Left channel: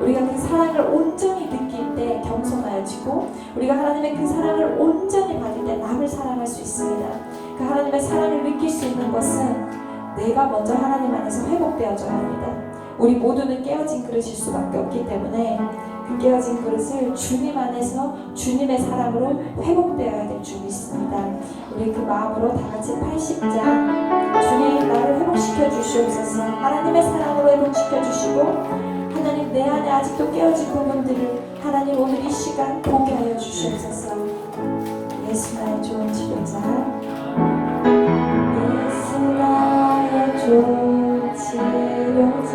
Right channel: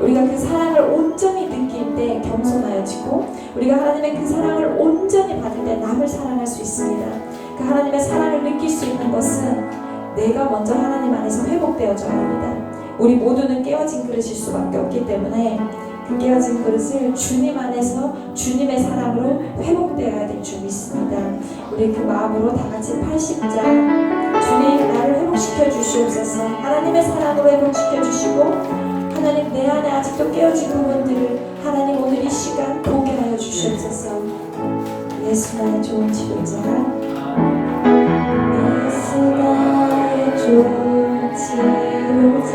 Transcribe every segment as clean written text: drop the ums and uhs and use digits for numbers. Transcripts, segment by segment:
우리가 그 사랑을 온전히 느낄 때 겸손하여지고, 우리가 하나님의 그 사랑을 온전히 받을 때 남을 사랑할 수 있습니다. 그 하나님의 사랑을 느낄 수 있는 것은 내가 먼저 하나님 안에서 회복되어져야 합니다. 우리 모두는 깨어진 그릇일 수밖에 없기 때문에 그 깨어진 그릇을 주님 안에서 주님의 사랑으로 회복되어야 될 줄 믿습니다. 우리 그 마음으로 다 같이 80장 주님 나를 회복시켜 주시옵소서. 하나님의 사랑으로 회복시켜 주시고, 하나님 내 안에 아직도 깨어진 부분들을 하나님 오늘 이 시간 보게 하여 주시옵소서. 예수 나의 좋은 치료자, 예수 나의 좋은 치료자,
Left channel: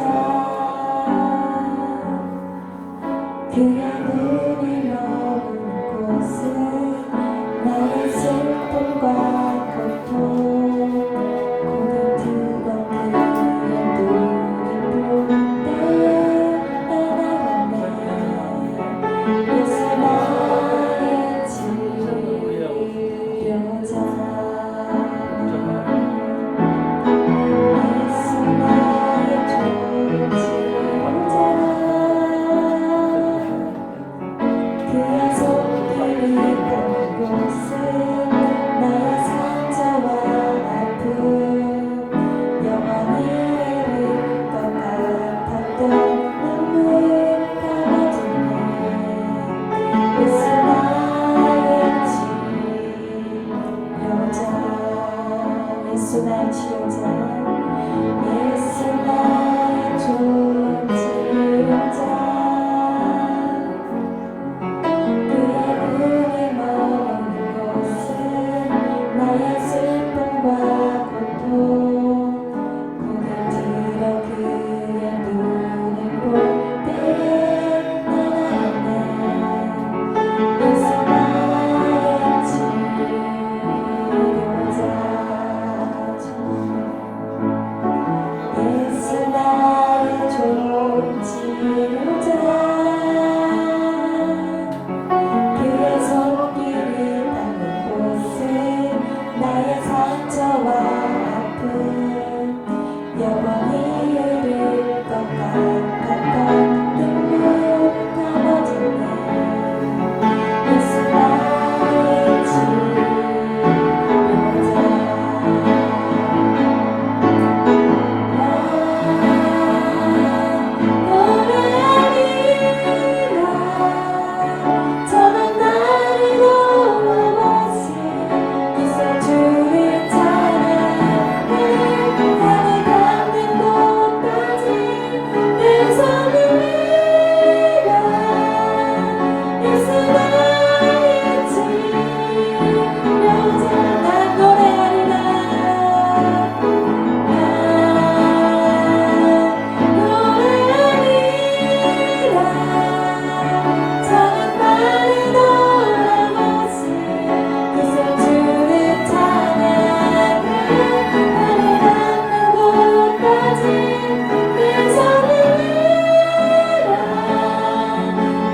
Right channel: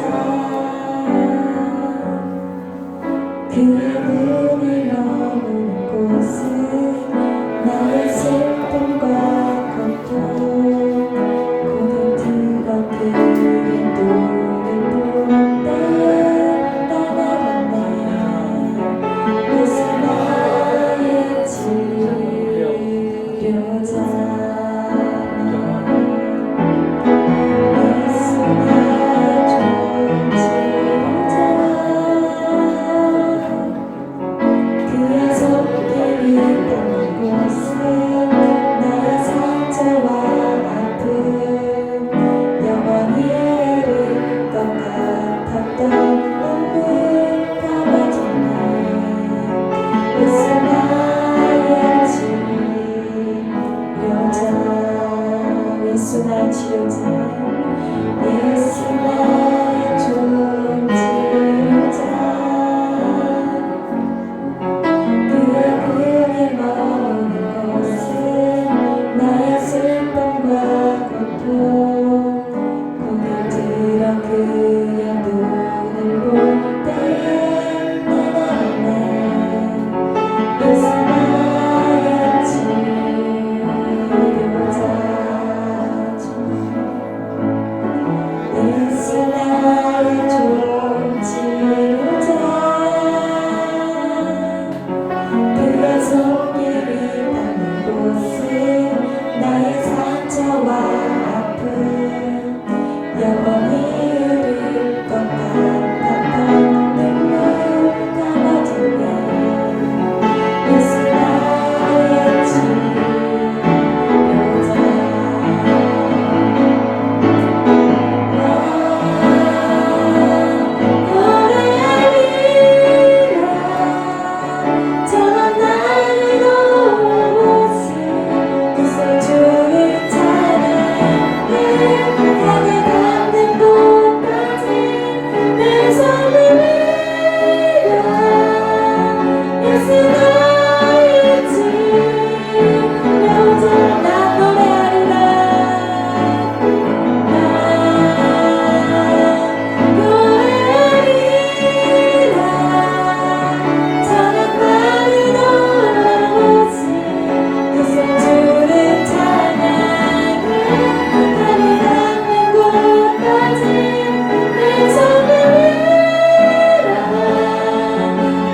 그의 눈이 머무는 곳은 나의 슬픔과 고통, 고는 들어 그의 눈을 볼 때 떠나갔네. 예수 나의 치료자, 예수 나의 좋은 치료자, 그의 손길이 닿는 곳은 나의 상처와 아픔, 영원히 흐를 것 같았던 눈물 감아주네. 예수 나의 치료자, 예수 나의 치료자, 예수 나의 좋은 치료자, 그의 눈이 머무는 곳은 나의 슬픔과 고통, 고개 들어 그의 눈을 볼 때에 나가네. 예수 나의 치료자, 예수 나의 좋은 치료자, 그의 손길이 닿는 곳은 나의 상처와 아픔, 영원히 흐를 것 같았던 눈물 감아주네. 예수 나의 치료자, 노래하리라 저는 나의 곳을 그새 주를 찬양해. 향해 닿는 곳까지 내 손을 내밀어. 예수 나의 치료자, 나 노래하리라, 저는 나의 곳을 그새 주를 찬양해. 향해 닿는 곳까지 내 손을 내밀어.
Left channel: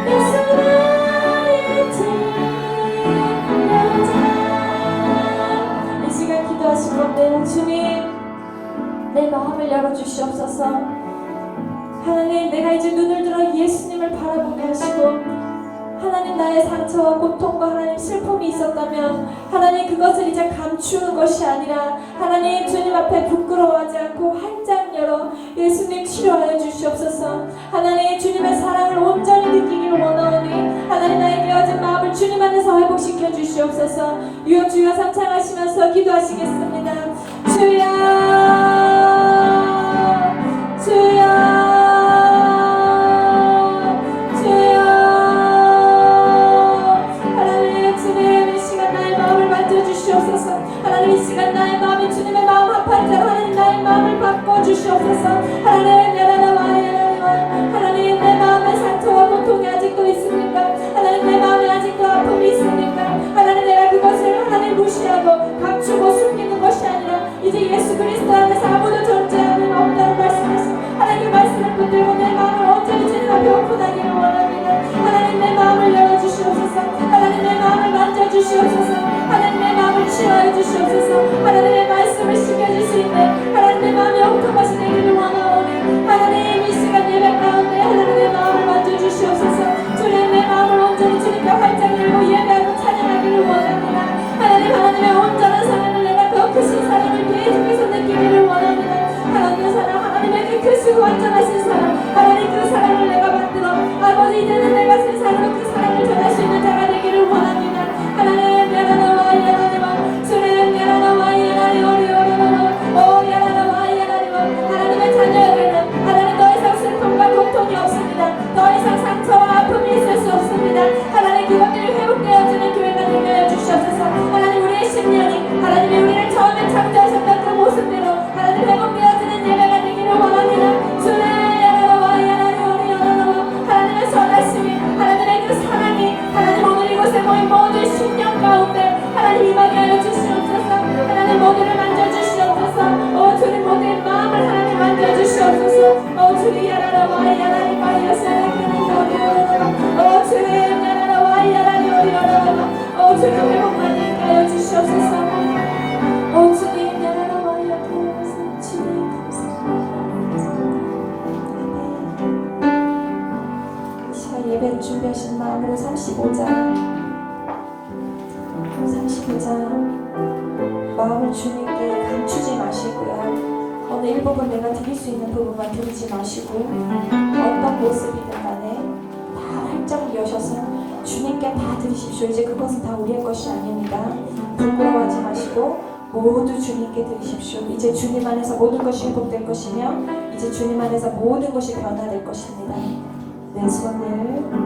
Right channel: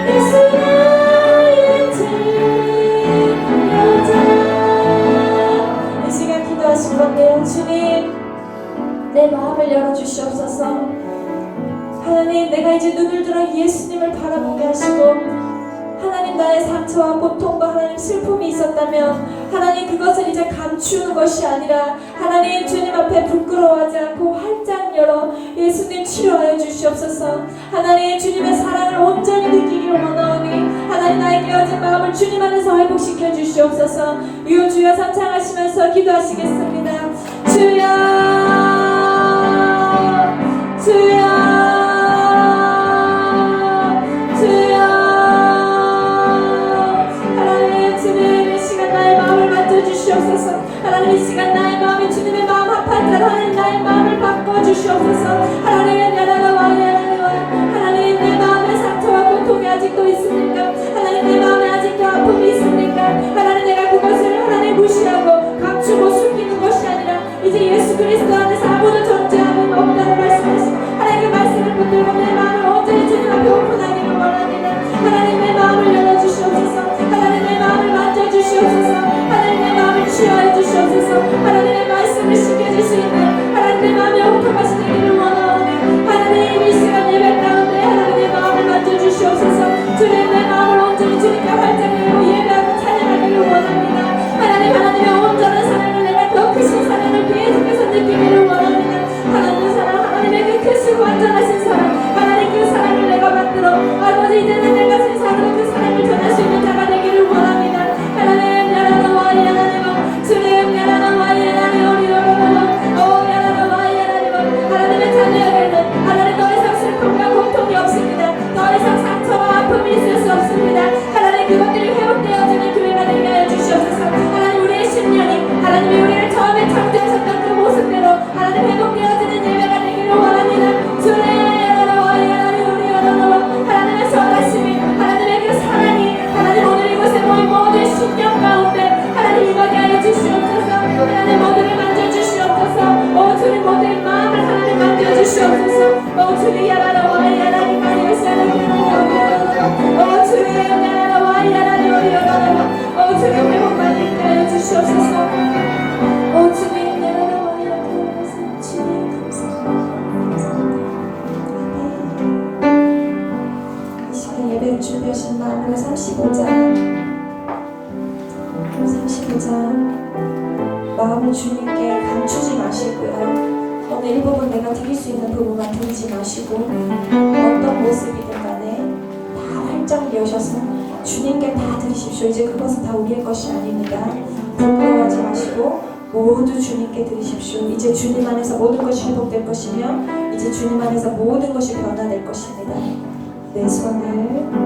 예수 나의 치료자. 이 시간 기도하실 건데요. 주님, 내 마음을 열어주시옵소서. 하나님, 내가 이제 눈을 들어 예수님을 바라보게 하시고, 하나님 나의 상처와 고통과 하나님 슬픔이 있었다면 하나님 그것을 이제 감추는 것이 아니라 하나님 주님 앞에 부끄러워하지 않고 활짝 열어 예수님 치료하여 주시옵소서. 하나님 주님의 사랑을 온전히 느끼기를 원하오니 하나님 나의 깨어진 마음을 주님 안에서 회복시켜 주시옵소서. 주여 삼창하시면서 기도하시겠습니다. 주여, 주여, 주여. 하나님 주님 이 시간 나의 마음을 만져주시옵소서. 하나님 이 시간 나의 마음에 주님의 마음 합한 대로 하나님 나의 마음을 바꿔주시옵소서. 하나님 하나님 내 마음에 상처와 고통이 아직도 있습니까? 하나님 내 마음에 아직도 아픔이 있습니까? 하나님 내가 그것을 하나님 무시하고 감추고 숨기는 것이 아니라 이제 예수 그리스도 그것들이 회복되어지는 교회가 되게 하여 주시옵소서. 하나님 우리의 심령이 하나님이 우리를 처음에 창조하셨던 그 모습대로 하나님 회복되어지는 예배가 되기를 원합니다. 주의 하나님의 선하심이 하나님의 그 사랑이 하나님 오늘 이곳에 모인 모두의 심령 가운데 하나님 임하게 하여 주시옵소서. 하나님 모두를 만져주시옵소서. 오 주님 모두의 마음을 하나님 만져주시옵소서. 오 주님 야라라와 야라리 마리에사라리 오 주의 야라라와 야라리 오 주님 회복만 있게 하여 주시옵소서. 오 주님 야라라와 야라리 주님 감사합니다. 이 시간 예배를 준비하신 마음으로 35장 마음을 주님께 감추지 마시고요. 어느 일부분 내가 드릴 수 있는 부분만 드리지 마시고 어떤 모습이든 간에 다 활짝 여셔서 주님께 다 드리십시오. 이제 그것은 다 우리의 것이 아닙니다. 부끄러워하지 마시고 모두 주님께 드리십시오. 이제 주님 안에서 모든 것이 회복될 것이며 이제 주님 안에서 모든 것이 변화될 것입니다. 내 손을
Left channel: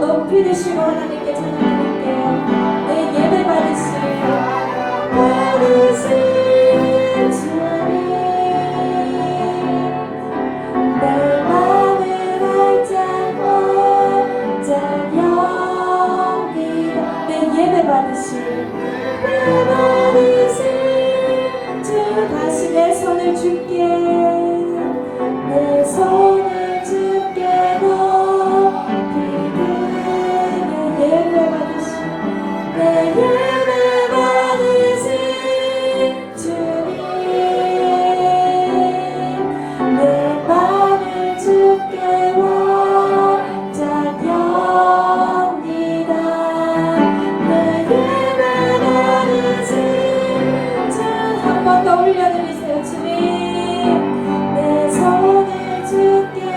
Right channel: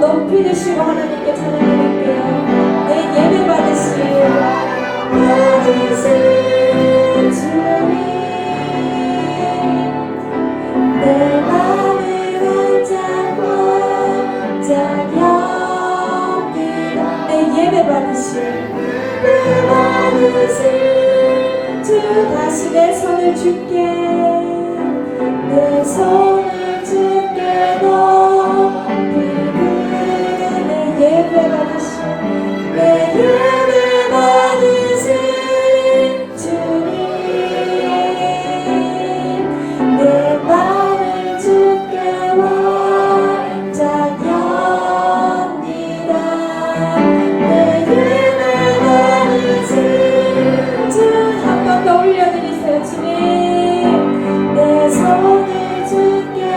높이 드시고 하나님께 찬양드릴게요. 내 예배 받으신 주님 내 마음을 활짝 여기다 내 예배 받으신 주 다시 내 손을 줄게 내 손을 줄게 예배 받으신 내 예배 받으신 주님 내 마음을 주께 활짝 엽니다 내 예배 받으신 주 한 번 더 올려드리세요. 주님 내 손을 주께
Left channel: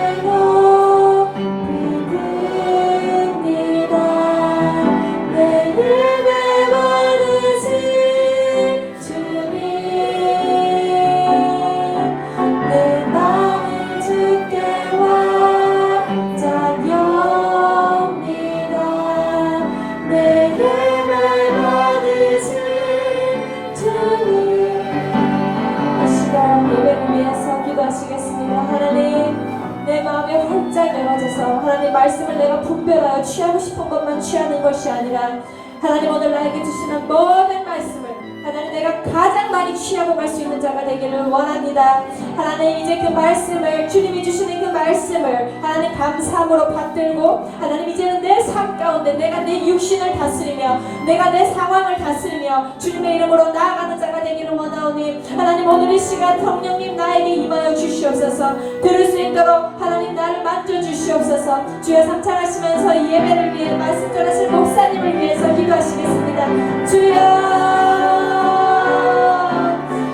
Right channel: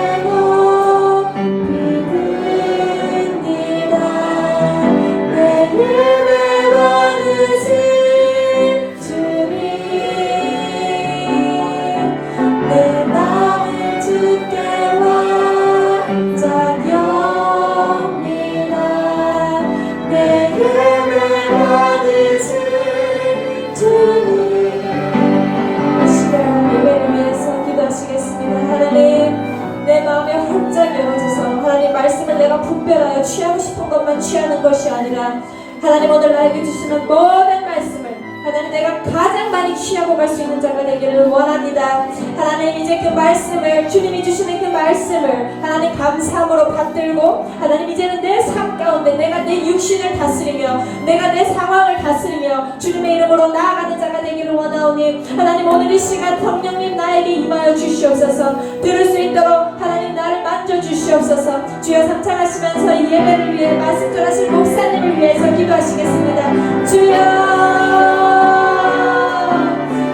말씀을 내가 분별하여 취하고 싶은 것만 취하는 것이 아니라 하나님 오늘 나에게 주시는 모든 말씀을 하나님 내가 가장 많이 취하고 갈 수 있는 자가 되기를 원합니다. 하나님 이제 그 말씀을 주님이 주시는 그 말씀을 하나님 감사함으로 받들고 하나님 이제는 내 삶 가운데 가운데 내가 내 육신을 다스리며 내가 내 상황을 다스리며 주님의 이름으로 나아가는 자가 되기를 원하오니 하나님 오늘 이 시간 성령님 나에게 임하여 주시옵소서. 들을 수 있도록 하나님 나를 만져주시옵소서. 주여 상창하시면서 이 예배를 위해 말씀 전하신 목사님을 위해서 기도하시겠습니다. 주여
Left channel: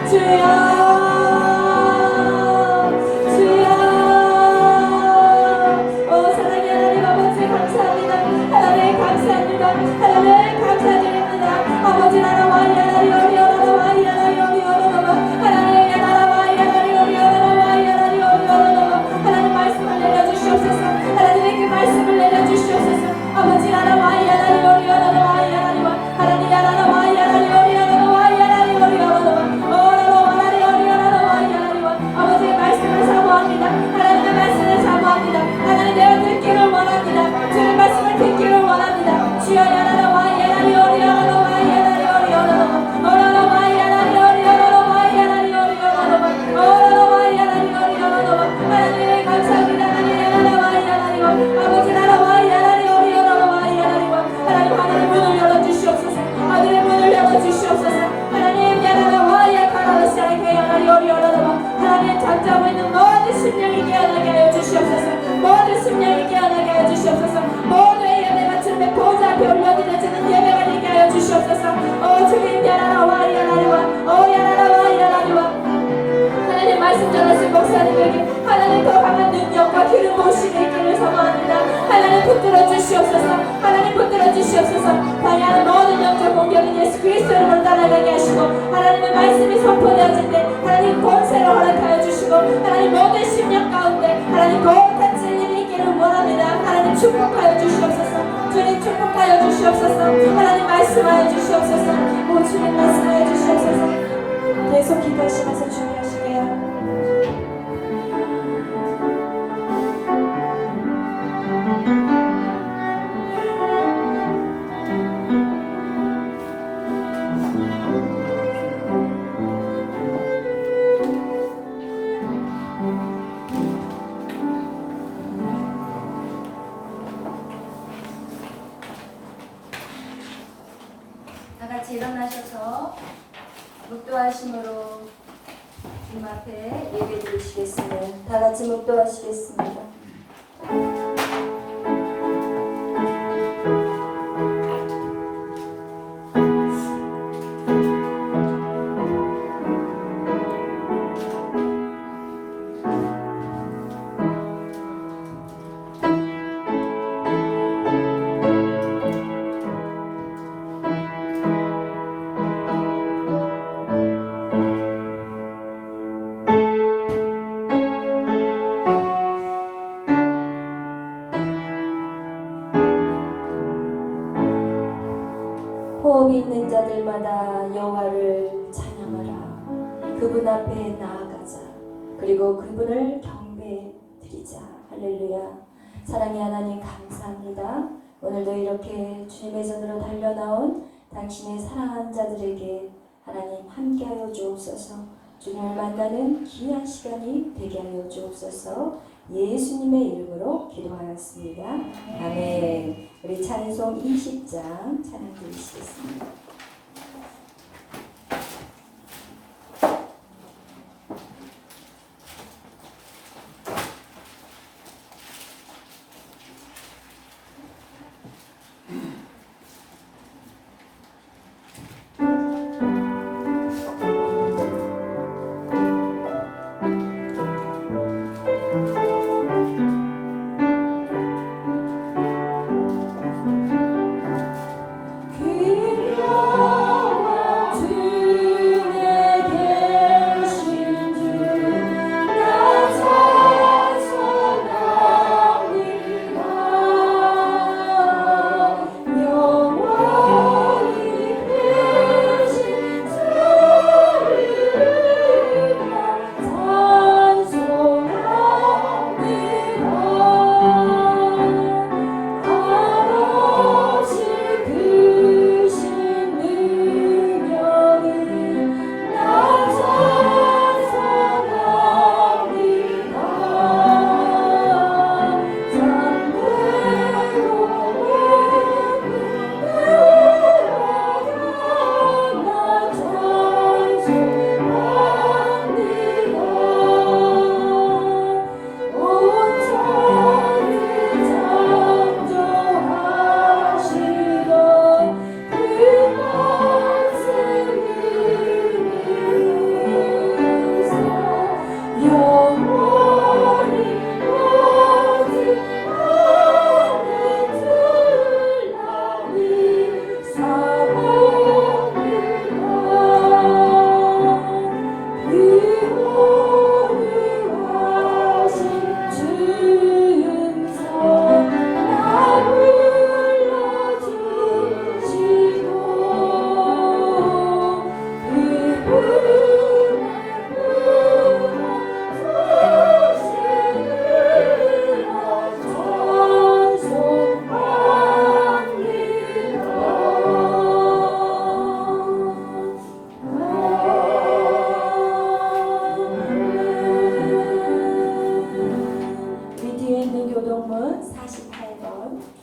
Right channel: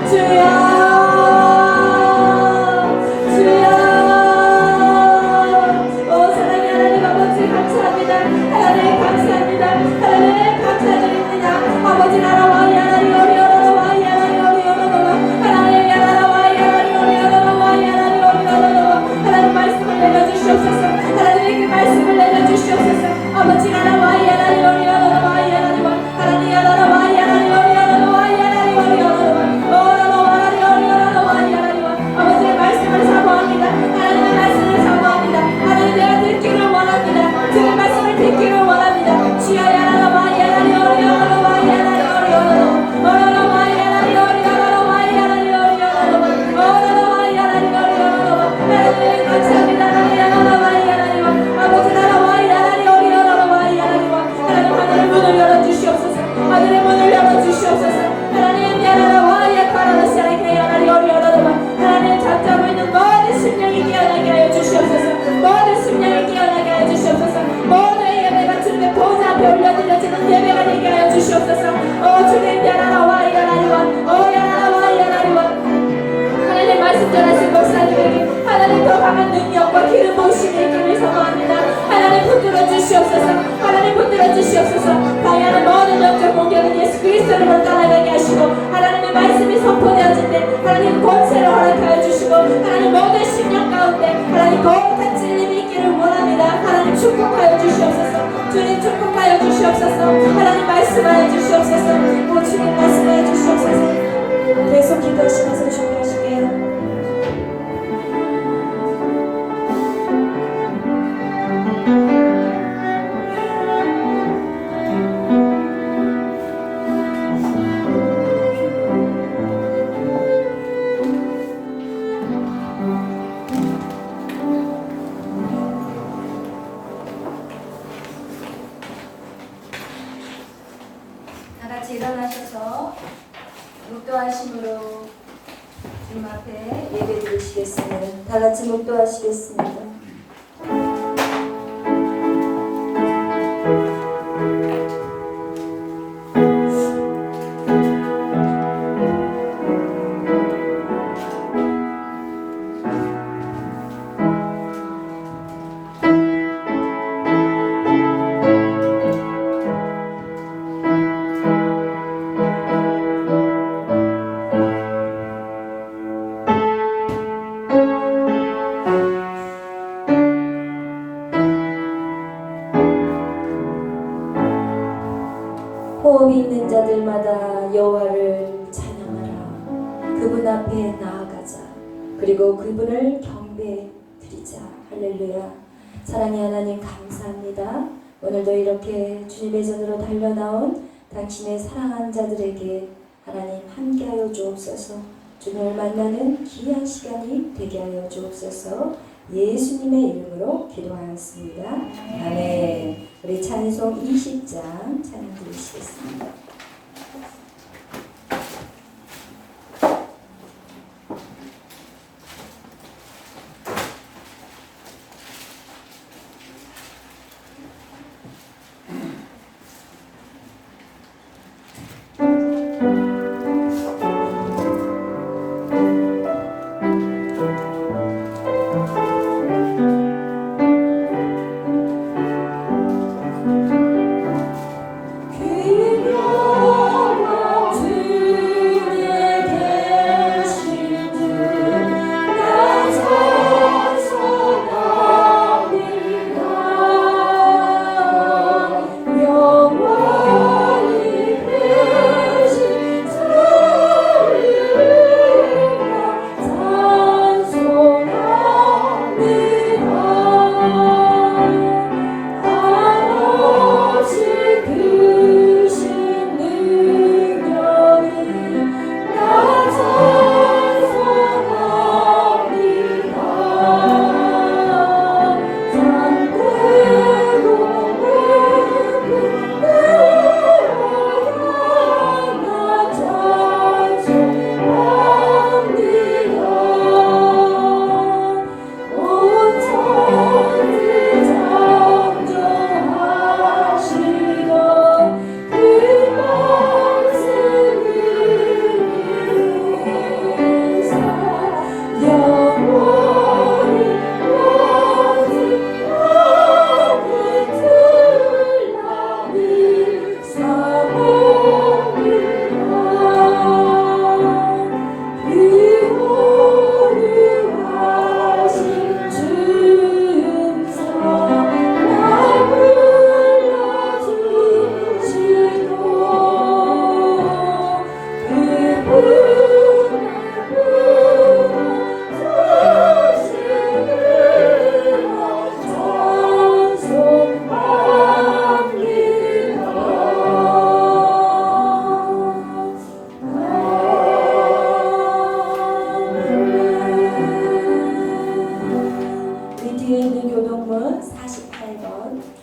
주여 축복하여 주시옵소서. 주님 축복하여 주시옵소서. 하나님 말씀하여 주시옵소서. 오 주님 말씀하여 주시옵소서. 계속 기도하시면서 준비하실게요. 일어나셔서 묵도하심으로 주님 앞에 예배 드리시겠습니다. 다 같이 묵도하시겠습니다. 호흡이 있는 자들마다 여호와를 찬양하라. 그분 앞에 나아가자. 그리고 그분을 경배 드리자. 할렐루야. 사랑의 하나님 감사합니다. 오늘도 이렇게 주님의 전으로 달려나온 당신의 사랑한 자들에게 하나님 함께하여 주옵소서. 주님을 만나는 귀한 시간이 되게 하여 주옵소서. 예수님의 이름으로 기도하였습니다. 아멘. 우리 찬송 20장 찬양 드리시겠습니다. 귀로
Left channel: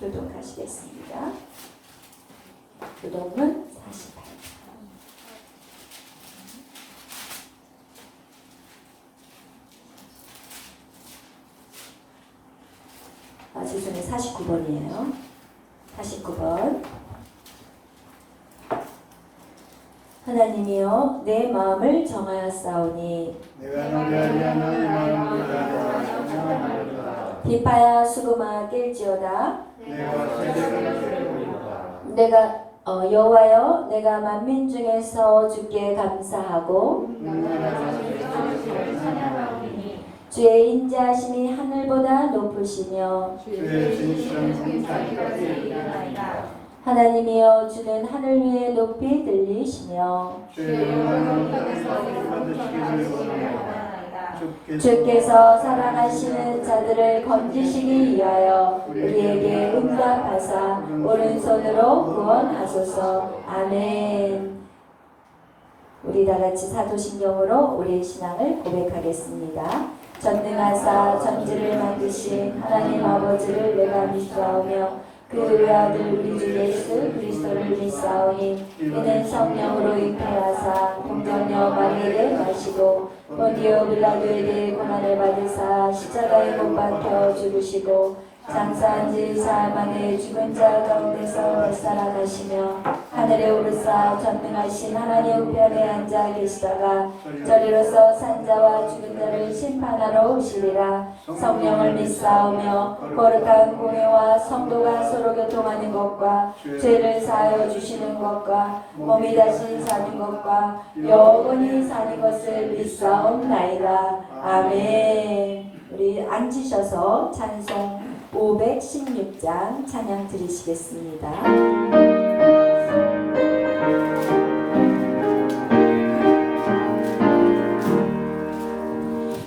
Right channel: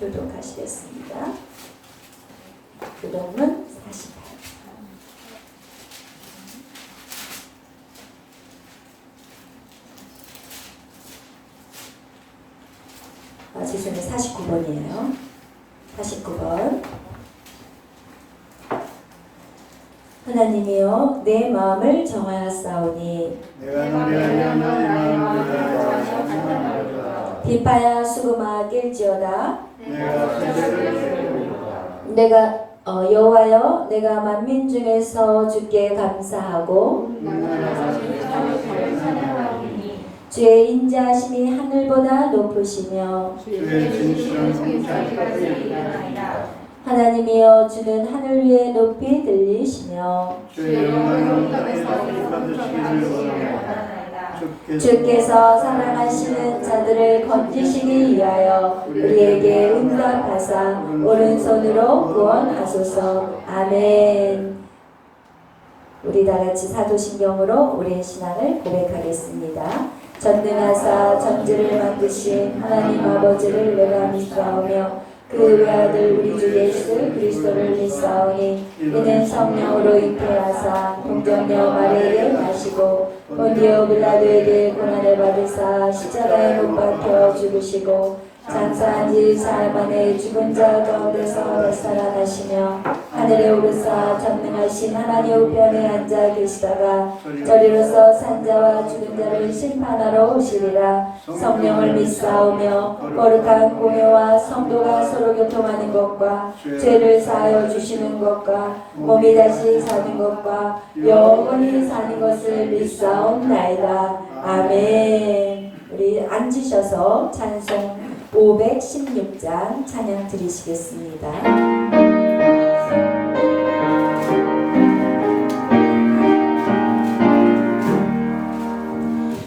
교독하시겠습니다. 교독문 48. 죄송해요. 49번이에요. 49번. 하나님이여 내 마음을 정하였사오니 내가 노래하여 너의 마음을 다하여 비파야 수금아 낄지어다. 내가 세상을 세우리라. 내가 여호와여 내가 만민 중에서 주께 감사하고 주의 인자하심이 하늘보다 높으시며 주의 진실한 성찰까지 이르나이다. 하나님이여 주는 하늘 위에 높이 들리시며 주의 영광을 땅에서 받으시기를 원하나이다. 주께서 사랑하시는 자들을 건지시기 위하여 우리에게 응답하사 오른손으로 구원하소서. 아멘. 우리 다같이 사도신경으로 우리의 신앙을 고백하겠습니다. 전능하사 전지를 만드신 하나님 아버지를 내가 믿사오며 그 외아들 우리 주 예수 그리스도를 믿사오니 이는 성령으로 잉태하사 동정녀 마리아에게 나시고 본디오 빌라도에게 고난을 받으사 십자가에 못 박혀 죽으시고 장사한 지 사흘 만에 죽은 자 가운데서 살아나시며 하늘에 오르사 전능하신 하나님 우편에 앉아 계시다가 저리로서 산자와 죽은 자를 심판하러 오시리라. 성령을 믿사오며 거룩한 공회와 성도가 서로 교통하는 것과 죄를 사하여 주시는 것과 몸이 다시 사는 것과 영원히 사는 것을 믿사옵나이다. 아멘. 우리 앉으셔서 찬송 516장 찬양 드리시겠습니다.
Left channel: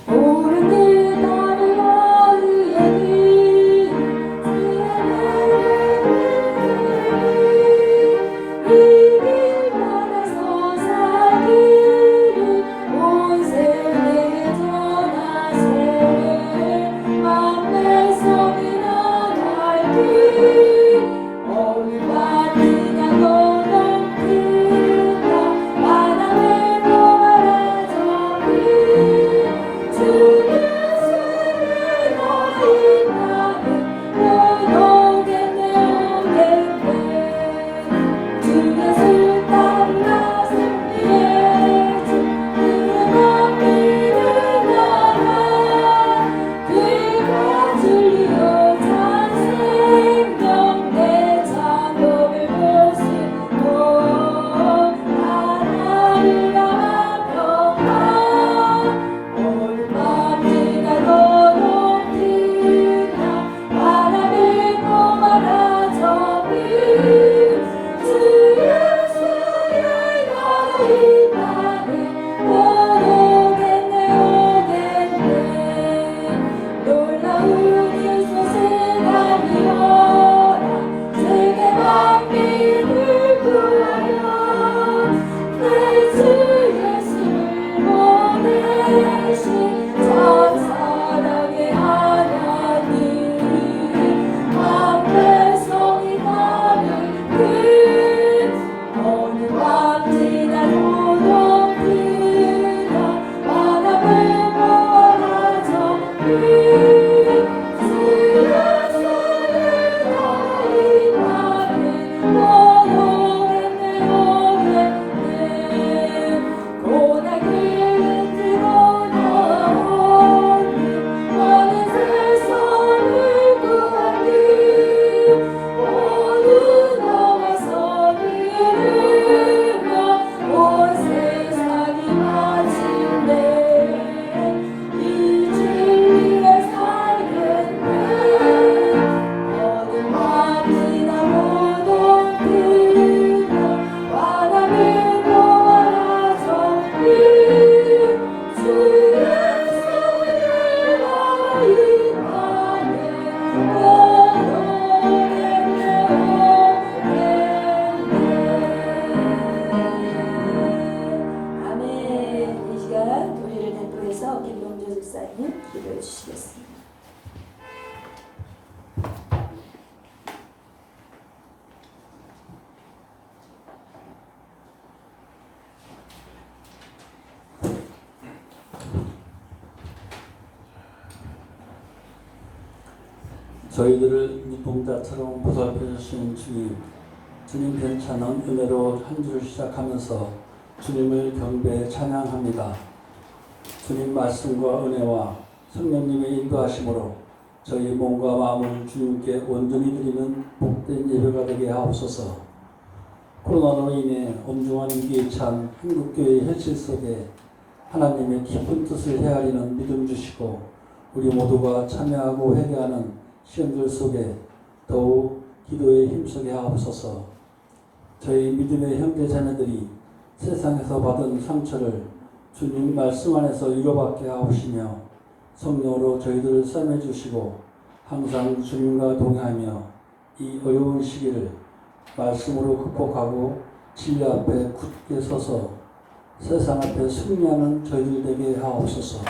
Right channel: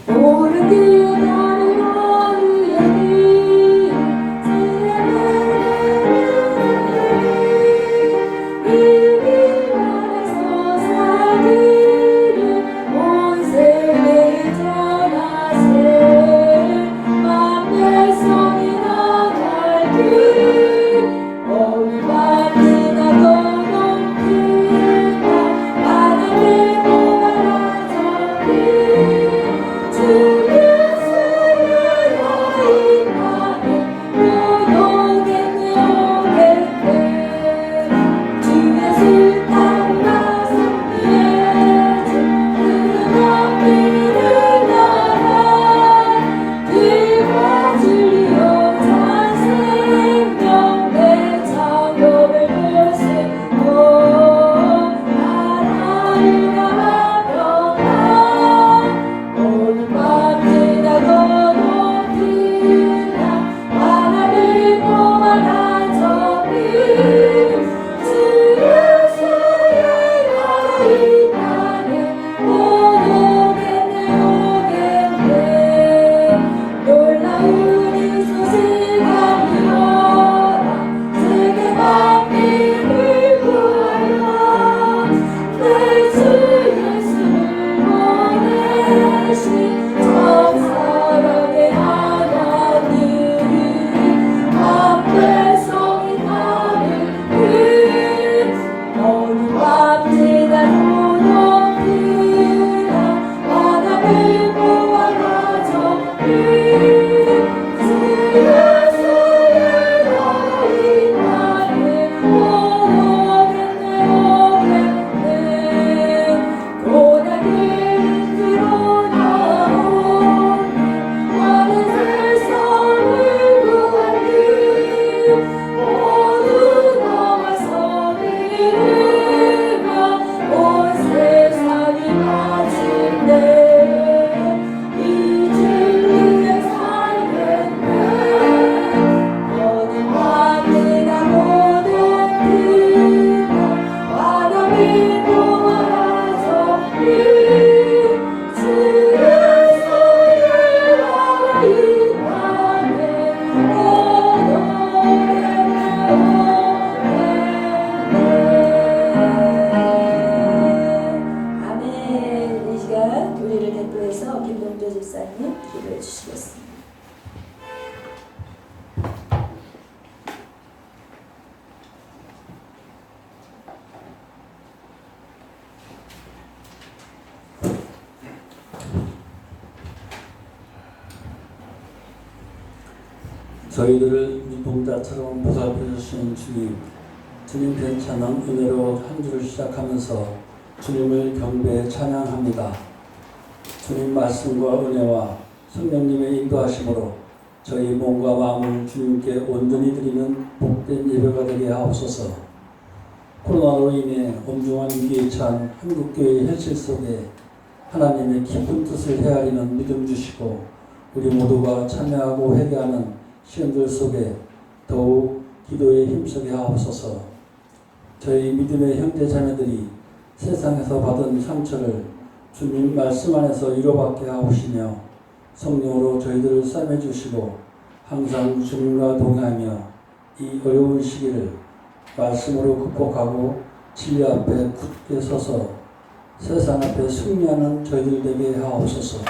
옳은 길 따르어 의의 이길 안에서 살기를 온 세계에 전하세. 만 백성이나 갈길 어울만 저희들을 눈동자처럼 보살펴 주시는 주님, 주님 괜찮은 은혜로 한 주를 시작하면서 주님을 경배해 찬양합니다. 주님 말씀과 은혜와 성령님의 인도하심으로 저희 몸과 마음을 주님께 온전히 드리는 복된 예배가 되게 하옵소서. 코로나로 인해 엄중한 위기에 처한 한국교회의 현실 속에 하나님의 깊은 뜻을 헤아리는 믿음 주시고 우리 모두가 참여하고 회개하는 시간들 속에 더욱 기도에 힘쓰게 하옵소서. 저희 믿음의 형제 자매들이 세상에서 받은 상처를 주님 말씀 안에서 위로받게 하옵시며 성령으로 저희들을 싸매주시고 항상 주님과 동행하며 이 어려운 시기를 말씀으로 극복하고 진리 앞에 굳게 서서 세상 앞에 승리하는 저희들 되게 하옵소서.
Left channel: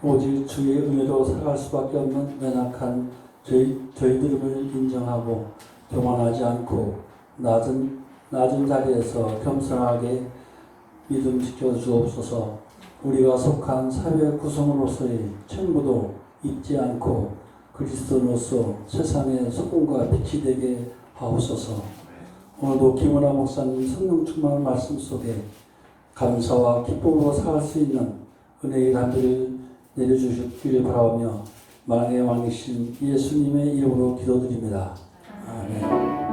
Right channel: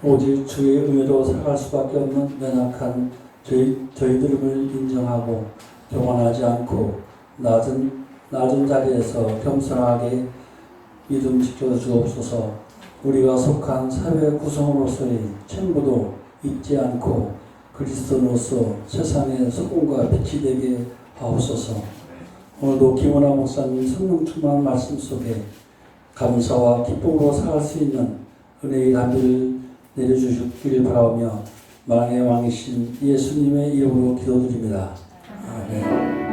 오직 주의 은혜로 살아갈 수밖에 없는 연약한 저희들임을 인정하고 교만하지 않고 낮은 자리에서 겸손하게 믿음 지켜주옵소서. 우리가 속한 사회 구성으로서의 책무도 잊지 않고 그리스도로서 세상의 소금과 빛이 되게 하옵소서. 오늘도 김원아 목사님 성령 충만한 말씀 속에 감사와 기쁨으로 살 수 있는 은혜의 담비를 내려주시길 바라오며 만왕의 왕이신 예수님의 이름으로 기도드립니다. 아멘.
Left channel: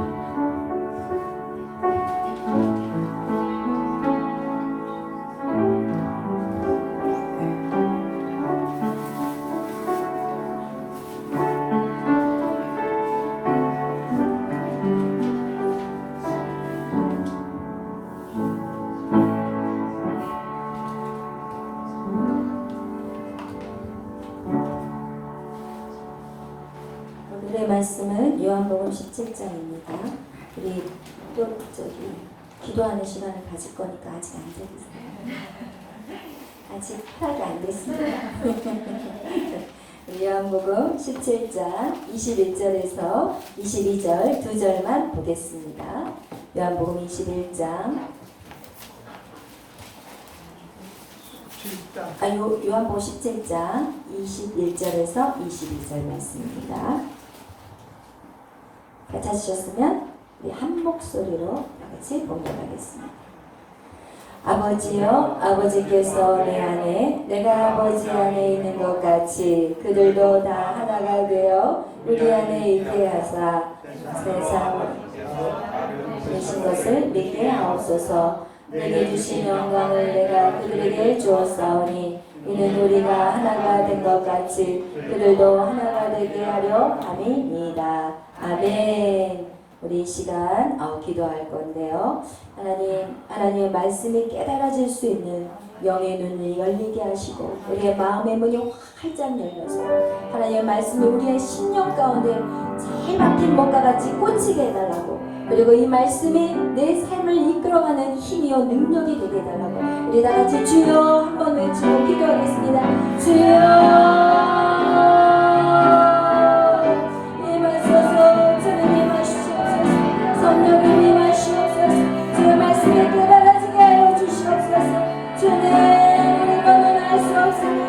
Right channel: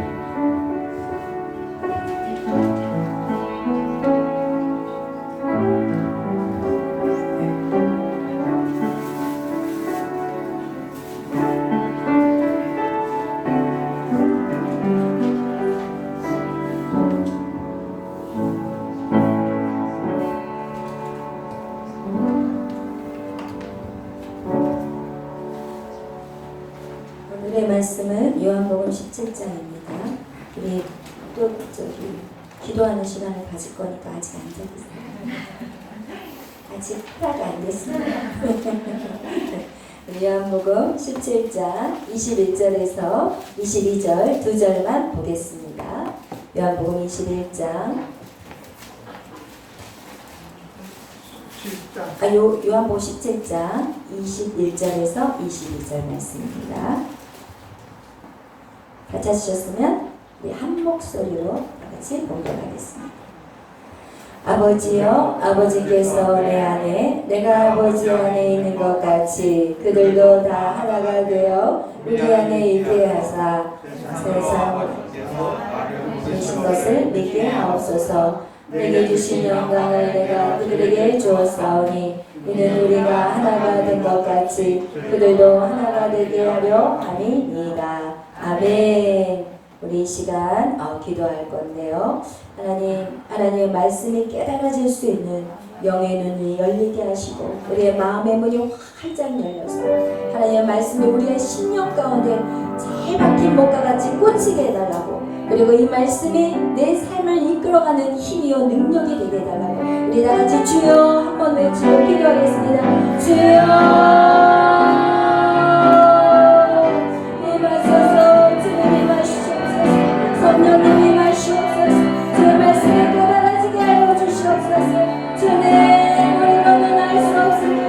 오늘의 말씀은 요한복음 17장입니다. 우리 또 기도하는 시간을 가질 거니까 아직 앉아 계세요. 아직 파가 안 됐습니다. 요한복음 17장 21절에서 22절 두 절만 보겠습니다. 요한복음 21장 요한복음 17장 21절에서 22절 말씀입니다. 다 찾으셨으면 우리 한 목소리로 같이 봉독하겠습니다. 아버지여, 아버지께서 내 안에 내가 아버지 안에 있는 것 같이 그들도 다 하나가 되어 우리 안에 있게 하사 세상에 계신 것을 믿게 하옵소서. 내게 주신 영광을 내가 그들에게 주었사오니 이는 우리가 하나가 된 것 같이 그들도 하나가 되게 하려 함이니이다. 아멘. 우리 이 시간 기도할 건데요. 하나님의 말씀이 깨달아질 수 있는 영의 눈을 열리게 하시고 우리의 마음의 문이 활짝 열려서 하나님의 말씀이 우리의 심령 가운데 잘 박힌 목과 같이 꽂히게 해달라고, 그리고 이 말씀이 내 삶을 이끌어가는 힘이요 능력이 되게 해달라고 우리 다 같이 주여 한번 외치고 기도하겠습니다. 주여 임하소서. 주님 임하시옵소서. 성령님 임하시옵소서. 주의 말씀이 깨달아지게 하여 주시옵소서. 주님 우리로 눈 알 수 없습니다.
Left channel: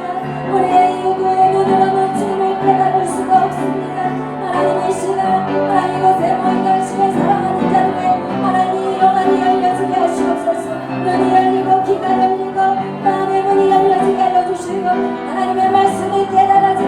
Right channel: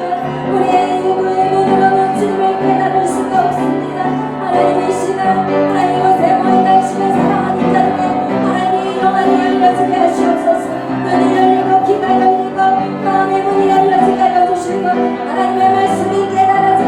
우리의 요구의 눈으로는 주님을 깨달을 수가 없습니다. 하나님 이 시간 하나님 것에 모인 당신을 사랑하는 자들에게 하나님 영안이 열려지게 하시옵소서. 눈이 열리고 귀가 열리고 마음의 문이 열려지게 하여 주시고 하나님의 말씀이 깨달아지게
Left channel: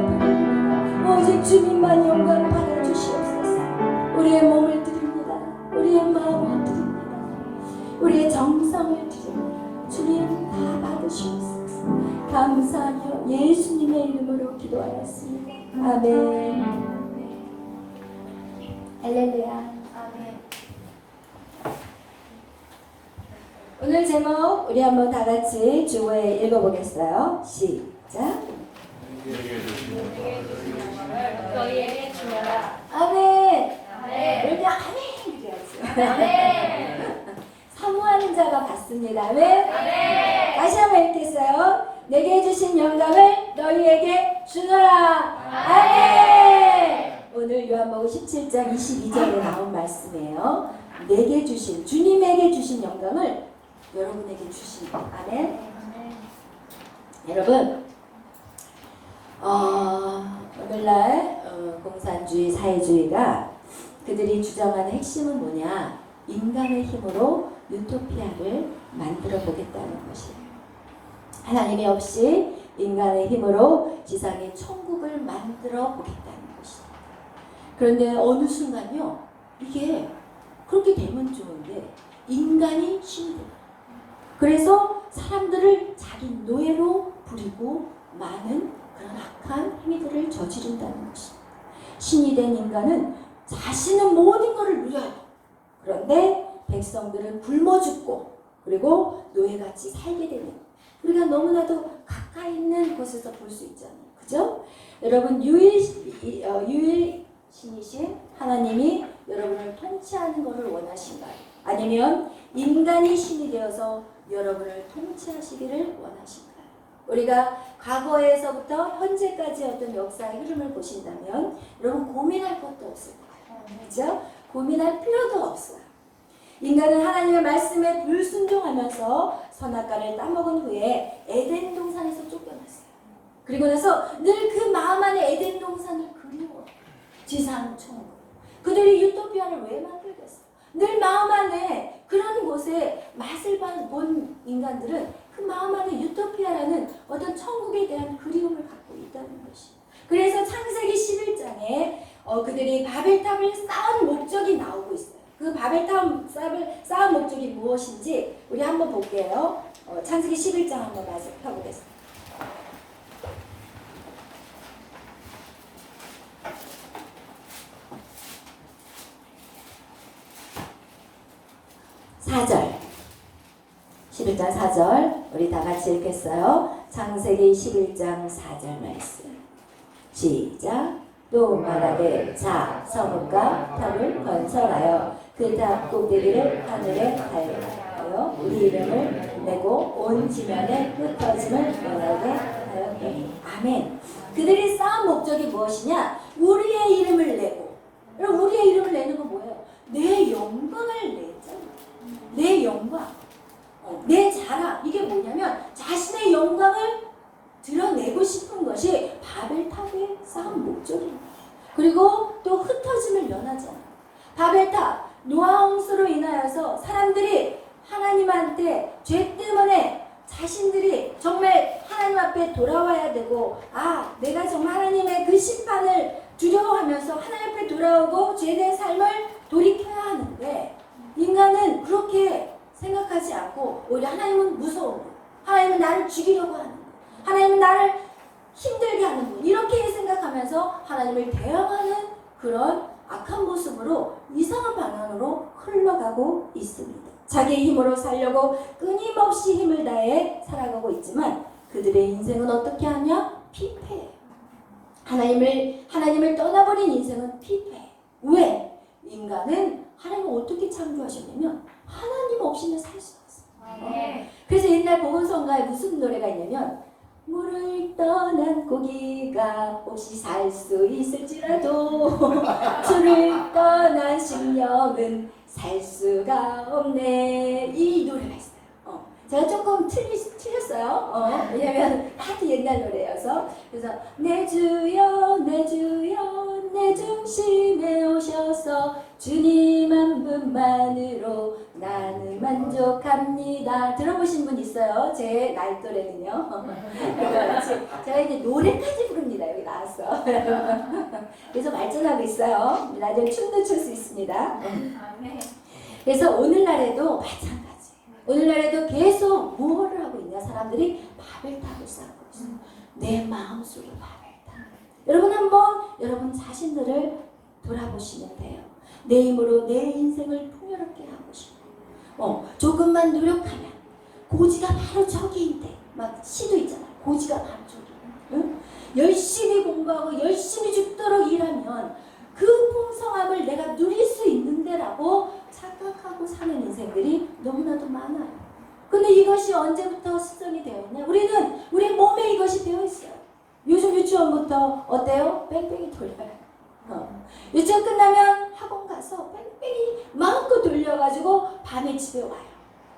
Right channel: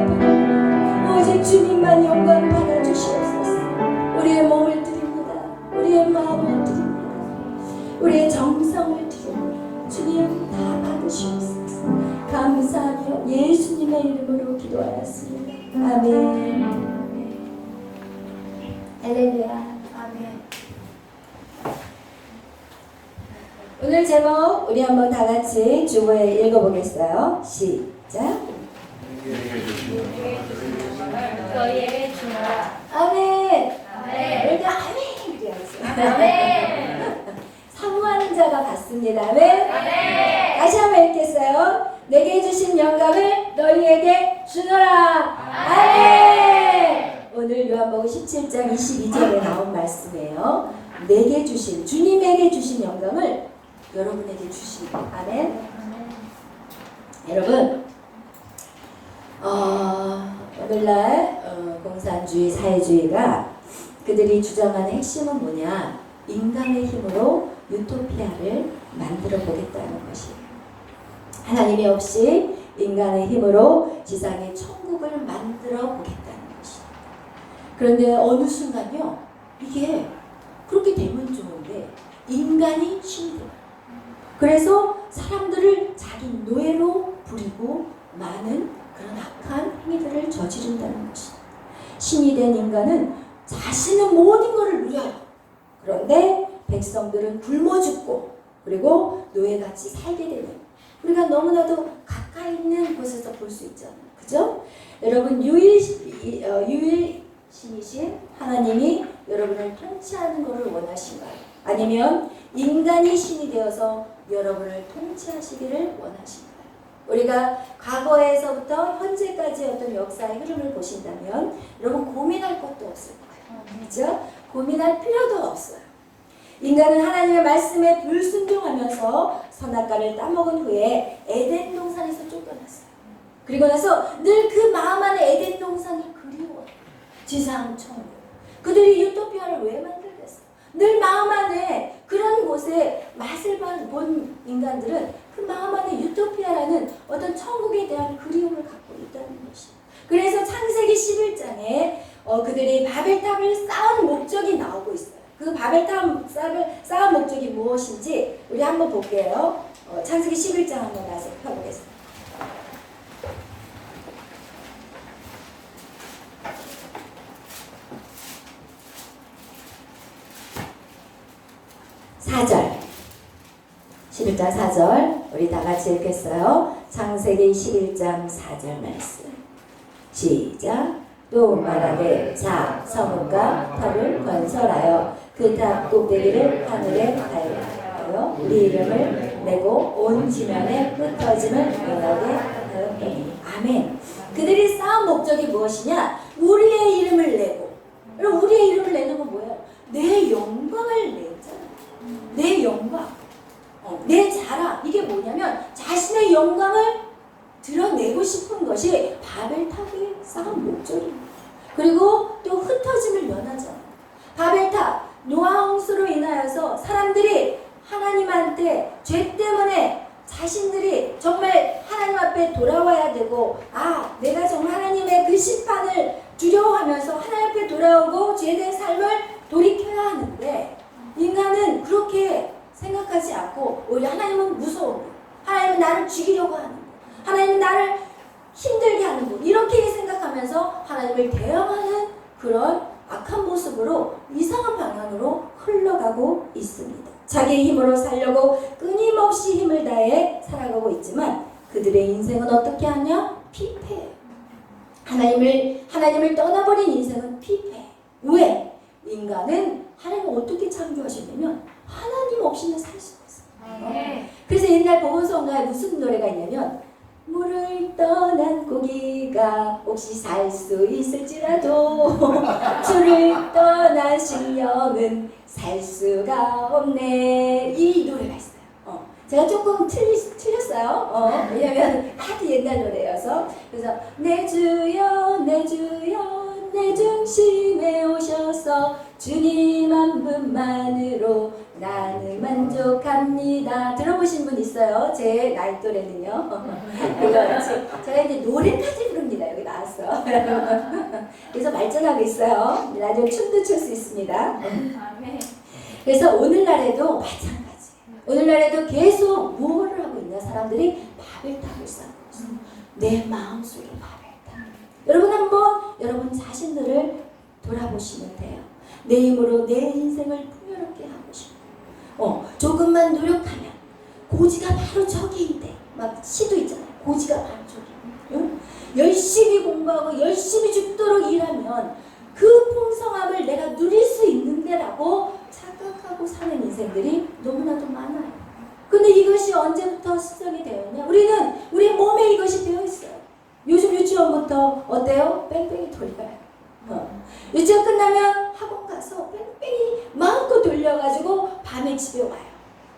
앞에 드립니다. 오직 주님만 영광 받아 주시옵소서. 우리의 몸을 드립니다. 우리의 마음을 드립니다. 우리의 정성을 드립니다. 주님 다 받으시옵소서. 감사하며 예수님의 이름으로 기도하였습니다. 아멘. 할렐루야. 아멘. 오늘 제목 우리 한번 다 같이 주보에 읽어보겠어요. 시작. 너희에게 주노라. 아멘. 아멘. 우리가 아멘 그래야죠. 사모하는 자가 받습니다. 아멘. 아멘. 다시 한번 읽겠어요. 내게 주신 영감을 너희에게 주노라. 아멘. 오늘 요한복음 17장 22절에 나온 말씀이에요. 내게 주신, 주님에게 주신 영광을 여러분에게 주십니다. 아멘. 여러분, 오늘날 공산주의, 사회주의가 그들이 주장하는 핵심은 뭐냐? 인간의 힘으로 유토피아를 만들어 보겠다는 것이에요. 하나님이 없이 인간의 힘으로 지상에 천국을 만들어 보겠다는 것이에요. 그런데 어느 순간요, 이게 그렇게 되면 좋은데 인간이 신이 돼요. 그래서 사람들을 자기 노예로 부리고 많은 그런 악한 행위들을 저지른다는 것입니다. 신이 된 인간은 자신의 모든 것을 누려요. 그런데 백성들은 굶어 죽고 그리고 노예같이 살게 되는, 우리가 너무나도 가까이 있는 곳에서 볼 수 있잖아요. 그죠? 여러분, 유일신이신 하나님이 여러분을 통치하는 것을 원하신가요? 아니면 인간이 신이 되어서 여러분을 통치하시기를 원하신가요? 우리가 과거에서부터 현재까지 어떤 역사의 흐름을 보신다면 여러분 고민할 것도 없을 거예요. 그죠? 고민할 필요도 없어요. 인간은 하나님의 말씀에 불순종하면서 선악과를 따먹은 후에 에덴 동산에서 쫓겨났어요. 그리고 나서 늘 그 마음 안에 에덴 동산을 그리워. 지상 천국. 그들이 유토피아를 왜 만들겠어요? 늘 마음 안에 그런 곳에 맛을 본 인간들은 그 마음 안에 유토피아라는 어떤 천국에 대한 그리움을 갖고 있다는 것이에요. 그래서 창세기 11장에 그들이 바벨탑을 쌓은 목적이 나오고 있어요. 그 바벨탑 쌓은 목적이 무엇인지 우리 한번 볼게요. 창세기 11장 한번 다시 펴보겠습니다. 4절, 11장 4절 우리 다 같이 읽겠어요. 창세기 11장 4절 말씀 시작. 또 말하되 자 성읍과 탑을 건설하여 그 탑 꼭대기를 하늘에 달하여 우리 이름을 내고 온 지면에 흩어짐을 명하게 하였더니 아멘. 그들이 쌓은 목적이 무엇이냐? 우리의 이름을 내고. 그럼 우리의 이름을 내는 건 뭐예요? 내 영광을 내잖아요. 내 영광, 내 자랑. 이게 뭐냐면 자신의 영광을 드러내고 싶은 것이 바벨탑에 쌓은 목적입니다. 그리고 또 흩어짐을 면하잖아요. 바벨탑, 노아 홍수로 인하여서 사람들이 하나님한테 죄 때문에 자신들이 정말 하나님 앞에 돌아와야 되고, 내가 정말 하나님의 그 심판을 두려워하면서 하나님 앞에 돌아오고 죄된 삶을 돌이켜야 하는데, 인간은 그렇게 생각하지 않고 오히려 하나님은 무서운 분, 하나님은 나를 죽이려고 하는 분, 하나님은 나를 힘들게 하는 분, 이렇게 생각하면서 하나님을 대항하는 그런 악한 모습으로 이상한 방향으로 흘러가고 있습니다. 자기의 힘으로 살려고 끊임없이 힘을 다해 살아가고 있지만 그들의 인생은 어떻게 하냐? 피폐해요. 하나님을 떠나버린 인생은 피폐해. 왜? 인간은 하나님을 어떻게 창조하셨냐면 하나님 없이는 살 수 없어요. 그래서 옛날 보건성가에 무슨 노래가 있냐면, 물을 떠난 고기가 혹시 살 수 있을지라도 주를 떠난 심령은 살 수가 없네. 이 노래가 있어요. 제가 조금 틀렸어요. 왜냐면 하도 옛날 노래여서. 그래서 내 주여 내 주여 내 중심에 오셔서 주님 한 분만으로 나는 만족합니다. 들어보신 분 있어요? 제 나이 또래는요. 그렇지. 제가 이제 노래까지 부릅니다. 여기 나왔어. 그래서 발전하고 있어요. 나중에 춤도 출 수 있습니다. 그래서 오늘날에도 마찬가지. 오늘날에도 계속 뭐를 하고 있냐? 사람들이 바벨탑을 쌓고 있어. 내 마음속에 바벨탑. 여러분 한번 여러분 자신들을 돌아보시면 돼요. 내 힘으로 내 인생을 풍요롭게 하고 싶어. 조금만 노력하면 고지가 바로 저기인데 막 시도 있잖아. 고지가 바로 저기. 응? 열심히 공부하고 열심히 죽도록 일하면 그 풍성함을 내가 누릴 수 있는데라고 착각하고 사는 인생들이 너무나도 많아요. 근데 이것이 언제부터 습성이 되었냐? 우리는 우리 몸에 이것이 되어 있어요. 요즘 유치원부터 어때요? 뺑뺑이 돌려요. 유치원 끝나면 학원 가서 뺑뺑이 마음껏 돌려가지고 밤에 집에 와요.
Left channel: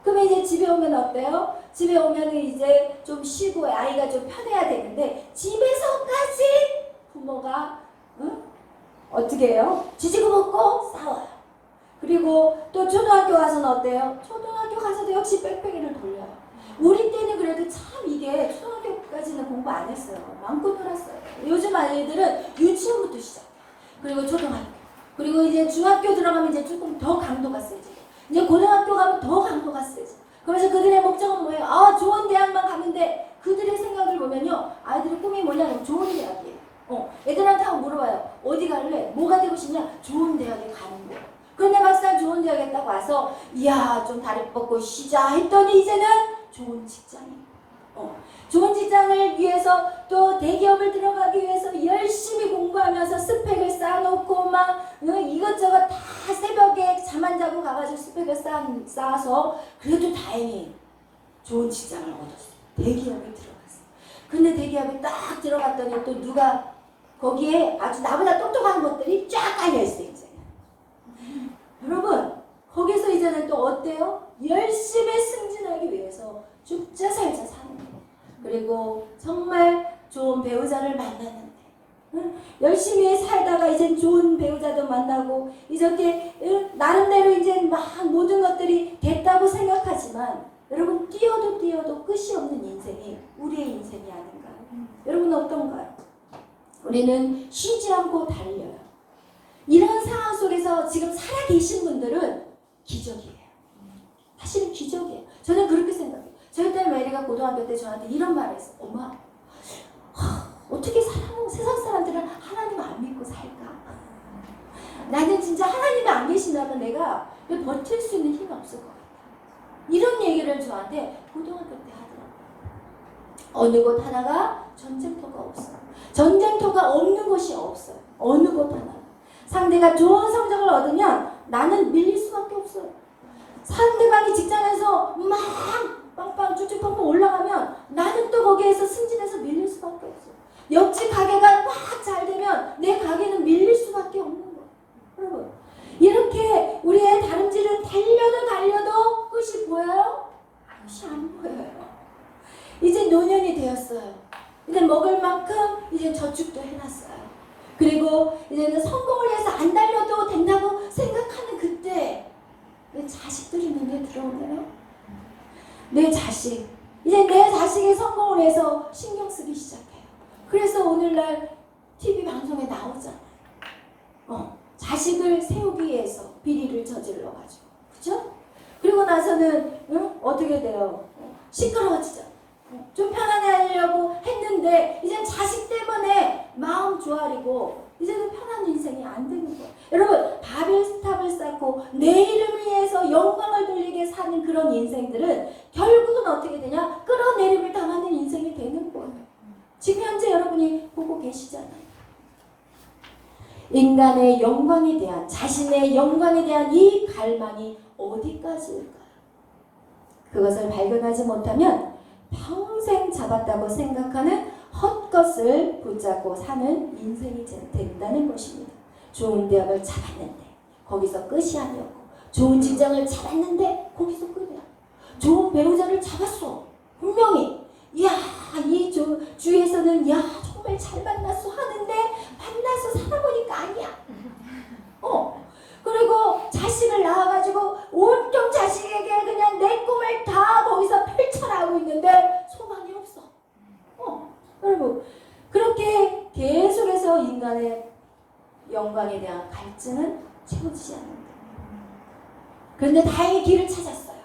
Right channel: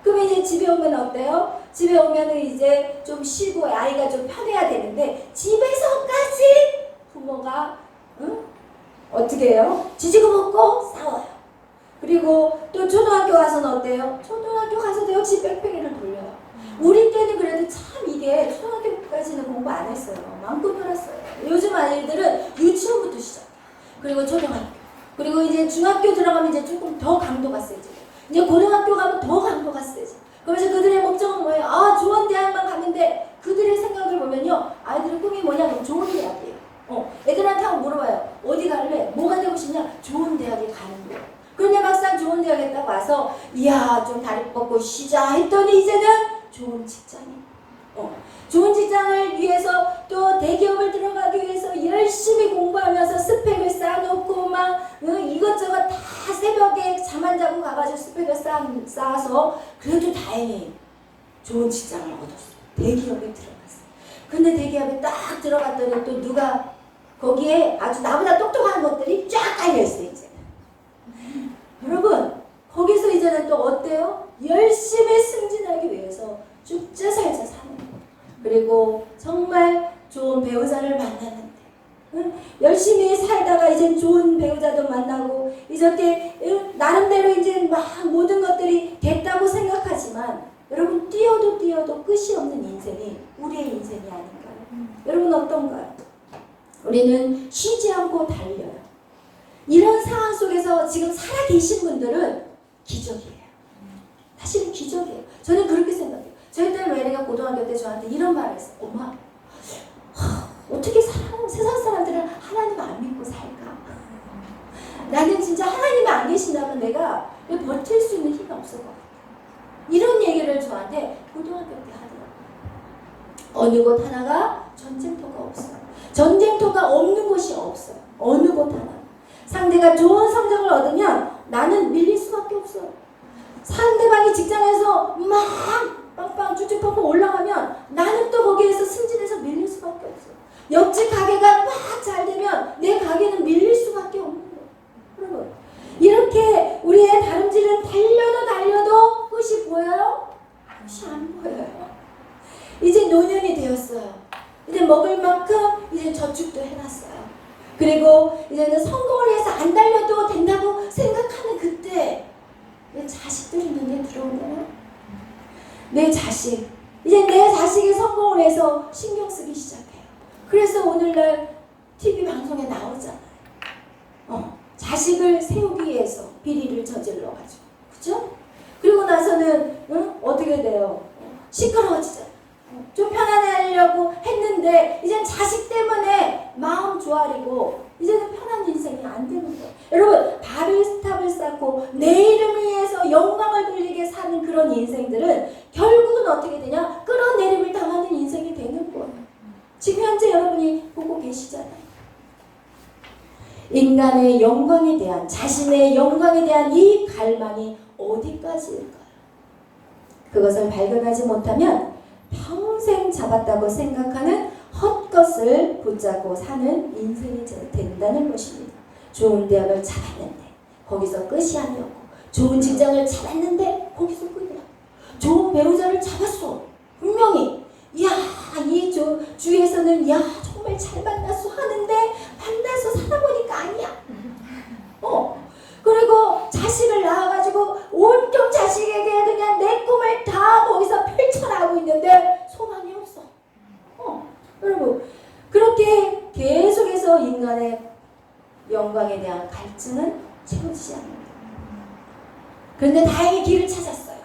그러면 이제 집에 오면 어때요? 집에 오면 이제 좀 쉬고 아이가 좀 편해야 되는데 집에서까지 부모가 어떻게 해요? 지지고 먹고 싸워요. 그리고 또 초등학교 가서는 어때요? 초등학교 가서도 역시 뺑뺑이를 돌려요. 우리 때는 그래도 참 이게 초등학교까지는 공부 안 했어요. 마음껏 놀았어요. 요즘 아이들은 유치원부터 시작. 그리고 초등학교. 그리고 이제 중학교 들어가면 이제 조금 더 강도가 세지고. 이제 고등학교 가면 더 강도가 세지고. 그래서 그들의 목적은 뭐예요? 아, 좋은 대학만 가면 돼. 그들의 생각을 보면요. 아이들의 꿈이 뭐냐면 좋은 대학이에요. 애들한테 한번 물어봐요. 어디 갈래? 뭐가 되고 싶냐? 좋은 대학에 가는 거예요. 그런데 막상 좋은 대학에 딱 와서 이야 좀 다리 뻗고 쉬자 했더니 이제는 좋은 직장이에요. 좋은 직장을 위해서 또 대기업을 들어가기 위해서 열심히 공부하면서 스펙을 쌓아놓고 막 이것저것 다 새벽에 잠 안 자고 가가지고 스펙을 쌓아서 그래도 다행히 좋은 직장을 얻었어요. 대기업에 들어갔어요. 근데 대기업에 딱 들어갔더니 또 누가 거기에 아주 나보다 똑똑한 것들이 쫙 깔려있어요. 이제는. 여러분 거기서 이제는 또 어때요? 열심히 승진하기 위해서 죽자 살자 사는 거예요. 그리고 정말 좋은 배우자를 만났는데 열심히 살다가 이제 좋은 배우자도 만나고 이렇게 나름대로 이제 막 모든 것들이 됐다고 생각하지만 여러분 뛰어도 끝이 없는 인생이 우리의 인생이 아닌가요? 여러분 어떤가요? 우리는 쉬지 않고 달려요. 이런 상황 속에서 지금 살아계신 분들은 기적이에요. 사실은 기적이에요. 저는 그렇게 생각해요. 저희 딸 메리가 고등학교 때 저한테 이런 말을 했어요. 엄마, 어떻게 세상 사람들은 하나님 안 믿고 살까? 나는 진짜 하나님이 안 계신다면 내가 버틸 수 있는 힘이 없을 것 같아. 이런 얘기를 저한테 고등학교 때 하더라고요. 어느 곳 하나가 전쟁터가 없어요. 전쟁터가 없는 곳이 없어요. 어느 곳 하나. 상대가 좋은 성적을 얻으면 나는 밀릴 수밖에 없어요. 상대방이 직장에서 막 빵빵 쭉쭉 펑펑 올라가면 나는 또 거기에서 승진해서 밀릴 수밖에 없어요. 옆집 가게가 막 잘 되면 내 가게는 밀릴 수밖에 없는 거예요. 여러분 이렇게 우리의 다름질은 달려도 끝이 보여요? 끝이 안 보여요. 이제 노년이 되었어요. 이제 먹을 만큼 이제 저축도 해놨어요. 그리고 이제는 성공을 해서 안 달려도 된다고 생각하는 그때 내 자식들이 눈에 들어오네요. 내 자식. 이제 내 자식이 성공을 해서 신경 쓰기 시작해요. 그래서 오늘날 TV 방송에 나오잖아요. 자식을 세우기 위해서 비리를 저질러가지고. 그죠? 그리고 나서는 어떻게 돼요? 시끄러워지잖아요. 좀 편안하려고 했는데 이제 자식 때문에 마음 조아리고 이제는 편한 인생이 안 되는 거예요. 여러분 바벨탑을 쌓고 내 이름을 위해서 영광을 돌리게 사는 그런 인생들은 결국은 어떻게 되냐? 끌어내림을 당하는 인생이 되는 거예요. 지금 현재 여러분이 보고 계시잖아요. 인간의 영광에 대한 자신의 영광에 대한 이 갈망이 어디까지일까요? 그것을 발견하지 못하면 평생 잡았다고 생각하는 헛것을 붙잡고 사는 인생이 된다는 것입니다. 좋은 대학을 잡았는데 거기서 끝이 아니었고 좋은 직장을 잡았는데 거기서 끝이야. 좋은 배우자를 잡았어. 분명히 이야 이 주위에서는 야 정말 잘 만났어 하는데 만나서 살아보니까 아니야. 그리고 자식을 낳아가지고 온통 자식 해서 인간의 영광에 대한 갈증은 채워지지 않는다. 그런데 다행히 길을 찾았어요.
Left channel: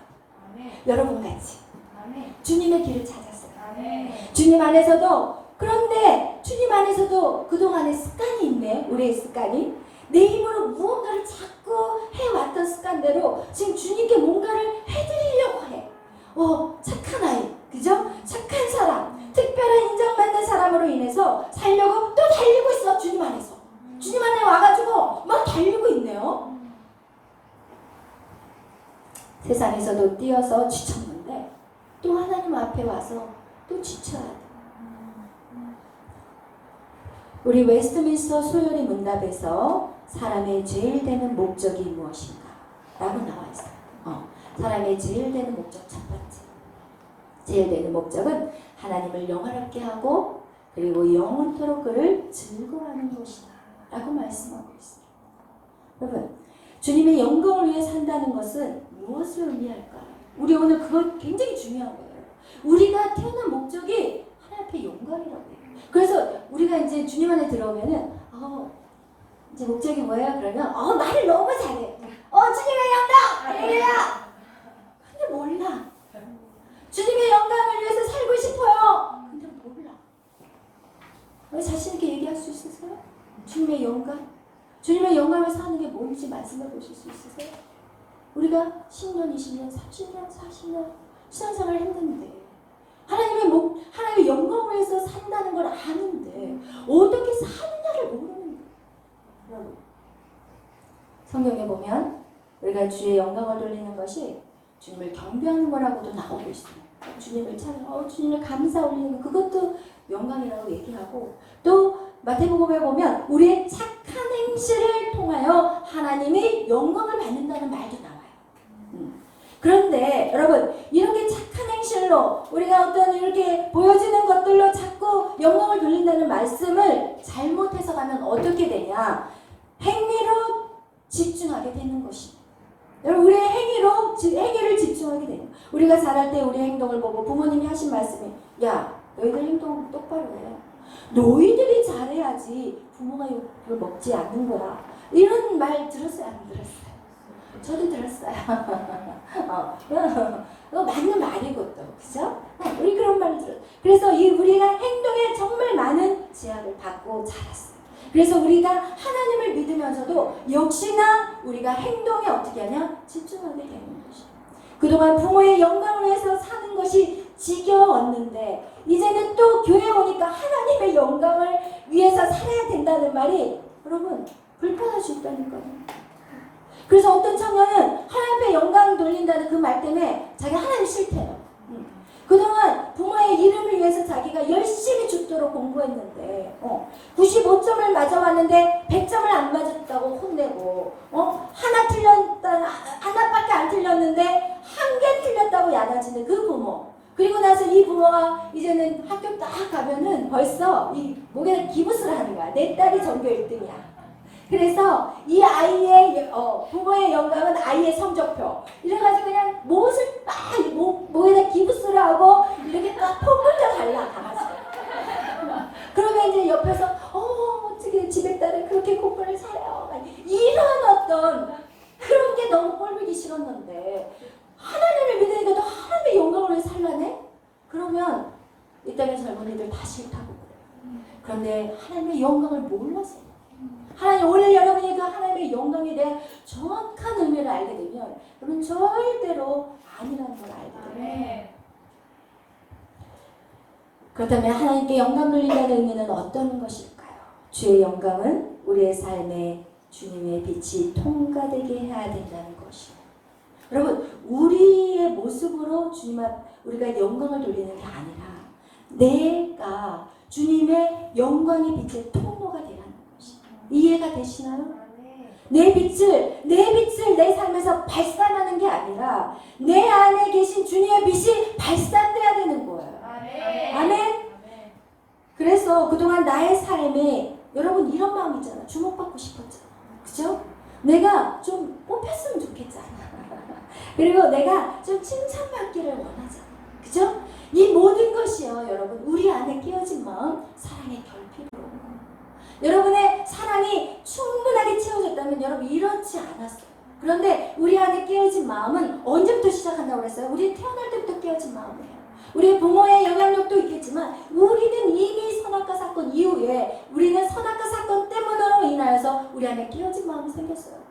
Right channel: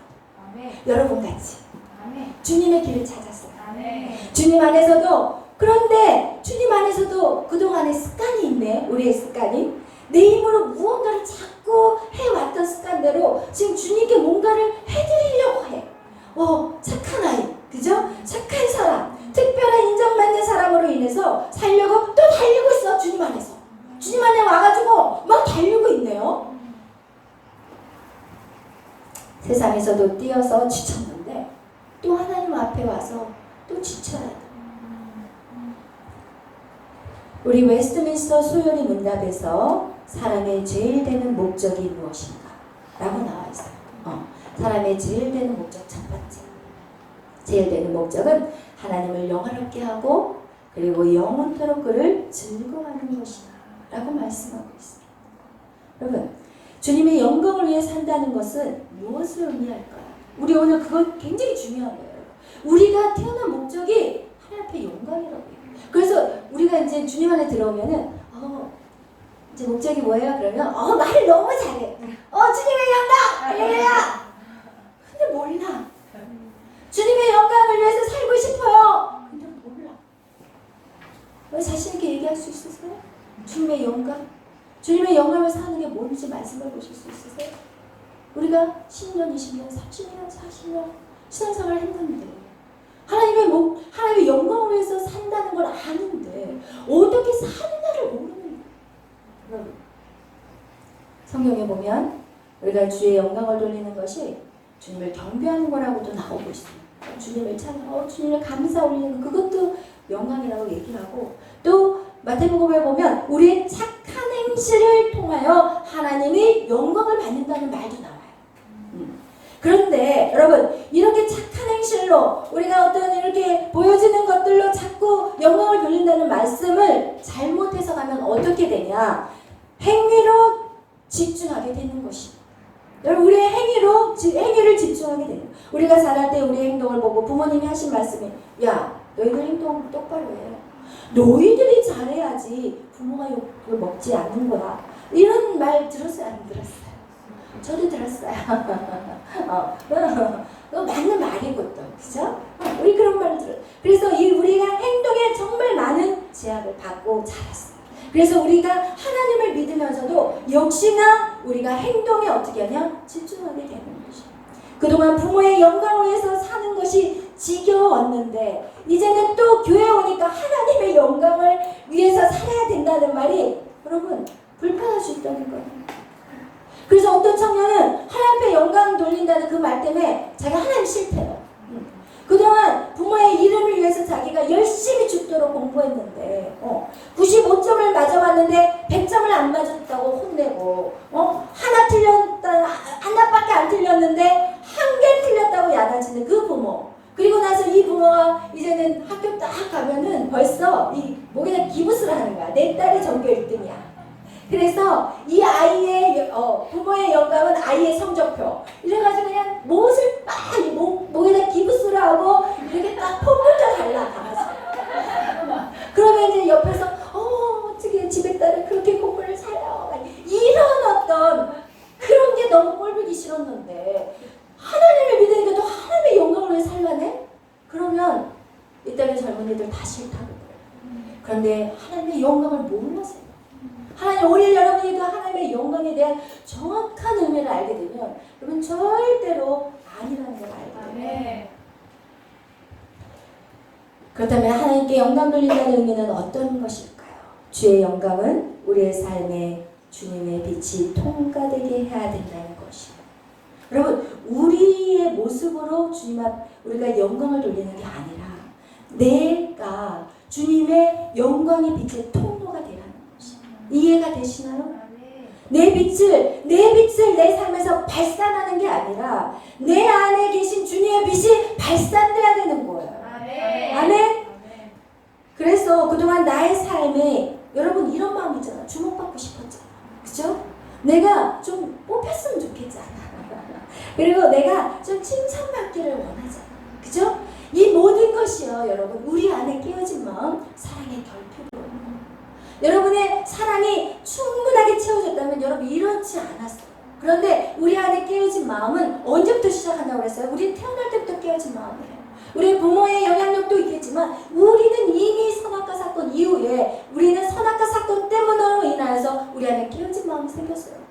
아멘. 여러분 같이 아멘. 주님의 길을 찾았어요. 아멘. 주님 안에서도. 그런데 주님 안에서도 그동안의 습관이 있네. 우리의 습관이 내 힘으로 무언가를 자꾸 해왔던 습관대로 지금 주님께 뭔가를 해드리려고 해. 착한 아이, 그죠? 착한 사람, 특별한 인정받는 사람으로 인해서 살려고 또 달리고 있어. 주님 안에서. 주님 안에 와가지고 막 달리고 있네요. 세상에서도 뛰어서 지쳤는데 또 하나님 앞에 와서 또 지쳐야 돼. 우리 웨스트민스터 소요리 문답에서 사람의 제일 되는 목적이 무엇인가? 라고 나와 있어요. 사람의 제일 되는 목적 첫 번째. 제일 되는 목적은 하나님을 영화롭게 하고 그리고 영원토록 그를 즐거워하는 것이다. 라고 말씀하고 있습니다. 여러분, 주님의 영광을 위해 산다는 것은 무엇을 의미할까요? 우리 오늘 그거 굉장히 중요한 거예요. 우리가 태어난 목적이 하나님 앞에 영광이라고 해요. 그래서 우리가 이제 주님 안에 들어오면은 이제 목적이 뭐예요? 그러면 말을 너무 잘해. 주님의 영광! 할렐루야! 근데 몰라. 주님의 영광을 위해서 살고 싶어요. 근데 몰라. 왜 자신 있게 얘기할 수 있으세요? 주님의 영광? 주님의 영광을 사는 게 뭔지 말씀해 보실 수 있으세요? 우리가 10년, 20년, 30년, 40년 신앙생활을 했는데 하나님의 영광을 위해서 산다는 걸 아는데 어떻게 사느냐를 모르는 여러분, 성경에 보면 우리가 주의 영광을 돌리는 것이 주님을 경배하는 거라고도 나오고 있습니다. 주님을 찬양하고 주님을 감사 올리는 거, 그것도 영광이라고 얘기하고, 또 마태복음에 보면 우리의 착한 행실을 통하여 하나님이 영광을 받는다는 말도 나와요. 그런데 여러분, 이렇게 착한 행실로 우리가 어떤 이렇게 보여지는 것들로 자꾸 영광을 돌린다는 말씀을 잘못 해석하면 어떻게 되냐? 행위로 집중하게 되는 것입니다. 여러분, 우리의 행위를 집중하게 돼요. 우리가 자랄 때 우리의 행동을 보고 부모님이 하신 말씀이, 야, 너희들 행동 똑바로 해. 너희들이 잘해야지 부모가 욕을 먹지 않는 거야. 이런 말 들었어요? 안 들었어요? 저도 들었어요. 그거 맞는 말이고 또, 그죠? 우리 그런 말을 들어요. 그래서 우리가 행동에 정말 많은 제약을 받고 자랐어요. 그래서 우리가 하나님을 믿으면서도 역시나 우리가 행동에 어떻게 하냐? 집중하게 되는 것이에요. 그동안 부모의 영광을 위해서 사는 것이 지겨웠는데 이제는 또 교회에 오니까 하나님의 영광을 위해서 살아야 된다는 말이 여러분 불편할 수 있다는 거예요. 그래서 어떤 청년은 하나님 앞에 영광 돌린다는 그 말 때문에 자기가 하나님 싫대요. 그동안 부모의 이름을 위해서 자기가 열심히 죽도록 공부했는데 95점을 맞아왔는데 100점을 안 맞았다고 혼내고 하나밖에 안 틀렸는데 한 개 틀렸다고 야단치는 그 부모. 그리고 나서 이 부모가 이제는 학교 딱 가면은 벌써 이 목에다 기부스를 하는 거야. 내 딸이 전교 1등이야. 그래서 이 아이의 부모의 영광은 아이의 성적표. 이래가지고 그냥 못을 막 목에다 기부스를 하고 이렇게 딱 폼부터 달라가. 그러면 이제 옆에서 어떻게 집에 딸을 그렇게 공부를 잘해요. 이런 어떤 그런 게 너무 꼴보기 싫었는데 하나님을 믿으니까 또 하나님의 영광을 위해 살라네? 그러면 이 땅의 젊은이들 다 싫다고 그래요. 그런데 하나님의 영광을 몰라서요. 하나님, 오늘 여러분이 그 하나님의 영광에 대한 정확한 의미를 알게 되면 여러분 절대로 아니라는 걸 알게 돼요. 그렇다면 하나님께 영광 돌린다는 의미는 어떤 것일까요? 주의 영광은 우리의 삶에 주님의 빛이 통과되게 해야 된다는 것이에요. 여러분, 우리의 모습으로 주님 앞 우리가 영광을 돌리는 게 아니라 내가 주님의 영광의 빛의 통로가 되라는 것이에요. 이해가 되시나요? 내 빛을 내 삶에서 발산하는 게 아니라 내 안에 계신 주님의 빛이 발산돼야 되는 거예요. 아멘. 그래서 그동안 나의 삶에 여러분 이런 마음 있잖아. 주목받고 싶었잖아. 그죠? 내가 좀 뽑혔으면 좋겠잖아. 그리고 내가 좀 칭찬받기를 원하잖아. 그죠? 이 모든 것이요, 여러분, 우리 안에 끼어진 마음, 사랑의 결핍으로. 여러분의 사랑이 충분하게 채워졌다면 여러분 이렇지 않았어요. 그런데 우리 안에 깨어진 마음은 언제부터 시작한다고 그랬어요? 우리는 태어날 때부터 깨어진 마음이에요. 우리 부모의 영향력도 있겠지만 우리는 이미 선악과 사건 이후에 우리는 선악과 사건 때문으로 인하여서 우리 안에 깨어진 마음이 생겼어요.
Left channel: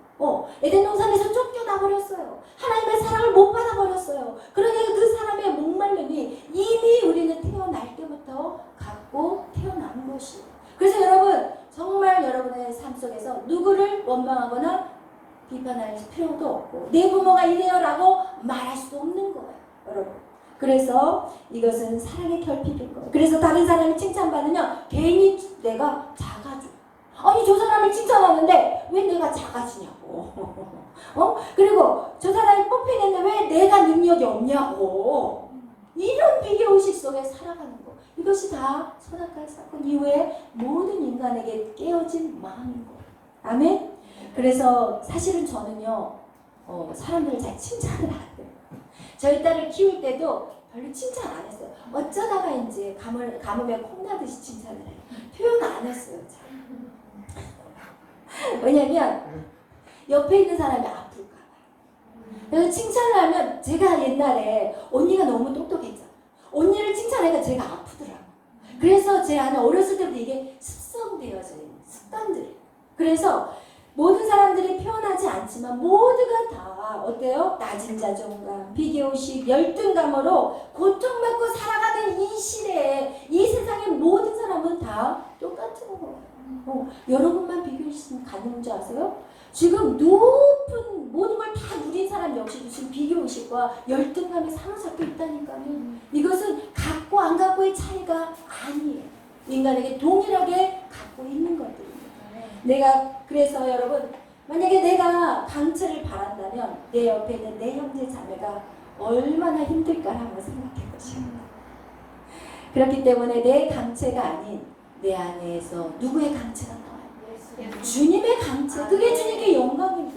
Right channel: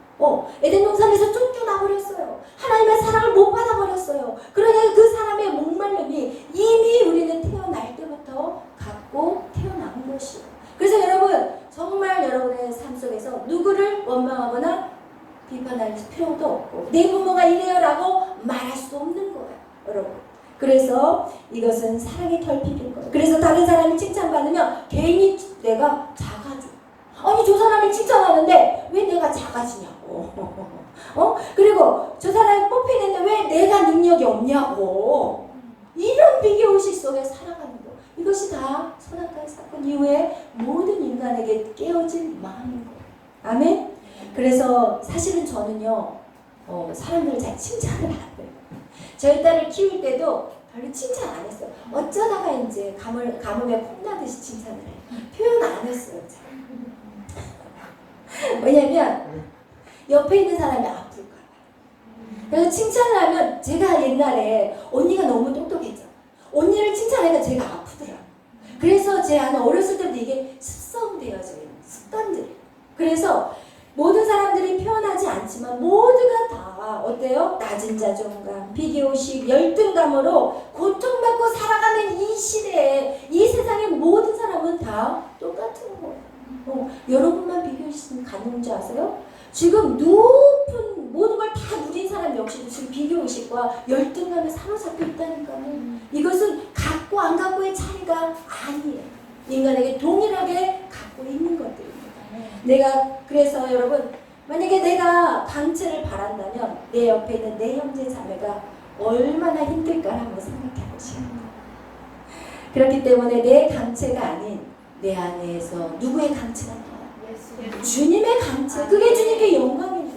에덴 동산에서 쫓겨나버렸어요. 하나님의 사랑을 못 받아버렸어요. 그러니까 그 사람의 목말름이 이미 우리는 태어날 때부터 갖고 태어난 것이에요. 그래서 여러분 정말 여러분의 삶 속에서 누구를 원망하거나 비판할 필요도 없고 내 부모가 이래요라고 말할 수 없는 거예요. 여러분. 그래서 이것은 사랑의 결핍인 거예요. 그래서 다른 사람이 칭찬받으면 괜히 내가 작아져. 아니 저 사람이 칭찬하는데 왜 내가 작아지냐고. 그리고 저 사람이 뽑히는데 왜 내가 능력이 없냐고. 이런 비교의식 속에 살아가는 거. 이것이 다 선악과의 사건 이후에 모든 인간에게 깨어진 마음인 거예요. 아멘? 그래서 사실은 저는요 사람들을 잘 칭찬을 안 해요. 저희 딸을 키울 때도 별로 칭찬 안 했어요. 어쩌다가 이제 가뭄에 콩나듯이 칭찬을 해요. 표현 안 했어요. 왜냐면 옆에 있는 사람이 아플까 봐요. 그래서 칭찬을 하면 제가 옛날에 언니가 너무 똑똑했잖아요. 언니를 칭찬하니까 제가 아프더라고요. 그래서 제 안에 어렸을 때부터 이게 습성되어져 있는 습관들이. 그래서 모든 사람들이 표현하지 않지만 모두가 다 어때요? 낮은 자존감, 비교의식, 열등감으로 고통받고 살아가는 이 시대에 이 세상의 모든 사람은 다 똑같은 거예요. 여러분만 비교의식 갖는 줄 아세요? 지금 높은 모든 걸 다 누린 사람 역시도 지금 비교의식과 열등감에 사로잡혀 있다니까요. 이것은 갖고 안 갖고의 차이가 아니에요. 인간에게 동일하게 갖고 있는 것들입니다. 그래서 여러분 만약에 내가 강체를 바란다면 내 옆에 있는 내 형제 자매가 얼마나 힘들까 한번 생각해 보시죠. 그렇기 때문에 내 강체가 아닌 내 안에서 누구의 강체가 나와요? 주님의 강체. 그게 주님께 영광입니다.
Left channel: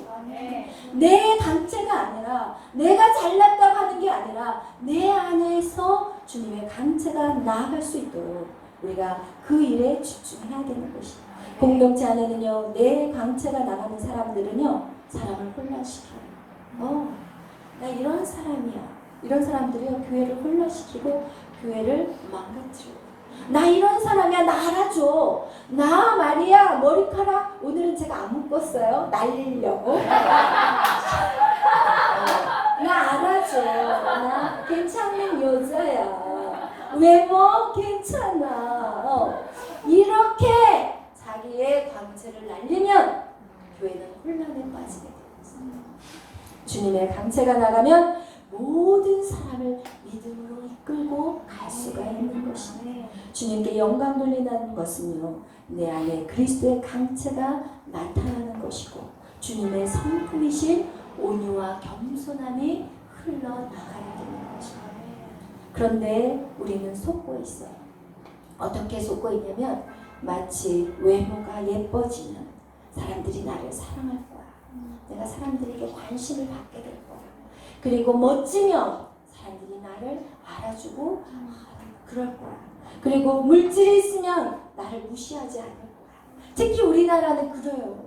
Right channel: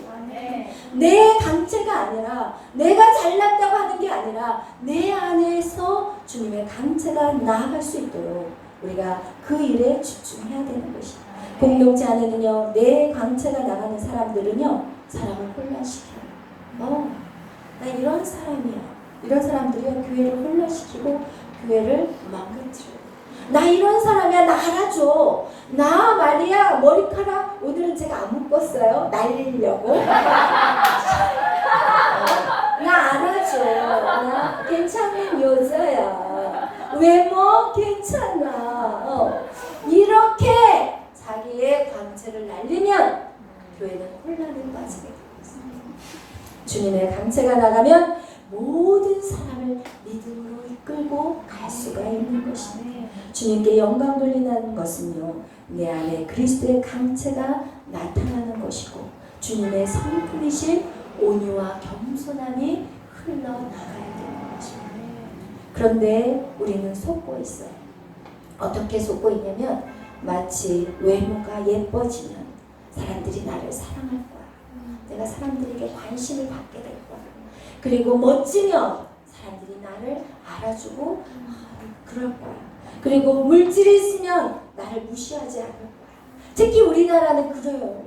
내 강체가 아니라 내가 잘났다고 하는 게 아니라 내 안에서 주님의 강체가 나아갈 수 있도록 우리가 그 일에 집중해야 되는 것입니다. 공동체 안에는요 내 강체가 나가는 사람들은요 사람을 혼란시켜요. 나 이런 사람이야. 이런 사람들이요 교회를 혼란시키고 교회를 망가뜨려요. 나 이런 사람이야. 나 알아줘. 나 말이야 머리카락 오늘은 제가 안 묶었어요. 날리려고. 나 알아줘. 나 괜찮은 여자야. 외모 괜찮아. 이렇게 자기의 강체를 날리면 교회는 혼란에 빠지게 됩니다. 주님의 강체가 나가면 모든 사람을 믿음으로 이끌고 갈 수가 있는 것입니다. 주님께 영광 돌리는 것은요 내 안에 그리스도의 강체가 나타나는 것이고 주님의 성품이신 온유와 겸손함이 흘러나가야 되는 것입니다. 그런데 우리는 속고 있어요. 어떻게 속고 있냐면 마치 외모가 예뻐지면 사람들이 나를 사랑할 거야. 내가 사람들에게 관심을 받게 될 거야. 그리고 멋지면 사람들이 나를 알아주고 그럴 거야. 그리고 물질이 있으면 나를 무시하지 않을 거야. 특히 우리나라는 그래요.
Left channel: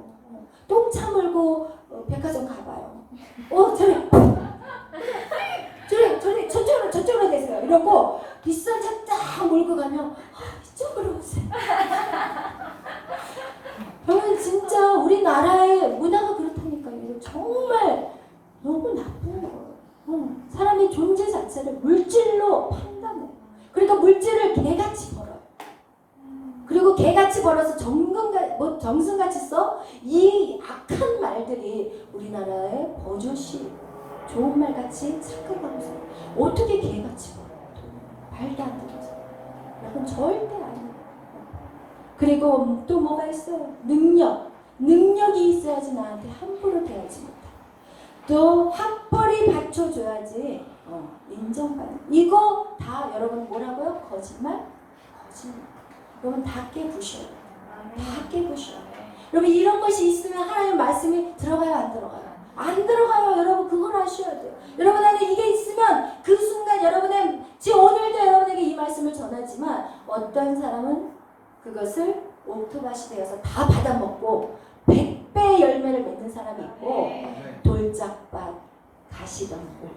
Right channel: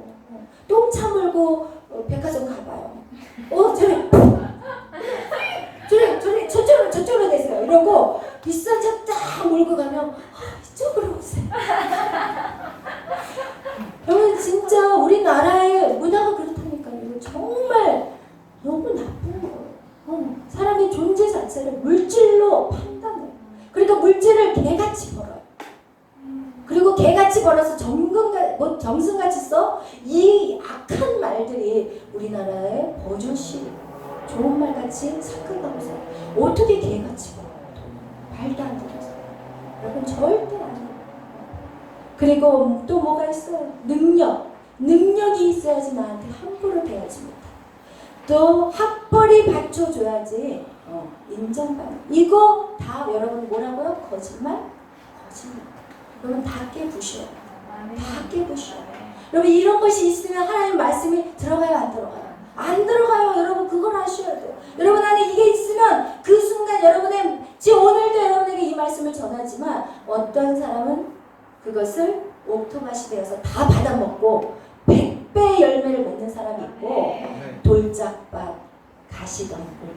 똥 차물고 백화점 가봐요. 저쪽으로 내세요. 이러고 비싼 차 딱 몰고 가면 이쪽으로 오세요. 저는 진짜 우리나라의 문화가 그렇다니까요. 정말 너무 나쁜 거예요. 사람의 존재 자체를 물질로 판단해요. 그러니까 물질을 개같이 벌어요. 그리고 개같이 벌어서 정승같이 써? 이 악한 말들이 우리나라의 버젓이 좋은 말같이 착각하고 살아요. 어떻게 개같이 벌어요? 말도 안 되는 소리. 여러분 절대 아니에요. 그리고 또 뭐가 있어요? 능력이 있어야지 나한테 함부로 대하지 못해. 또 학벌이 받쳐줘야지 인정받는. 이거 다 여러분 뭐라고요? 거짓말. 여러분 다 깨부셔요. 다 깨부셔요. 여러분 이런 것이 있으면 하나님의 말씀이 들어가요 안 들어가요? 안 들어가요. 여러분 그걸 아셔야 돼요. 여러분 안에 이게 있으면 그 순간 여러분의 지금 오늘도 여러분에게 이 말씀을 전하지만 어떤 사람은 그것을 옥토밭이 되어서 다 받아먹고 100배 열매를 맺는 사람이 있고 돌짝밭, 가시덤불,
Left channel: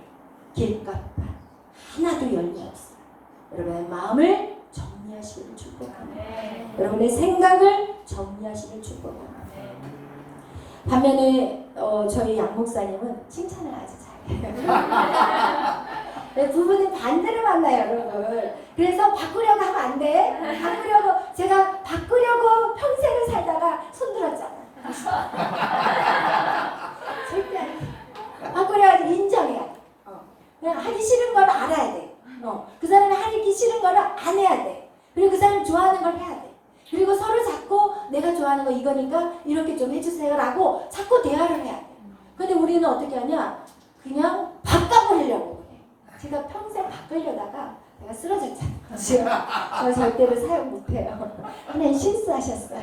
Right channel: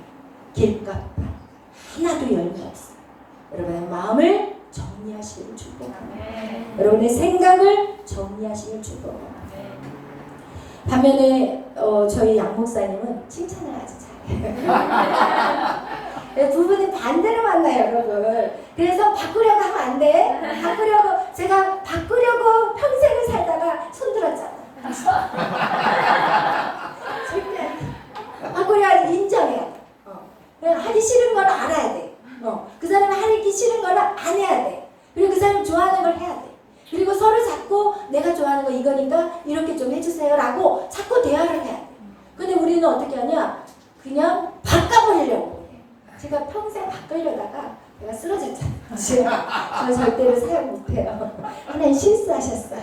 길가밭 하나도 열매 없어요. 여러분의 마음을 정리하시길 축복합니다. 여러분의 생각을 정리하시길 축복합니다. 반면에 저희 양 목사님은 칭찬을 아주 잘해요. 부부는 반대로 만나요, 여러분. 그래서 바꾸려고 하면 안 돼. 제가 바꾸려고 평생을 살다가 손들었잖아. 절대 안 돼. 바꾸려고 인정해야 돼. 그냥 하기 싫은 걸 알아야 돼. 그 사람이 하기 싫은 걸 안 해야 돼. 그리고 그 사람이 좋아하는 걸 해야 돼. 그리고 서로 자꾸 내가 좋아하는 거 이거니까 이렇게 좀 해주세요 라고 자꾸 대화를 해야 돼. 근데 우리는 어떻게 하냐? 그냥 바꿔버리려고 해. 제가 평생 바꾸려다가 내가 쓰러졌잖아요. 저 절대로 사용 못해요. 하나님 실수하셨어요.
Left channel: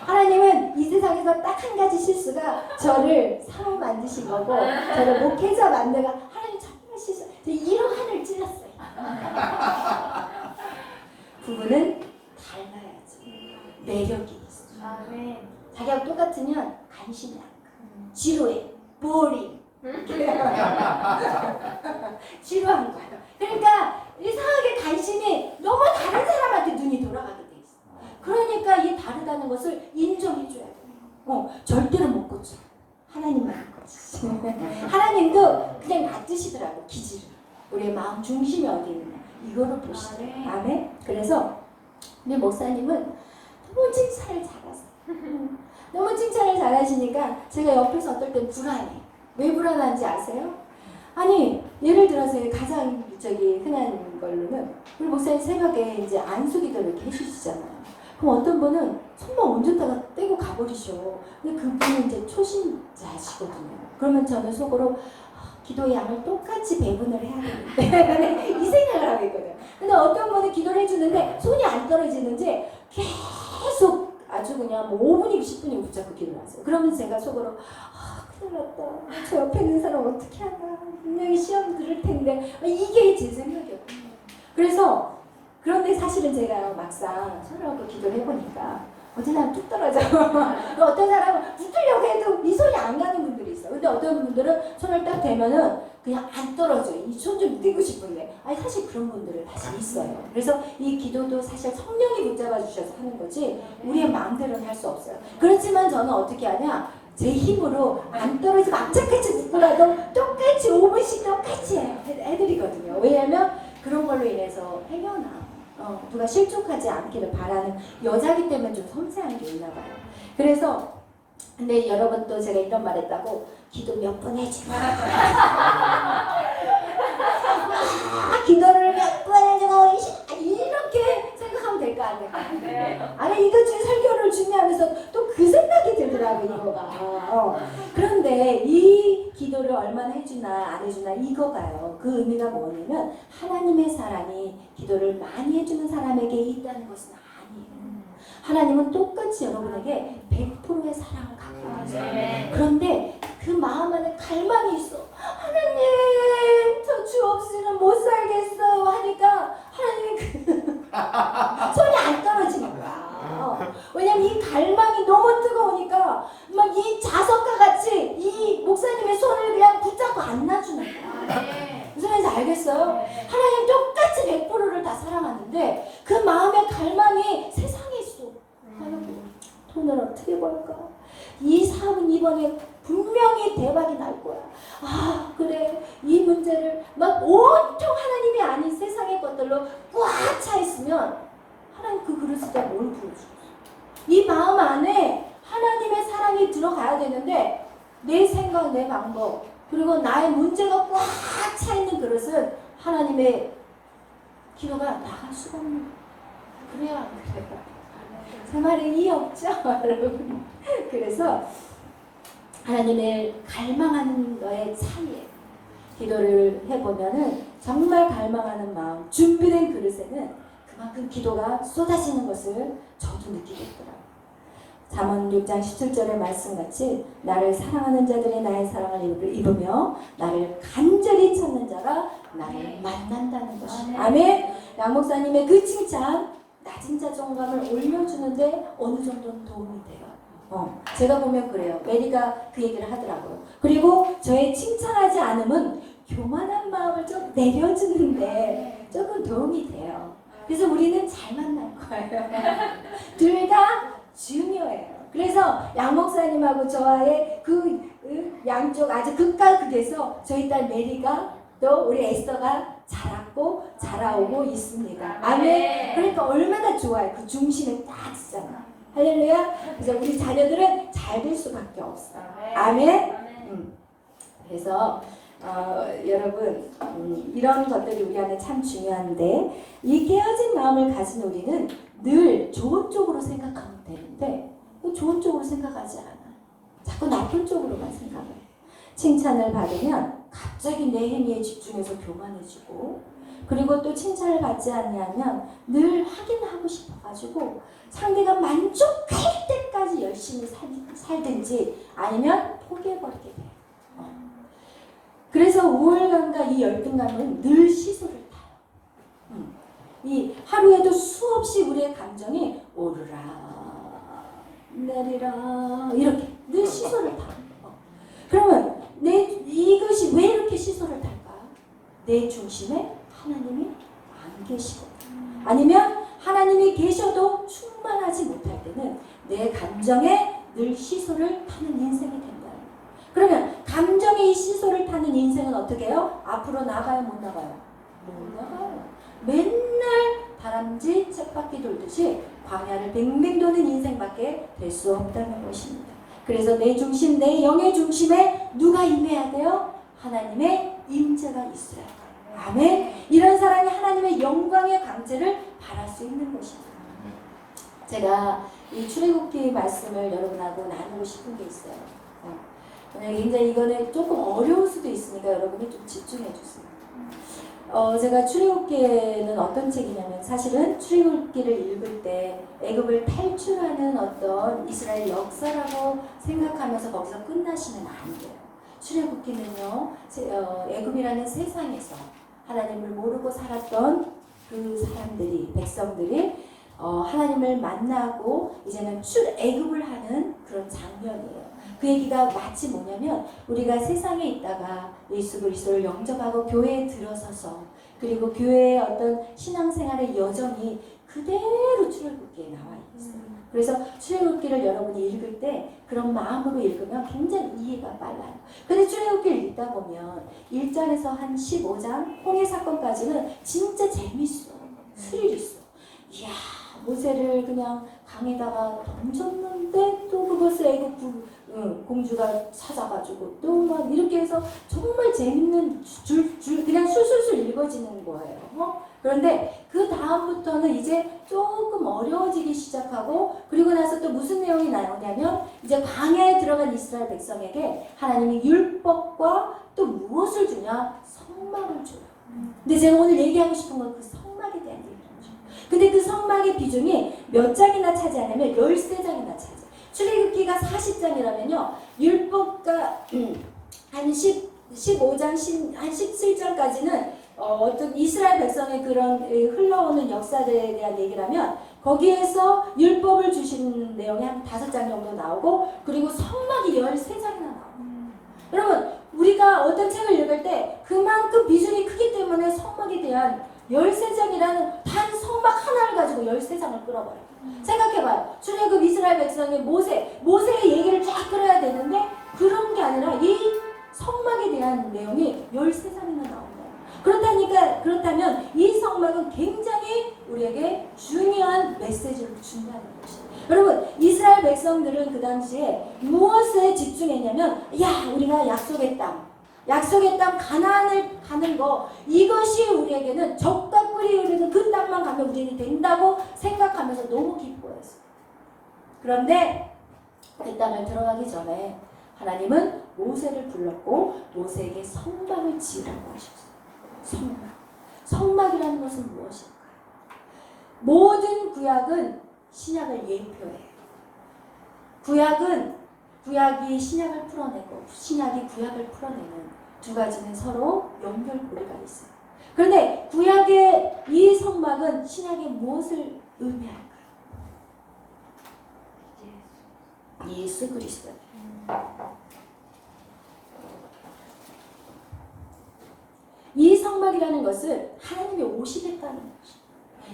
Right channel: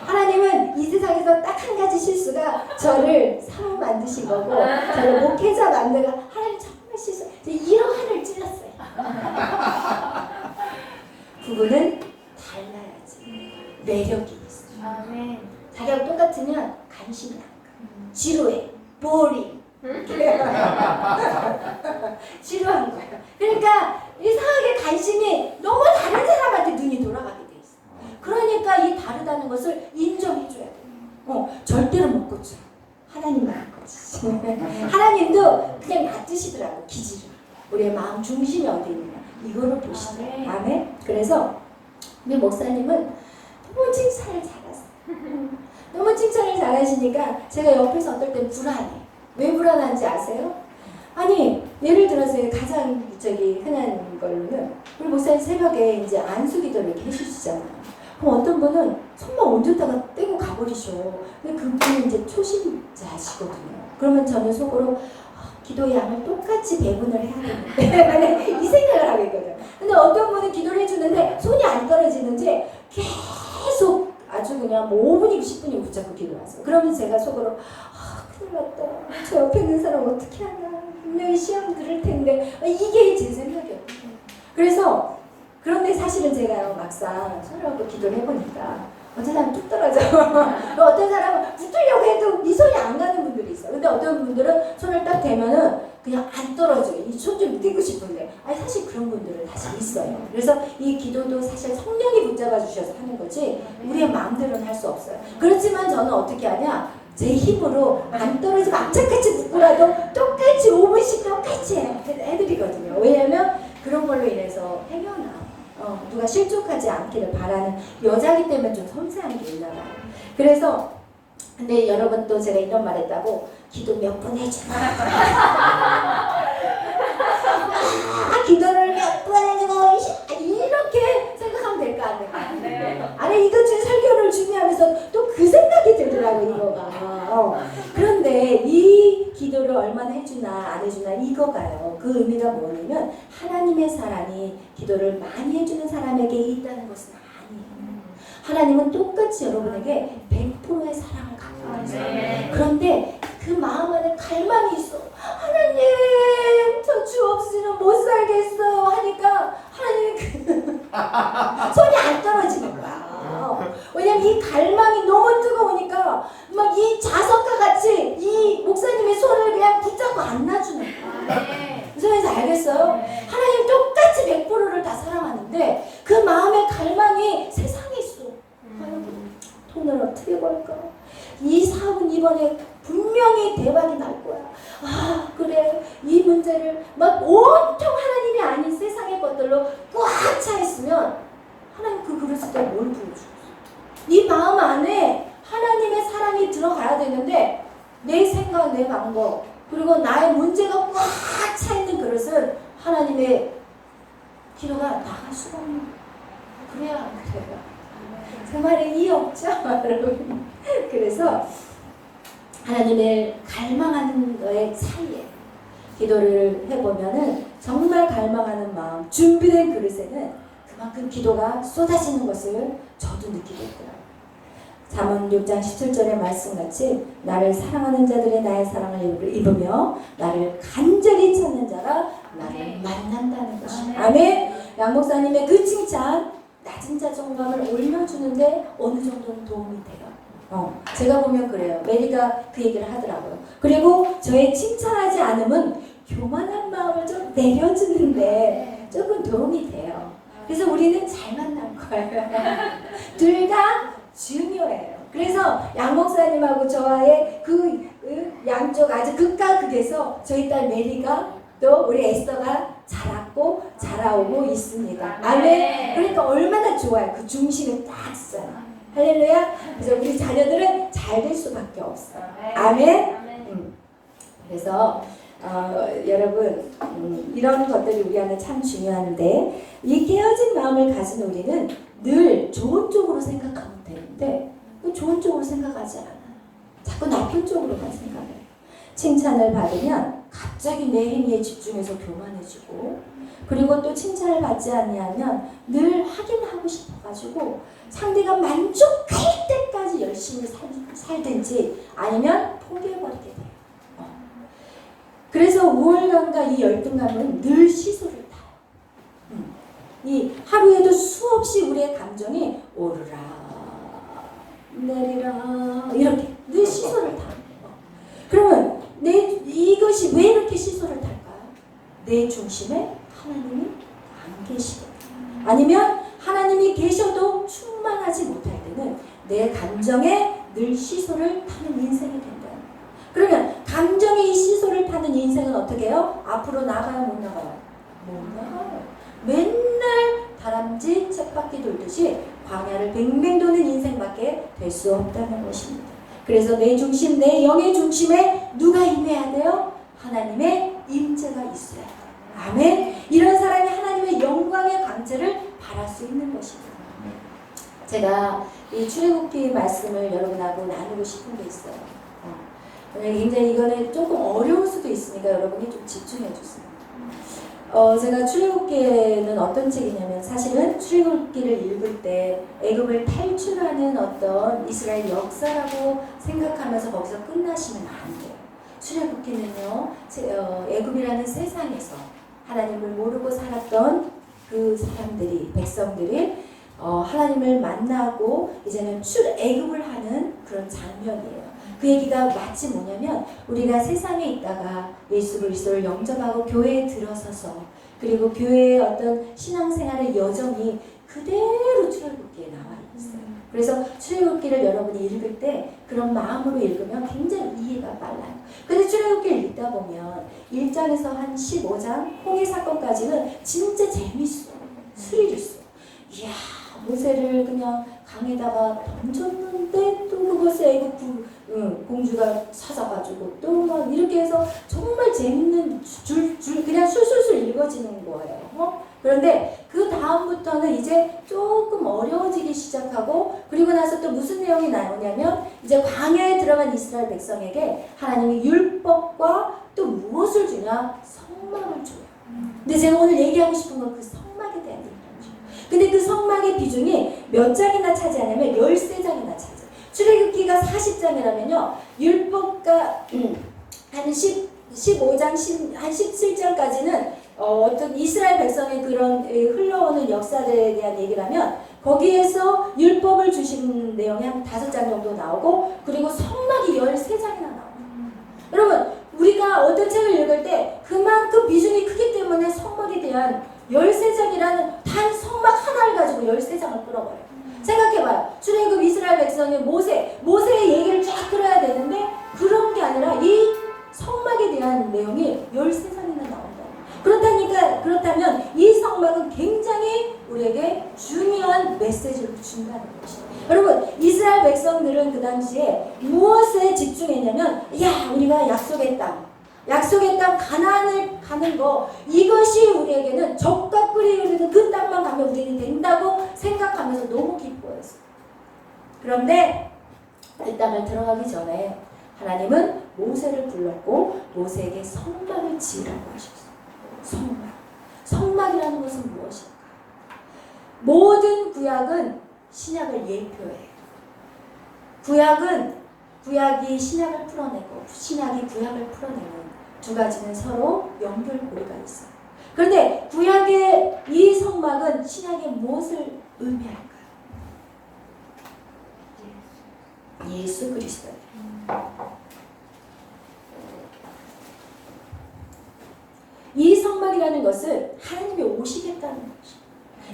하나님은 이 세상에서 딱 한 가지 실수가 저를 사람 만드신 거고 저를 목회자 만들고 하나님 정말 실수. 이런 하늘 찔렀어요. 부부는 닮아야지. 매력이 있어. 아멘. 자기하고 똑같으면 관심이 안 가. 지루해. 보링. 지루한 거예요. 그러니까 이상하게 관심이 너무 다른 사람한테 눈이 돌아가게 돼 있어. 그러니까 이 다르다는 것을 인정해줘야 돼. 절대로 못 고쳐. 하나님만 고치시. 하나님도 그냥 놔두시더라고, 기질을. 우리의 마음 중심이 어디 있느냐 이거를 보시더라고요. 아멘. 그래서 우리 목사님은 너무 칭찬을 잘하세요. 너무 칭찬을 잘하시니까 제가 옆에서 어떨 땐 불안해. 왜 불안한지 아세요? 아니 예를 들어서 가장 흔한 걸로는 우리 목사님 새벽에 이제 안수기도를 이렇게 해주시잖아요. 그럼 어떤 분은 손만 얹었다가 떼고 가버리셔. 근데 그분은 이제 초심자시거든요. 그러면 저는 속으로 기도의 양을 똑같이 배분을 해야 되는데 이 생각을 하고 있거든요. 근데 어떤 분은 기도를 해주는데 손이 안 떨어지는지 계속 아주 그냥 뭐 5분이고 10분이고 붙잡고 기도하세요. 그러면 제가 속으로 큰일 났다. 저 옆에 있는 사람 어떻게 하나. 분명히 시험 들을 텐데 이게 제 생각이었거든요. 그래서 그런데 사실은 제가 막상 손을 얹고 기도를 해보니까 어떤 사람은 뚝 떨어져. 어떤 사람은 붙으려고 해도 이 손이 안 가는 분들이 있어. 근데 어떤 분들은 손을 딱 대면은 그냥 안 떨어져. 이 손 좀 떼고 싶은데. 아니 사실 그런 분들은 사실 있어요. 그래서 이 기도도 사실 성령이 붙잡아 주셔서 하는 거지 우리의 마음대로는 할 수 없어요. 그렇지만 저는 어떻게 하냐? 제 힘으로 안 떨어지면 악착같이 붙고라도 똑같이 5분씩 똑같이 해드리거든요. 왜냐하면 그런 걸로 인해서 헤겨나. 누가 실족하지 않기를 바라는 여자기 때문에 좀 섬세한 게 있나 봐요. 그래서 근데 여러분 또 제가 이런 말 했다고 기도 몇 번 해주고 기도를 몇 번 해주고 이렇게 생각하면 될까 안 될까? 아니 이것 중 설교를 준비하면서 또 그 생각이 들더라고 이거가. 그런데 이 기도를 얼마나 해주나 안 해주나 이거가요. 그 의미가 뭐냐면 하나님의 사랑이 기도를 많이 해주는 사람에게 있다는 것은 아니에요. 하나님은 똑같이 여러분에게 100%의 사랑을 갖고 계세요. 그런데 그 마음 안에 갈망이 있어. 하나님 저 주 없이는 못 살겠어요 하니까 하나님이 손이 안 떨어지는 거야. 왜냐면 이 갈망이 너무 뜨거우니까 막 이 자석과 같이 이 목사님의 손을 그냥 붙잡고 안 놔주는 거야. 무슨 말인지 알겠어요? 하나님 똑같이 100%를 다 사랑하는데 그 마음의 갈망이 세상에 있어. 돈을 어떻게 벌까? 이 사업은 이번에 분명히 대박이 날 거야. 그래 이 문제를 막 온통 하나님이 아닌 세상의 것들로 꽉 차 있으면 하나님 그 그릇에다 뭘 부어주겠어? 이 마음 안에 하나님의 사랑이 들어가야 되는데 내 생각, 내 방법 그리고 나의 문제가 꽉 차 있는 그릇은 하나님의 기도가 나갈 수가 없는 거야. 그래야 안 그래요? 제 말에 이해 없죠? 여러분. 그래서 하나님을 갈망하는 너의 사이에 기도를 해보면은 정말 갈망하는 마음, 준비된 그릇에는 그만큼 기도가 쏟아지는 것을 저도 느끼게 했더라고요. 잠언 6장 17절의 말씀같이 나를 사랑하는 자들이 나의 사랑을 입으며 나를 간절히 찾는 자가 나를 만난다는 것입니다. 아멘. 양 목사님의 그 칭찬 나도 낮은 자존감을 올려주는데 어느 정도는 도움이 돼요. 제가 보면 그래요. 메리가 그 얘기를 하더라고요. 그리고 저의 칭찬하지 않음은 교만한 마음을 좀 내려주는데 조금 도움이 돼요. 그래서 우리는 잘 만난 거예요. 둘 다 중요해요. 그래서 양 목사님하고 저와의 그 양쪽 아주 극과 극에서 저희 딸 메리가 또 우리 에스더가 자랐고 자라오고 있습니다. 아멘. 그러니까 얼마나 좋아요. 그 중심에 딱 있잖아. 할렐루야. 그래서 우리 자녀들은 잘 될 수밖에 없어요. 아멘. 그래서 여러분 이런 것들이 우리 안에 참 중요한데 이 깨어진 마음을 가진 우리는 늘 좋은 쪽으로 생각하면 되는데 또 좋은 쪽으로 생각하지 않아. 자꾸 나쁜 쪽으로만 생각해. 칭찬을 받으면 갑자기 내행위에 집중해서 교만해지고 그리고 또 칭찬을 받지 아니하면 늘 확인하고 싶어가지고 상대가 만족할 때까지 열심히 살든지 아니면 포기해버리게 돼요. 그래서 우월감과 이 열등감은 늘 시소를 타요. 이 하루에도 수없이 우리의 감정이 오르라 내리라 이렇게 늘 시소를 타요. 그러면 이것이 왜 이렇게 시소를 탈까요? 내 중심에 하나님이 안 계시거든요. 아니면 하나님이 계셔도 충만하지 못할 때는 내 감정에 늘 시소를 타는 인생이 된다. 그러면 감정의 이 시소를 타는 인생은 어떻게 해요? 앞으로 나가요? 못 나가요? 못 나가요. 맨날 다람쥐 쳇바퀴 돌듯이 광야를 뱅뱅 도는 인생밖에 될 수 없다는 것입니다. 그래서 내 중심, 내 영의 중심에 누가 임해야 돼요? 하나님의 임재가 있어야 돼요. 아멘. 이런 사람이 하나님의 영광의 강제를 바랄 수 있는 것입니다. 제가 이 출애굽기 말씀을 여러분하고 나누고 싶은 게 있어요. 오늘 굉장히 이거는 조금 어려울 수도 있으니까 여러분이 좀 집중해 주세요. 제가 출애굽기에는 어떤 책이냐면 사실은 출애굽기를 읽을 때 애굽을 탈출하는 어떤 이스라엘 역사라고 생각하면서 거기서 끝나시면 안 돼요. 출애굽기는요, 애굽이라는 세상에서 하나님을 모르고 살았던 그 사람들이, 백성들이 하나님을 만나고 이제는 출애굽을 하는 그런 장면이에요. 그 얘기가 마치 뭐냐면 우리가 세상에 있다가 예수 그리스도를 영접하고 교회에 들어서서 그리고 교회의 어떤 신앙생활의 여정이 그대로 출애굽기에 나와 있어요. 그래서 출애굽기를 여러분이 읽을 때 그런 마음으로 읽으면 굉장히 이해가 빨라요. 근데 출애굽기를 읽다 보면 1장에서 한 15장 홍해 사건까지는 진짜 재밌어. 스릴 있어. 이야, 모세를 그냥 강에다가 던졌는데 또 그것을 애굽 공주가 찾아가지고 또 막 이렇게 해서 정말 재밌는 그냥 술술술 읽어지는 거예요. 그런데 그 다음부터는 이제 조금 어려워지기 시작하고 그리고 나서 또 무슨 내용이 나오냐면 이제 광야에 들어간 이스라엘 백성에게 하나님이 율법과 또 무엇을 주냐? 성막을 줘요. 근데 제가 오늘 얘기하고 싶은 건 그 성막에 대한 얘기죠. 근데 그 성막의 비중이 몇 장이나 차지하냐면 13장이나 차지해요. 출애굽기가 40장이라면요. 율법과 한 15장, 한 17장까지는 어떤 이스라엘 백성의 그런 흘러오는 역사들에 대한 얘기를 하면 거기에서 율법을 주신 내용이 한 5장 정도 나오고 그리고 성막이 13장이나 나와요. 여러분 우리가 어떤 책을 읽을 때 그만큼 비중이 크기 때문에 성막에 대한 13장이라는 단 성막 하나를 가지고 13장을 끌어버려요. 생각해봐요. 출애굽 이스라엘 백성의 모세의 얘기를 쫙 끌어야 되는데 그런 게 아니라 이 성막에 대한 내용이 13장이나 나온다. 그렇다면 이 성막은 굉장히 우리에게 중요한 메시지를 준다는 것이에요. 여러분 이스라엘 백성들은 그 당시에 무엇에 집중했냐면 우리가 약속의 땅 가나안을 가는 거 이것이 우리에게는 적과 꿀이 흐르는 그 땅만 가면 우리는 된다고 생각하면서 너무 기뻐했어요. 그런데 그 땅을 들어가기 전에 하나님은 모세를 불렀고 모세에게 성막을 지으라고 하셨어요. 성막이라는 것은 무엇일까? 모든 구약은 신약을 예표해요. 구약이 신약을 풀어내고 신약이 구약을 풀어내는 두 가지는 서로 연결고리가 있어요. 그런데 구약의 이 성막은 신약의 무엇을 의미할까요? 예수 그리스도. 이 성막이라는 것은 하나님이 오시겠다는 것이죠.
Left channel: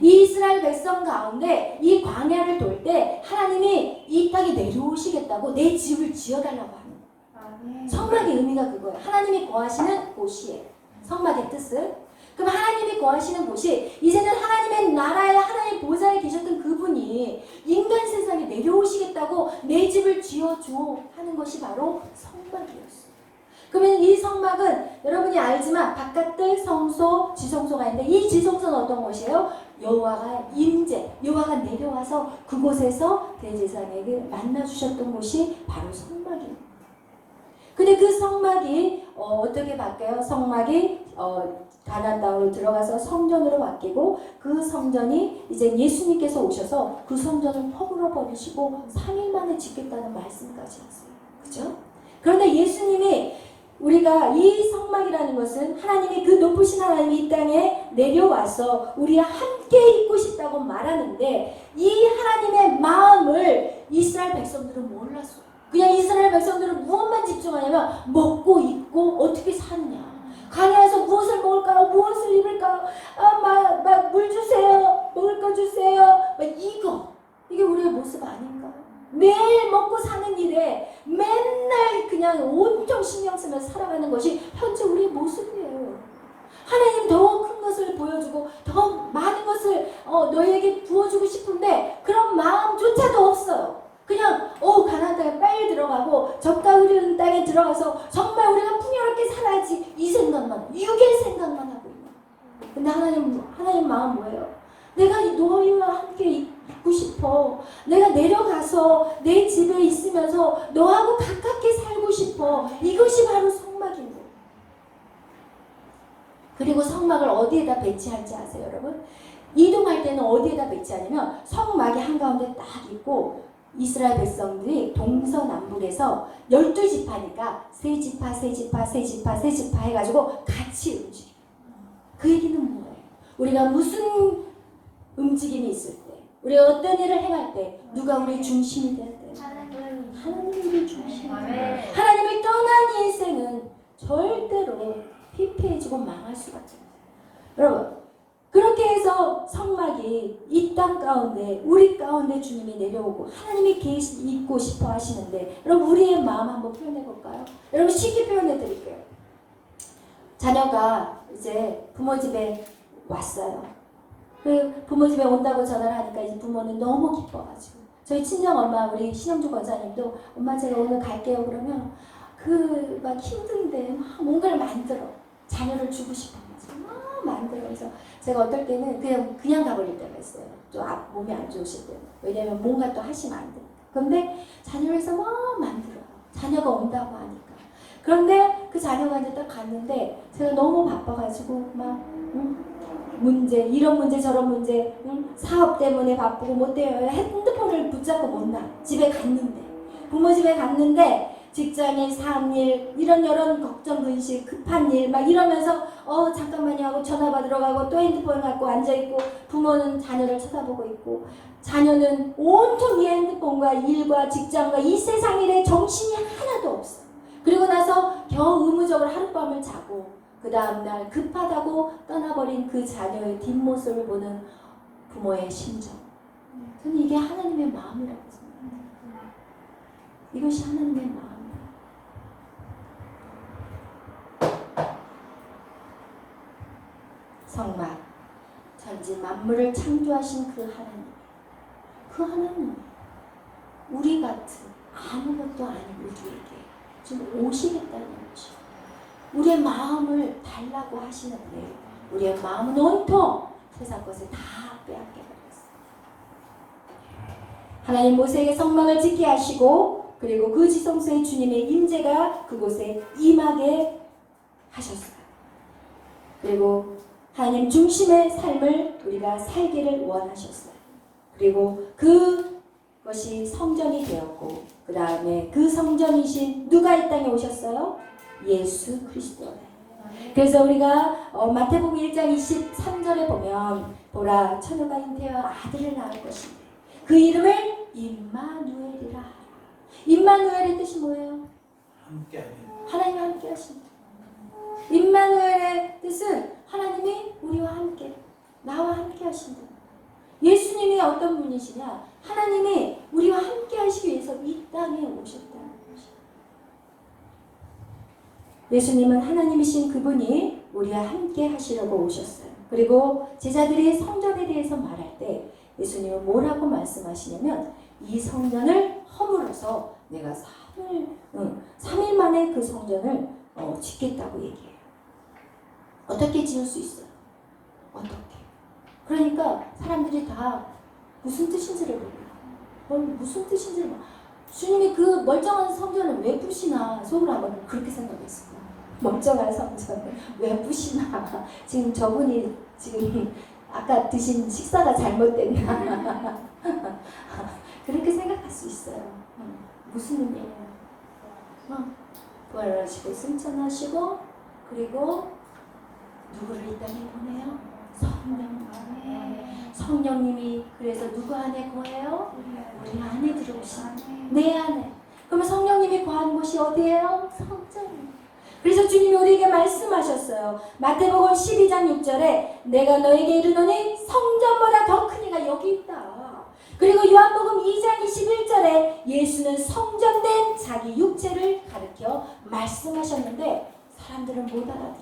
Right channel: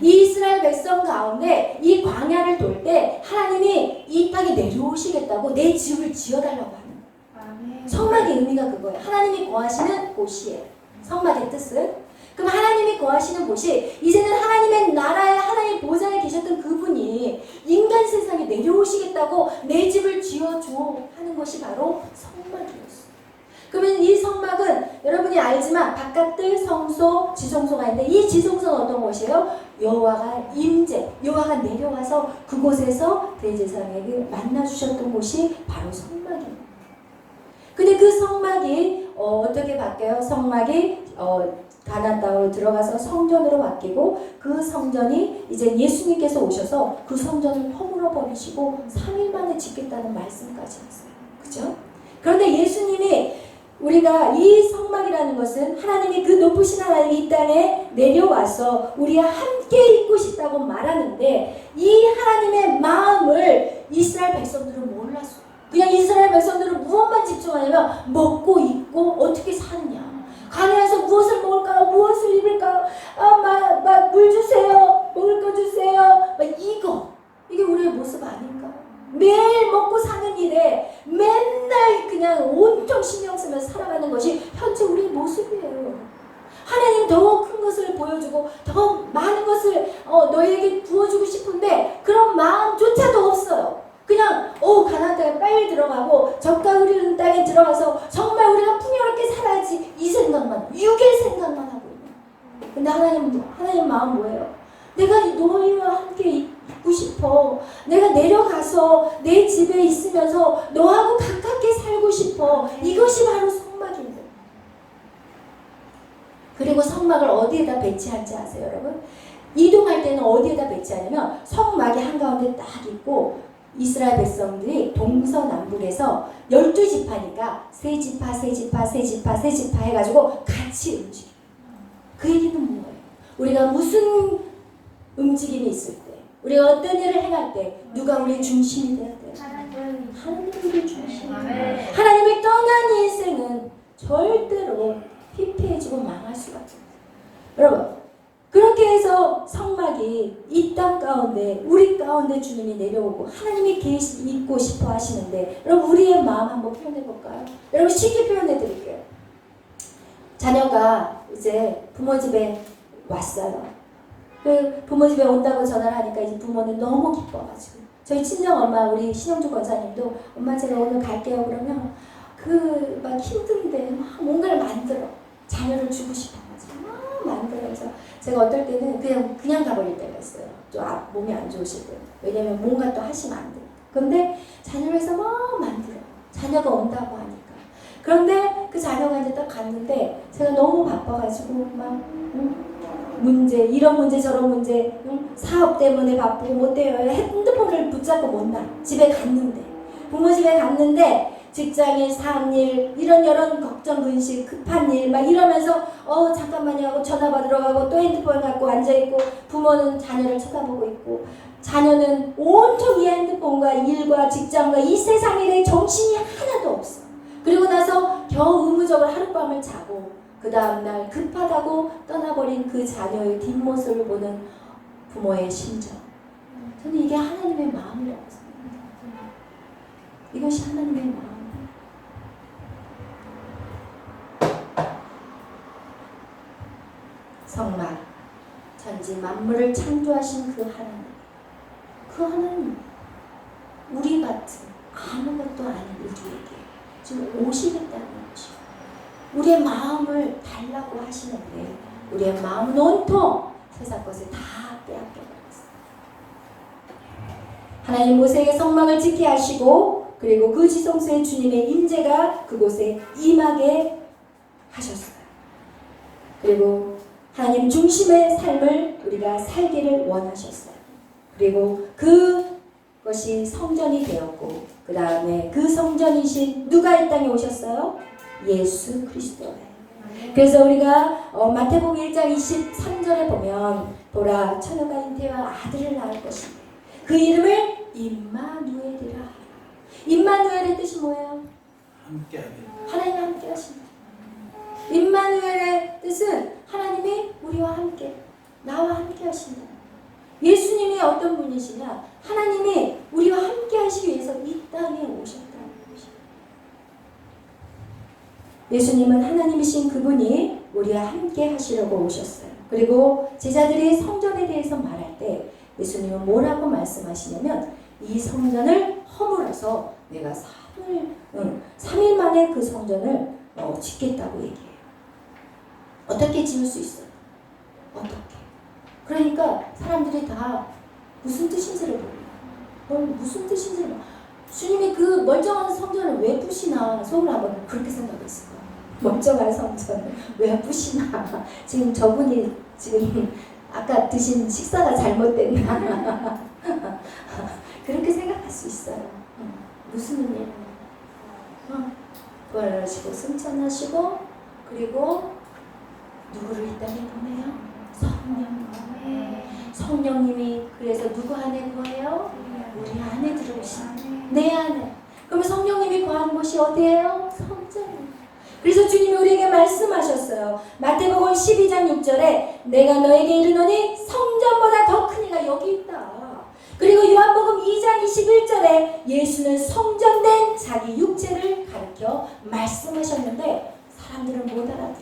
이 이스라엘 백성 가운데 이 광야를 돌 때 하나님이 이 땅에 내려오시겠다고 내 집을 지어달라고 하는 거예요. 성막의 의미가 그거예요. 하나님이 거하시는 곳이에요. 성막의 뜻은. 그럼 하나님이 거하시는 곳이 이제는 하나님의 나라에 하나님의 보좌에 계셨던 그분이 인간 세상에 내려오시겠다고 내 집을 지어줘 하는 것이 바로 성막이었어요. 그러면 이 성막은 여러분이 알지만 바깥들 성소, 지성소가 있는데 이 지성소는 어떤 곳이에요? 여호와가 임재, 여호와가 내려와서 그곳에서 대제사장에게 만나주셨던 곳이 바로 성막입니다. 근데 그 성막이 어떻게 바뀌어요? 성막이 가나안 땅으로 들어가서 성전으로 바뀌고 그 성전이 이제 예수님께서 오셔서 그 성전을 허물어 버리시고 3일 만에 짓겠다는 말씀까지 하세요. 그죠? 그런데 예수님이 우리가 이 성막이라는 것은 하나님이 그 높으신 하나님이 이 땅에 내려와서 우리와 함께 있고 싶다고 말하는데 이 하나님의 마음을 이스라엘 백성들은 몰랐어요. 그냥 이스라엘 백성들은 무엇만 집중하냐면 먹고 입고 어떻게 사느냐. 가나안에서 무엇을 먹을까요? 무엇을 입을까요? 물 주세요. 먹을 거 주세요. 이게 우리의 모습 아닌가요? 매일 먹고 사는 일에 맨날 그냥 온통 신경 쓰면서 살아가는 것이 현재 우리의 모습이에요. 하나님 더 큰 것을 보여주고 더 많은 것을 너에게 부어주고 싶은데 그런 마음조차도 없어요. 그냥 가나안 땅에 빨리 들어가고 젖과 흐르는 땅에 들어가서 정말 우리가 풍요롭게 살아야지 이 생각만, 육의 생각만 하고 있는. 근데 하나님 마음 뭐예요? 내가 너희와 함께 있고 싶어. 내가 내려가서 내 집에 있으면서 너하고 가깝게 살고 싶어. 이것이 바로 성막입니다. 그리고 성막을 어디에다 배치할지 아세요, 여러분? 이동할 때는 어디에다 배치하냐면 성막이 한가운데 딱 있고 이스라엘 백성들이 동서남북에서 12지파니까 세 지파 해가지고 같이 움직여요. 그 얘기는 뭐예요? 우리가 무슨 움직임이 있을 때, 우리가 어떤 일을 행할 때 누가 우리의 중심이 되어야 돼요? 하나님이 우리의 중심이 돼요. 하나님을 떠난 이 인생은 절대로 피폐해지고 망할 수가 없어요. 여러분, 그렇게 해서 성막이 이 땅 가운데 우리 가운데 주님이 내려오고 하나님이 있고 싶어 하시는데 여러분 우리의 마음 한번 표현해 볼까요? 여러분 쉽게 표현해 드릴게요. 자녀가 이제 부모 집에 왔어요. 그 부모 집에 온다고 전화를 하니까 이제 부모는 너무 기뻐가지고 저희 친정 엄마 우리 신영주 권사님도 엄마 제가 오늘 갈게요 그러면 그 막 힘든데 막 뭔가를 만들어 자녀를 주고 싶어가지고 막 만들어서 제가 어떨 때는 그냥 가버릴 때가 있어요. 좀 몸이 안 좋으실 때. 왜냐면 뭔가 또 하시면 안 돼. 그런데 자녀를 해서 막 만들어. 자녀가 온다고 하니까. 그런데 그 자녀가 이제 딱 갔는데 제가 너무 바빠가지고 막 문제 이런 문제 저런 문제 사업 때문에 바쁘고 못 돼요. 핸드폰을 붙잡고 못 나. 집에 갔는데 부모 집에 갔는데 직장일, 사업일, 이런 걱정, 근심, 급한 일 막 이러면서 잠깐만요 하고 전화 받으러 가고 또 핸드폰 갖고 앉아있고 부모는 자녀를 쳐다보고 있고 자녀는 온통 이 핸드폰과 일과 직장과 이 세상 일에 정신이 하나도 없어. 그리고 나서 겨우 의무적으로 하룻밤을 자고 그 다음날 급하다고 떠나버린 그 자녀의 뒷모습을 보는 부모의 심정. 저는 이게 하나님의 마음이라고 생각합니다. 이것이 하나님의 마음. 성막, 천지 만물을 창조하신 그 하나님, 우리 같은 아무것도 아닌 우리에게 지금 오시겠다는 것이 우리의 마음을 달라고 하시는데 우리의 마음은 온통 세상 것을 다 빼앗겨버렸어요. 하나님 모세에게 성막을 짓게 하시고 그리고 그 지성소에 주님의 임재가 그곳에 임하게 하셨어요. 그리고 하나님 중심의 삶을 우리가 살기를 원하셨어요. 그리고 그것이 성전이 되었고 그 다음에 그 성전이신 누가 이 땅에 오셨어요? 예수 그리스도. 그래서 우리가 마태복음 1장 23절에 보면 보라 처녀가 잉태하여 아들을 낳을 것인데 그 이름을 임마누엘이라. 임마누엘의 뜻이 뭐예요? 하나님과 함께 하신다. 임마누엘의 뜻은 하나님이 우리와 함께, 나와 함께 하신다. 예수님이 어떤 분이시냐? 하나님이 우리와 함께 하시기 위해서 이 땅에 오셨다는 것입니다. 예수님은 하나님이신 그분이 우리와 함께 하시려고 오셨어요. 그리고 제자들이 성전에 대해서 말할 때 예수님은 뭐라고 말씀하시냐면 이 성전을 허물어서 내가 3일 만에 그 성전을 짓겠다고 얘기해요. 어떻게 지을 수 있어요? 어떻게? 그러니까 사람들이 다 무슨 뜻인지를 몰라. 무슨 뜻인지를 몰라. 주님이 그 멀쩡한 성전을 왜 부시나 속으로 한번 그렇게 생각했을 거예요. 멀쩡한 성전을 왜 부시나. 지금 저분이 지금 아까 드신 식사가 잘못됐나. 그렇게 생각할 수 있어요. 무슨 의미예요? 부활하시고 승천하시고 그리고 누구를 이 땅에 보내요? 성령. 성령님이 그래서 누구 안에 거해요? 우리 안에 들어오시는 내 안에. 그러면 성령님이 거한 곳이 어디예요? 성전이에요. 그래서 주님이 우리에게 말씀하셨어요. 마태복음 12장 6절에 내가 너에게 이르노니 성전보다 더 큰 이가 여기 있다. 그리고 요한복음 2장 21절에 예수는 성전된 자기 육체를 가르쳐 말씀하셨는데 사람들은 못 알아들어요.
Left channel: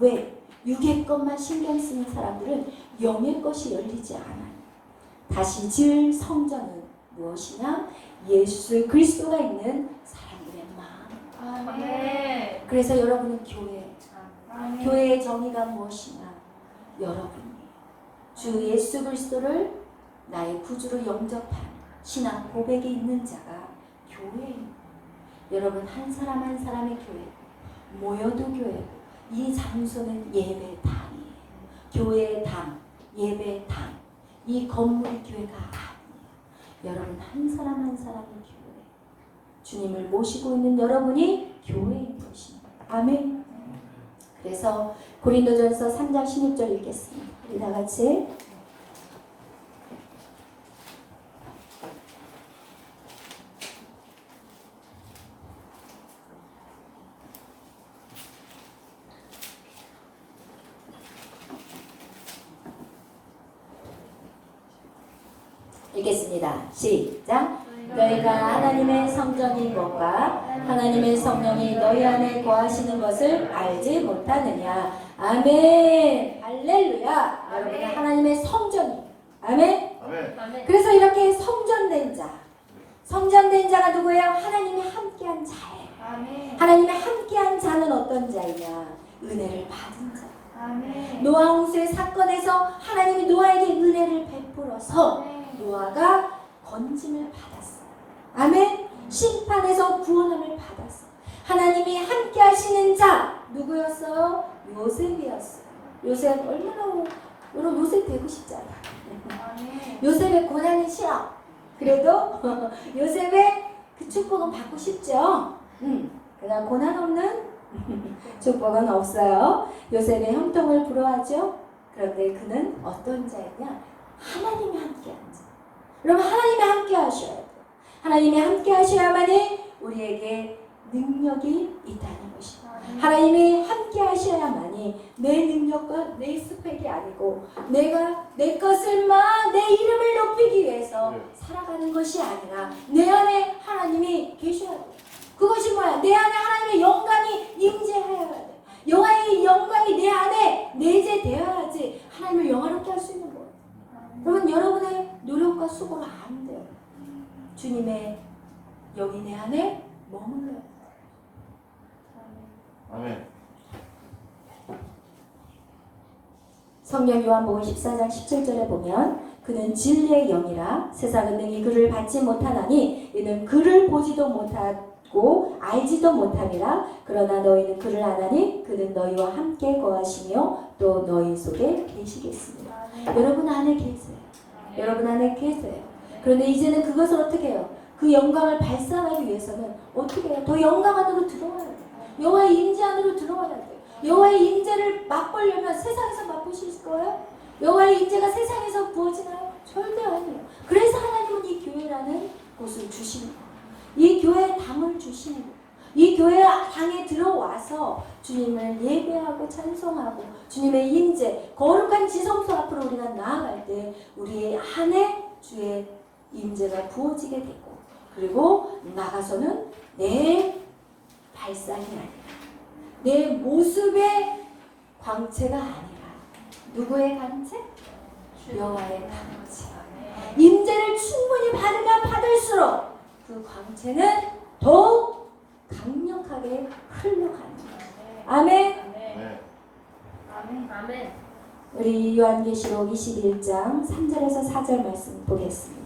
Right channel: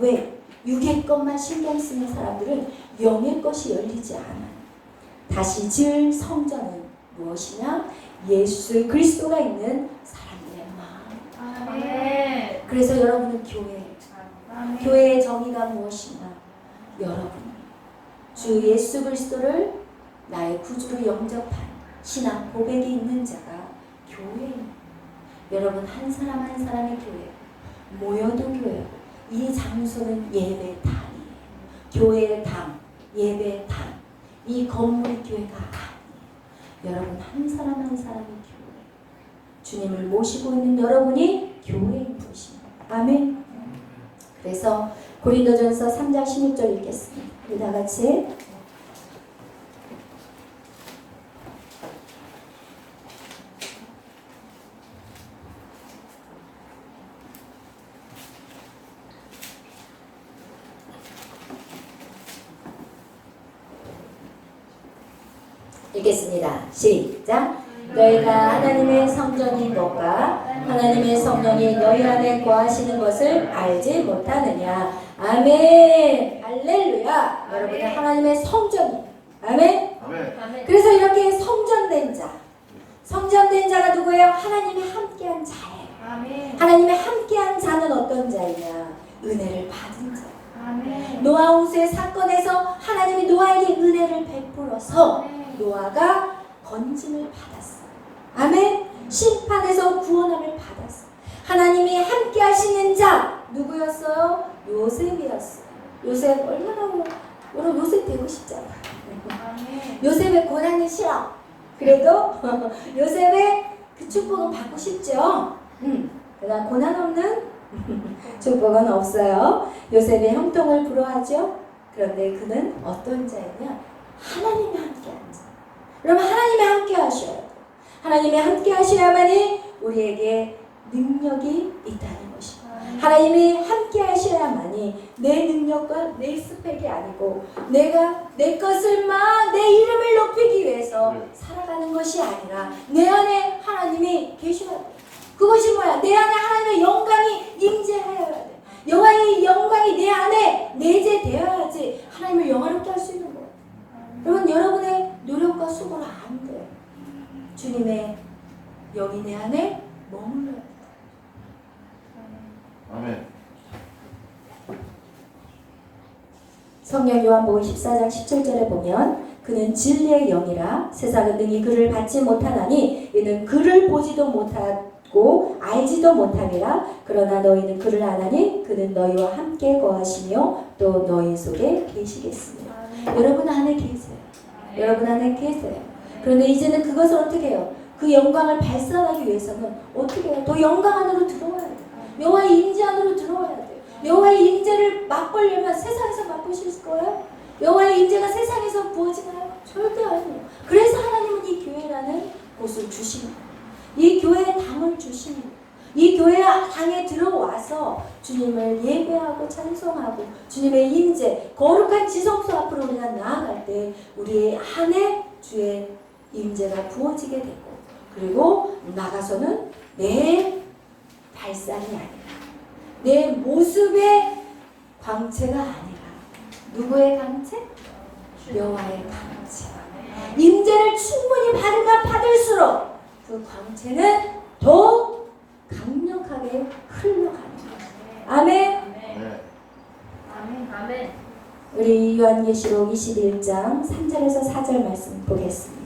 왜? 육의 것만 신경 쓰는 사람들은 영의 것이 열리지 않아요. 다시 지을 성전은 무엇이냐? 예수 그리스도가 있는 사람들의 마음. 아멘. 그래서 여러분은 교회의 정의가 무엇이냐? 여러분이 주 예수 그리스도를 나의 구주로 영접한 신앙 고백이 있는 자가 교회입니다. 여러분 한 사람 한 사람의 교회, 모여도 교회. 이 장소는 예배당이에요. 교회의 당, 예배당. 이 건물이 교회가 아니에요. 여러분 한 사람 한 사람의 교회. 주님을 모시고 있는 여러분이 교회인 것입니다. 아멘. 그래서 고린도전서 3장 16절 읽겠습니다. 우리 다 같이. 읽겠습니다. 시작. 너희가 하나님의 성전인 것과 하나님의 성령이 너희 안에 거하시는 것을 알지 못하느냐. 아멘. 할렐루야. 여러분은 하나님의 성전이에요. 아멘. 아멘. 그래서 이렇게 성전된 자. 성전된 자가 누구예요? 하나님이 함께한 자예요. 아멘. 하나님이 함께한 자는 어떤 자이냐? 은혜를 받은 자. 아멘. 노아 홍수의 사건에서 하나님이 노아에게 은혜를 베풀어서 노아가 건짐을 받았어요. 아멘. 심판에서 구원함을 받았어요. 하나님이 함께 하시는 자 누구였어요? 요셉이었어요. 요셉 얼마나 여러분 요셉 되고 싶잖아요. 아멘. 요셉의 고난은 싫어. 그래도 요셉의 그 축복은 받고 싶죠. 그러나 고난 없는 축복은 없어요. 요셉의 형통을 부러워하죠. 그런데 그는 어떤 자이냐? 하나님이 함께한 자. 그러면 하나님이 함께 하셔야 돼요. 하나님이 함께 하셔야만이 우리에게 능력이 있다는 것입니다. 하나님이 함께 하셔야만이 내 능력과 내 스펙이 아니고 내가 내 것을 막 내 이름을 높이기 위해서 살아가는 것이 아니라 내 안에 하나님이 계셔야 돼요. 그것이 뭐야? 내 안에 하나님의 영광이 임재하여야 돼. 여호와의 영광이 내 안에 내재되어야지 하나님을 영화롭게 할 수 있는 거예요. 그러면 여러분의 노력과 수고는 안 돼요. 주님의 영이 내 안에 머물러야 돼요. 아멘. 성경 요한복음 14장 17절에 보면 그는 진리의 영이라 세상은 능히 그를 받지 못하나니 이는 그를 보지도 못하고 알지도 못함이라. 그러나 너희는 그를 아나니 그는 너희와 함께 거하시며 또 너희 속에 계시겠습니다. 여러분 안에 계세요. 여러분 안에 계세요. 그런데 이제는 그것을 어떻게 해요? 그 영광을 발산하기 위해서는 어떻게 해요? 더 영광 안으로 들어와야 돼요. 여호와의 임재 안으로 들어와야 돼요. 여호와의 임재를 맛보려면 세상에서 맛보실 거예요? 여호와의 임재가 세상에서 부어지나요? 절대 아니에요. 그래서 하나님은 이 교회라는 곳을 주시는 거예요. 이 교회에 담을 주시는 거예요. 이 교회 당에 들어와서 주님을 예배하고 찬송하고 주님의 임재, 거룩한 지성소 앞으로 우리가 나아갈 때 우리의 안에 주의 임재가 부어지게 되고, 그리고 나가서는 내 발상이 아니라 내 모습의 광채가 아니라 누구의 광채? 여호와의 광채. 임재를 충분히 받으면 받을수록 그 광채는 더 강력하게 흘러가는 거예요. 아멘. 네. 아멘. 아멘. 우리 요한계시록 21장 3절에서 4절 말씀 보겠습니다.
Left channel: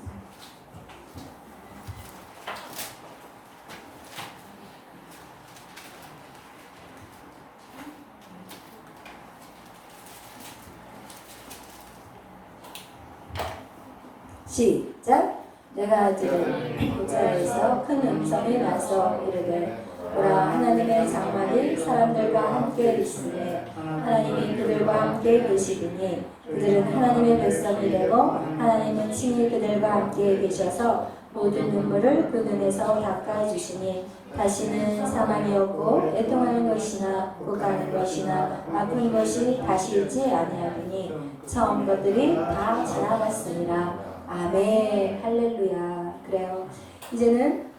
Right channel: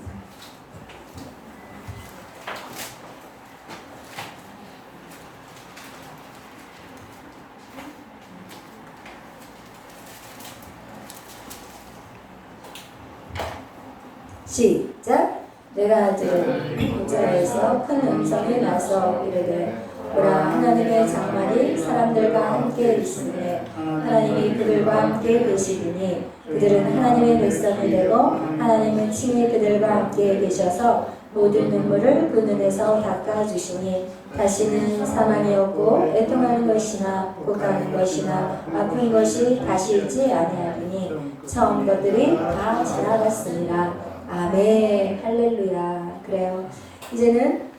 시작. 내가 들은 보좌에서 큰 음성이 나서 이르되 보라, 하나님의 장막이 사람들과 함께 있으니 하나님이 그들과 함께 계시리니 그들은 하나님의 백성이 되고 하나님은 친히 그들과 함께 계셔서 모든 눈물을 그 눈에서 닦아주시니 다시는 사망이 없고 애통하는 것이나 곡하는 것이나 아픈 것이 다시 있지 아니하리니 처음 것들이 다 지나갔습니다. 아멘. 할렐루야. 그래요. 이제는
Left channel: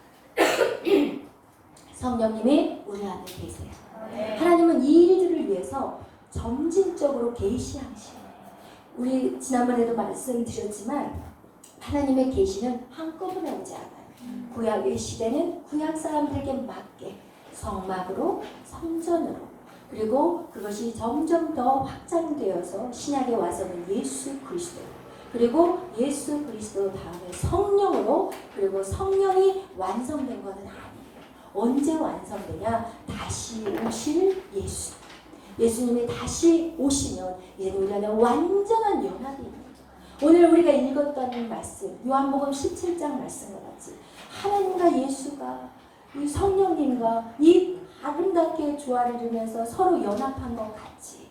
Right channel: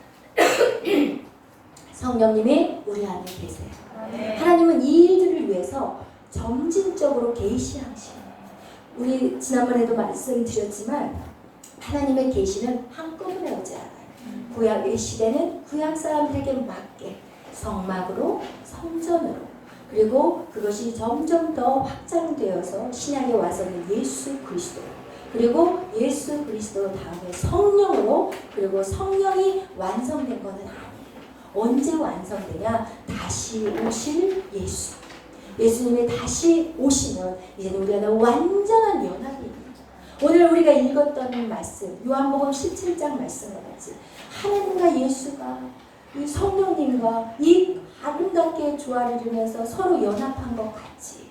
성령님이 우리 안에 계세요. 하나님은 이 일들을 위해서 점진적으로 계시하시는. 우리 지난번에도 말씀드렸지만 하나님의 계시는 한꺼번에 오지 않아요. 구약의 시대는 구약 사람들에게 맞게 성막으로, 성전으로, 그리고 그것이 점점 더 확장되어서 신약에 와서는 예수 그리스도, 그리고 예수 그리스도 다음에 성령으로, 그리고 성령이 완성된 것은 아니에요. 언제 완성되냐? 다시 오실 예수. 예수님이 다시 오시면 이제는 우리가 완전한 연합이 있는 거죠. 오늘 우리가 읽었던 말씀, 요한복음 17장 말씀과 같이 하나님과 예수가 이 성령님과 이 아름답게 조화를 이루면서 서로 연합한 것 같이,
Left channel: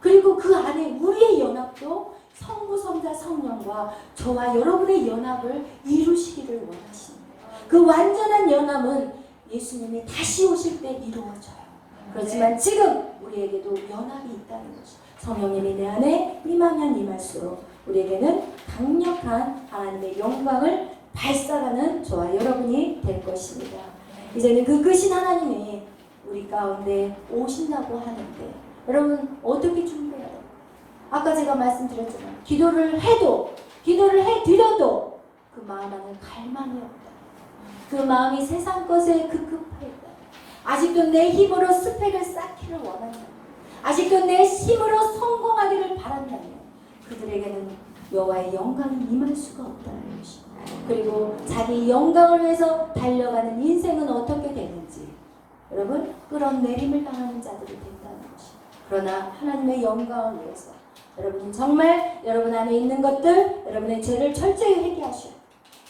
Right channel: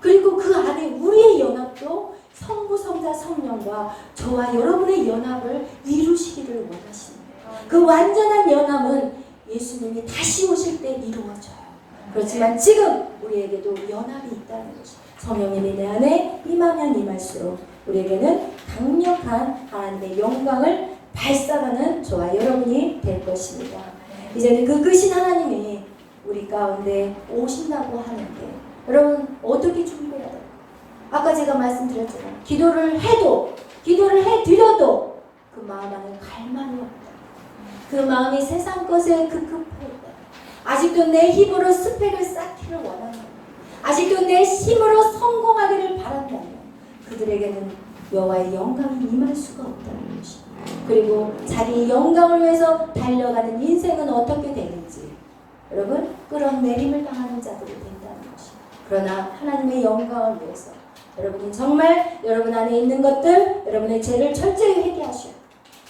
그리고 그 안에 우리의 연합도 성부, 성자, 성령과 저와 여러분의 연합을 이루시기를 원하십니다. 그 완전한 연합은 예수님이 다시 오실 때 이루어져요. 그렇지만 지금 우리에게도 연합이 있다는 것이, 성령님이 내 안에 임하면 임할수록 우리에게는 강력한 하나님의 영광을 발산하는 저와 여러분이 될 것입니다. 이제는 그 크신 하나님이 우리 가운데 오신다고 하는데 여러분 어떻게 준비해야 돼요? 아까 제가 말씀드렸지만 기도를 해드려도 그 마음 안에 갈망이 없다. 그 마음이 세상 것에 급급했다. 아직도 내 힘으로 스펙을 쌓기를 원한다. 아직도 내 힘으로 성공하기를 바란다면 그들에게는 여호와의 영광이 임할 수가 없다는 것입니다. 그리고 자기 영광을 위해서 달려가는 인생은 어떻게 되는지 여러분 끌어내림을 당하는 자들이 된다는 것입니다. 그러나 하나님의 영광을 위해서 여러분이 정말 여러분 안에 있는 것들, 여러분의 죄를 철저히 회개하셔야 돼요.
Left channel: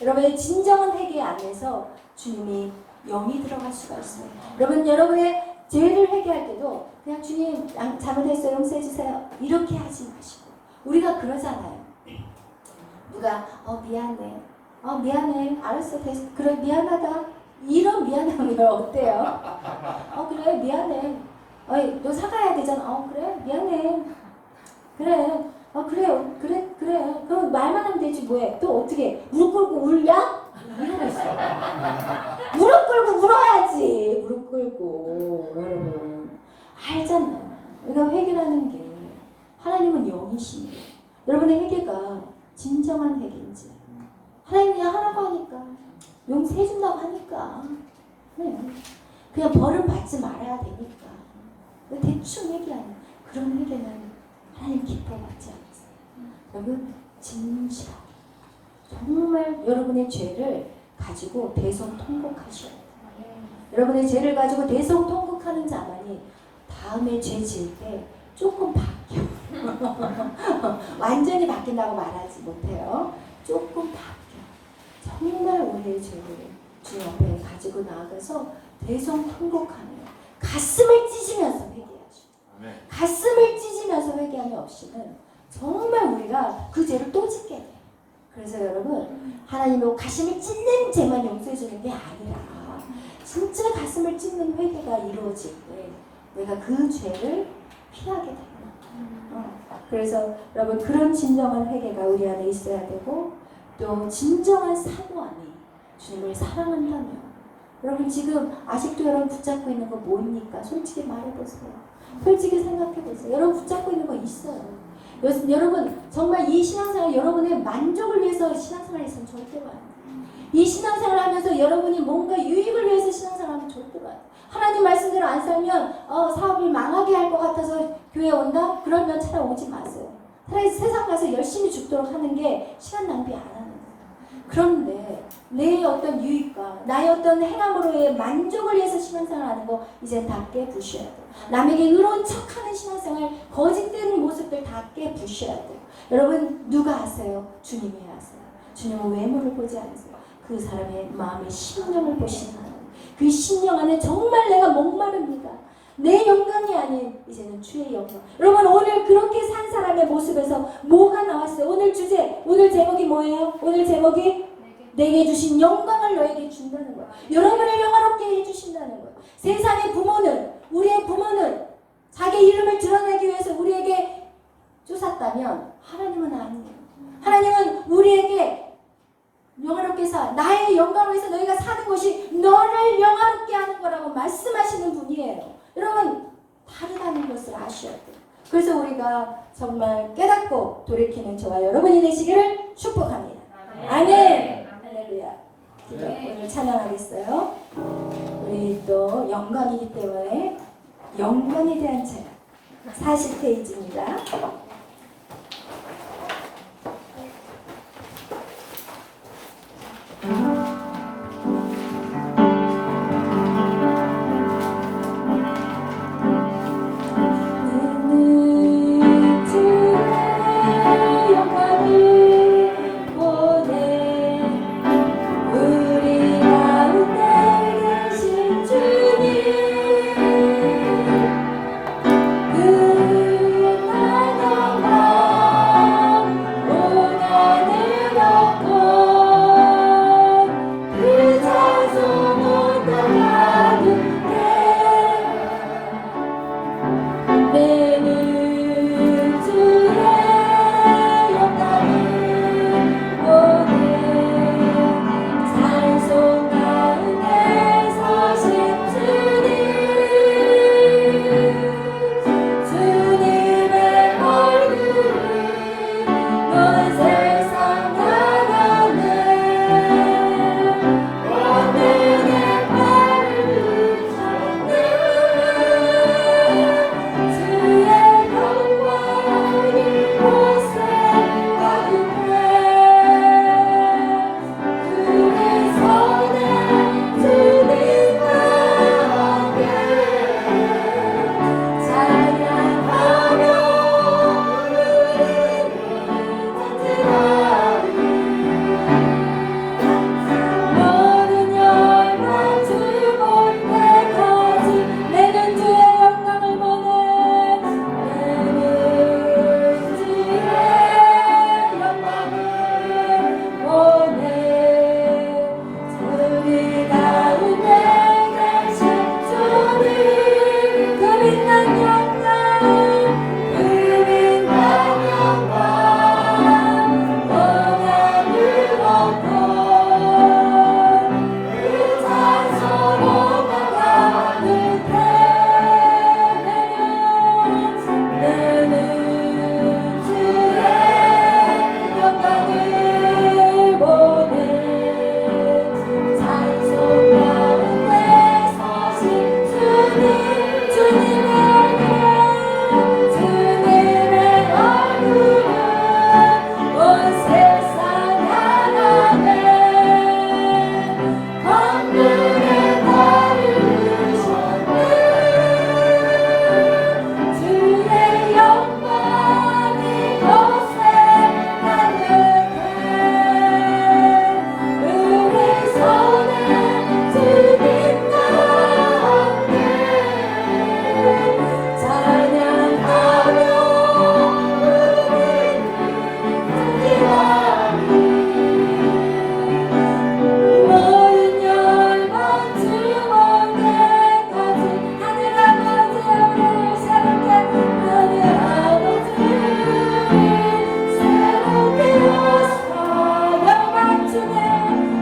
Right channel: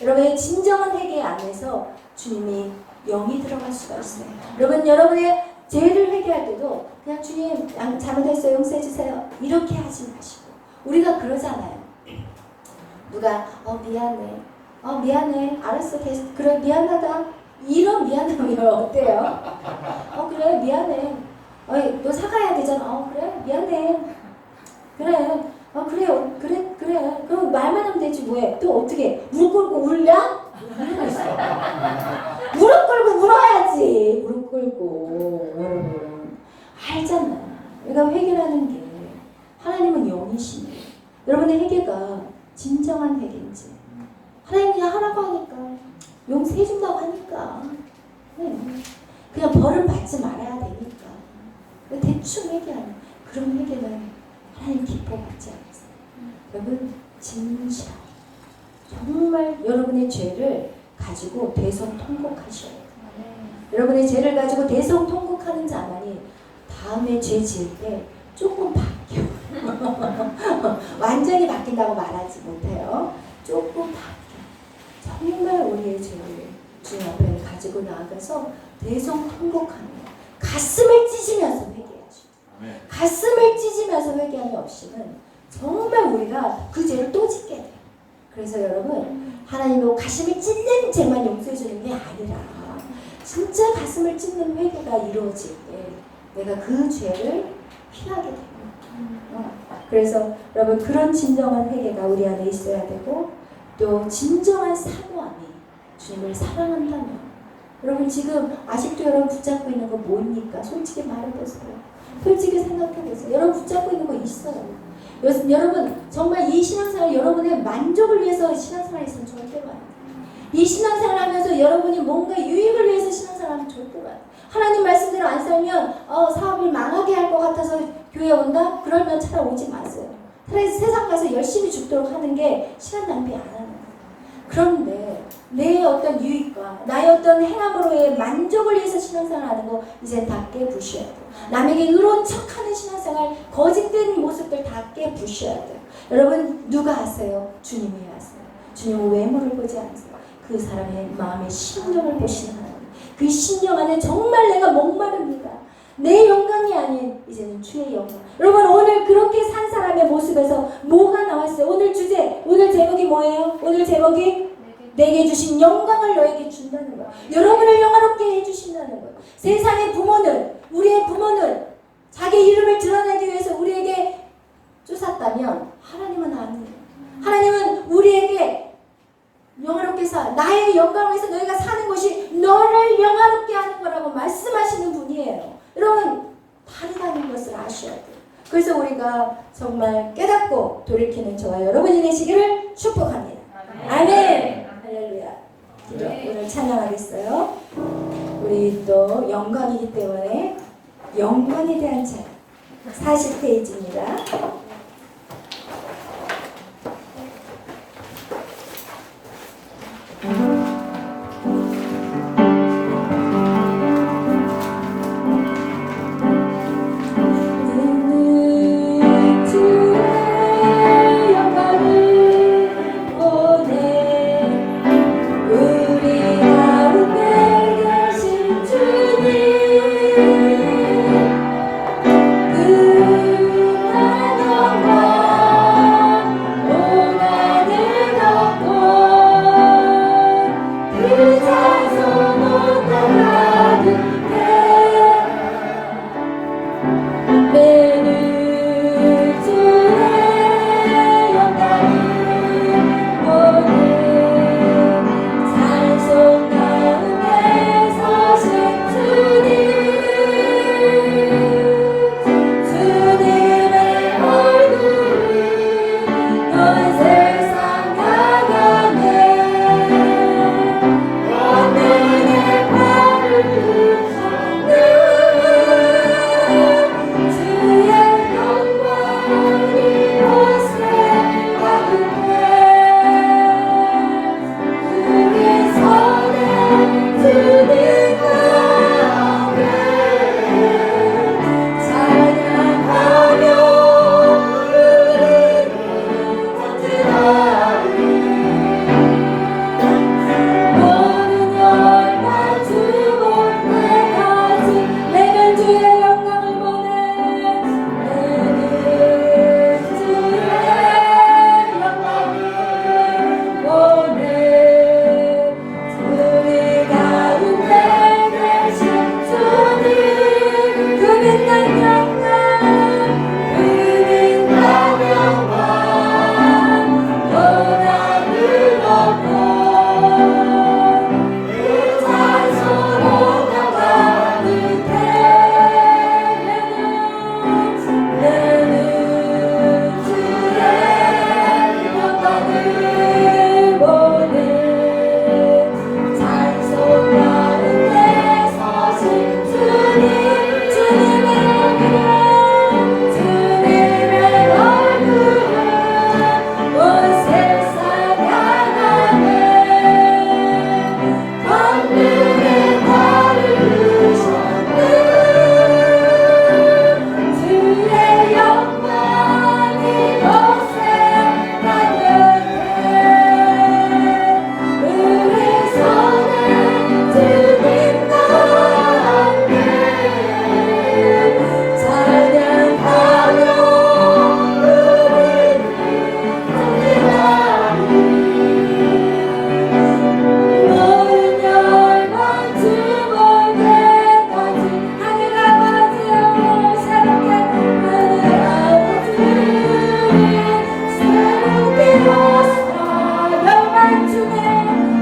여러분의 진정한 회개 안에서 주님이 영이 들어갈 수가 있어요. 여러분의 죄를 회개할 때도 그냥 주님 잘못했어요, 용서해 주세요 이렇게 하지 마시고, 우리가 그러잖아요. 누가 미안해 알았어 그래 미안하다 이런 미안함이 어때요? 그래 미안해 너 사과해야 되잖아. 그래 미안해 그래 그래 그럼 말만 하면 되지 뭐해. 또 어떻게 무릎 꿇고 울냐? 무릎 꿇고 울어야지. 무릎 꿇고. 여러분 알잖아. 우리가 회개라는 게 하나님은 영이시니 여러분의 회개가 진정한 회개인지, 하나님 그냥 하라고 하니까 용서해 준다고 하니까 그냥 벌을 받지 말아야 되니까 대충 회개하는 그런 회개는 하나님 기뻐받지 않으세요. 여러분 진실하게 정말 여러분의 죄를 가지고 대성통곡하셔야 돼요. 여러분의 죄를 가지고 대성통곡하는 자만이 다음에 죄 지을 때 조금 바뀌어. 완전히 바뀐다고 말하지 못해요. 조금 바뀌어. 정말 우리의 죄를 주님 앞에 가지고 나아가서 대성통곡하는 거예요. 가슴을 찢으면서 회개하죠. 가슴을 찢으면서 회개함이 없이는 정말 우리가 그 죄를 또 짓게 돼요. 그래서 여러분 하나님의 가슴을 찢는 죄만 용서해 주는 게 아니라 진짜 가슴을 찢는 회개가 이루어질 때 내가 그 죄를 피하게 됩니다. 그래서 여러분 그런 진정한 회개가 우리 안에 있어야 되고 또 진정한 사모함이 주님을 사랑한다면 여러분 지금 아직도 여러분 붙잡고 있는 거 뭡니까? 솔직히 말해보세요. 솔직히 생각해보세요. 여러분 붙잡고 있는 거 있어요. 여러분 정말 이 신앙생활 여러분의 만족을 위해서 신앙생활 있으면 절대로 안 돼요. 이 신앙생활 하면서 여러분이 뭔가 유익을 위해서 신앙생활 하면 절대로 안 돼요. 하나님 말씀대로 안 살면 사업을 망하게 할 것 같아서 교회 온다? 그러면 찾아오지 마세요. 차라리 세상 가서 열심히 죽도록 하는 게 시간 낭비 안 하는 거예요. 그런데 내 어떤 유익과 나의 어떤 행함으로의 만족을 위해서 신앙생활 하는 거 이제 다 깨부셔야 돼요. 남에게 의로운 척하는 신앙생활, 거짓된 모습들 다 깨부셔야 돼요. 여러분 누가 하세요? 주님이 하세요. 주님은 외모를 보지 않으세요. 그 사람의 마음의 심령을 보시는 하나님. 그 심령 안에 정말 내가 목마릅니다. 내 영광이 아닌 이제는 주의 영광. 여러분 오늘 그렇게 산 사람의 모습에서 뭐가 나왔어요? 오늘 주제, 오늘 제목이 뭐예요? 오늘 제목이 내게 주신 영광을 너에게 준다는 거예요. 여러분을 영화롭게 해주신다는 거예요. 세상의 부모는, 우리의 부모는 자기 이름을 드러내기 위해서 우리에게 쫓았다면 하나님은 아니에요. 하나님은 우리에게 영화롭게 나의 영광을 위해서 너희가 사는 것이 너를 영화롭게 하는 거라고 말씀하시는 분이에요. 여러분 다르다는 것을 아셔야 돼요. 그래서 우리가 정말 깨닫고 돌이키는 저와 여러분이 되시기를 축복합니다. 아멘. 할렐루야. 오늘 찬양하겠어요. 우리 또 영광이기 때문에 영광에 대한 찬양 40페이지입니다. 그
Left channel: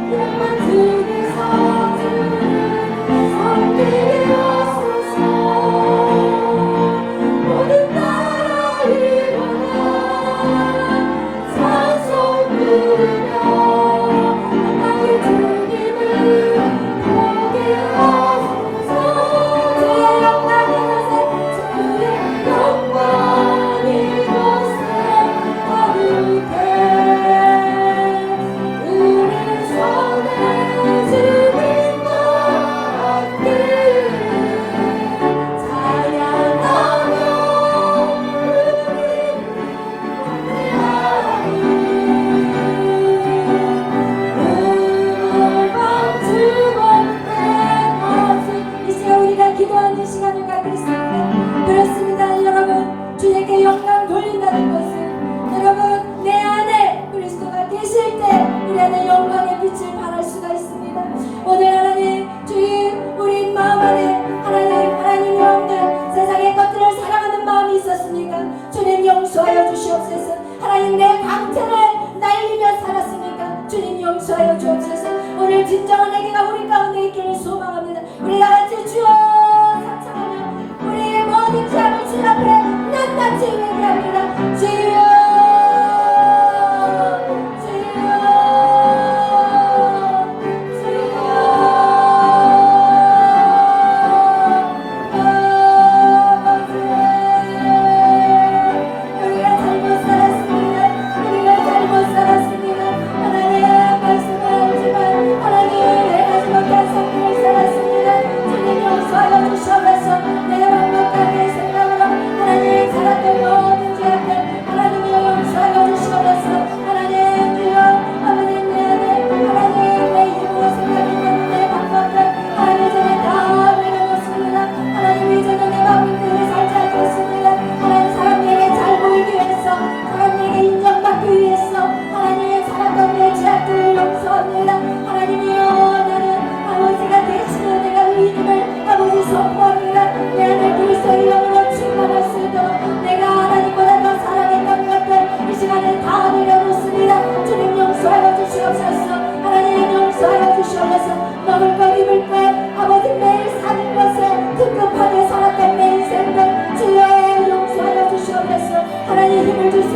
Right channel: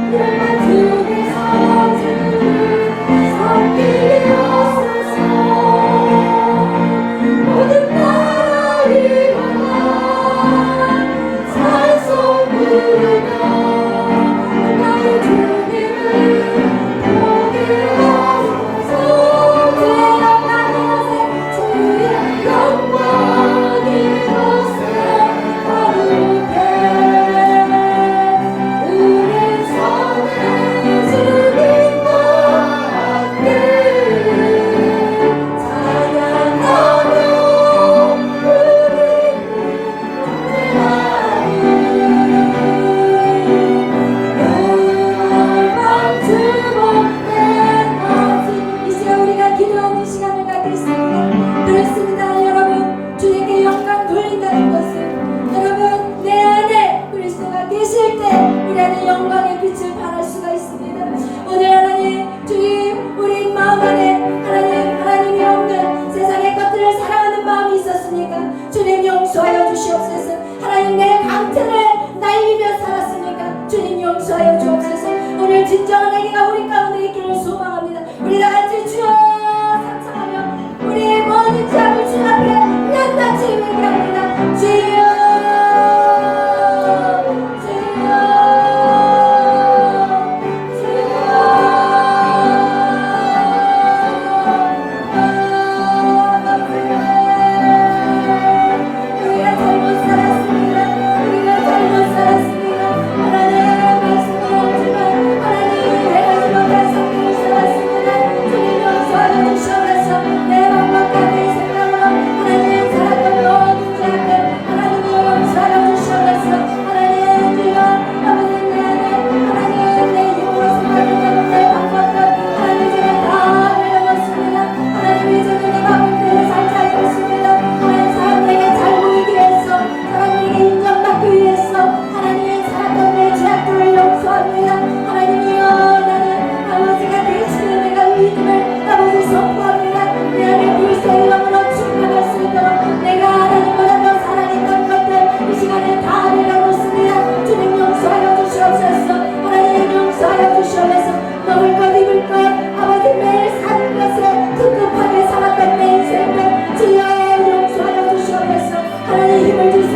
예수의 이름으로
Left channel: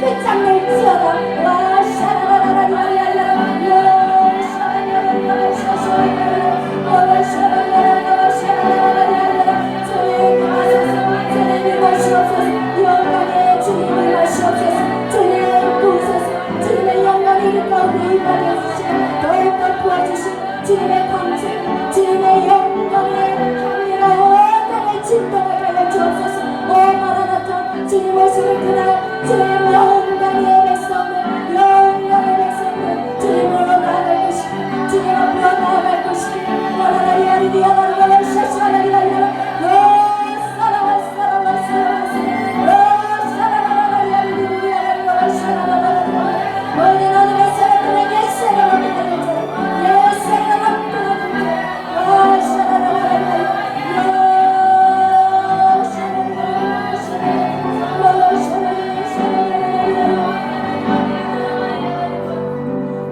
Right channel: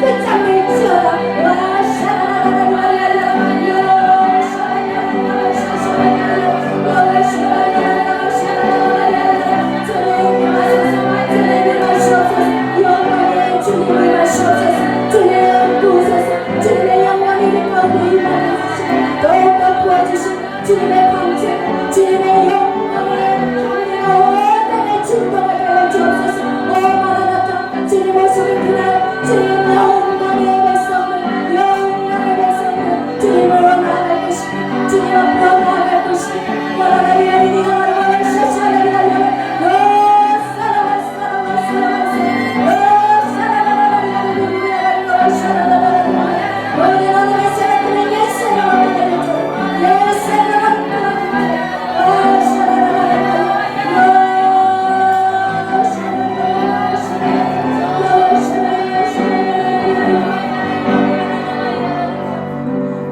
끝장을 지어라. 와 샤라라라라라라라라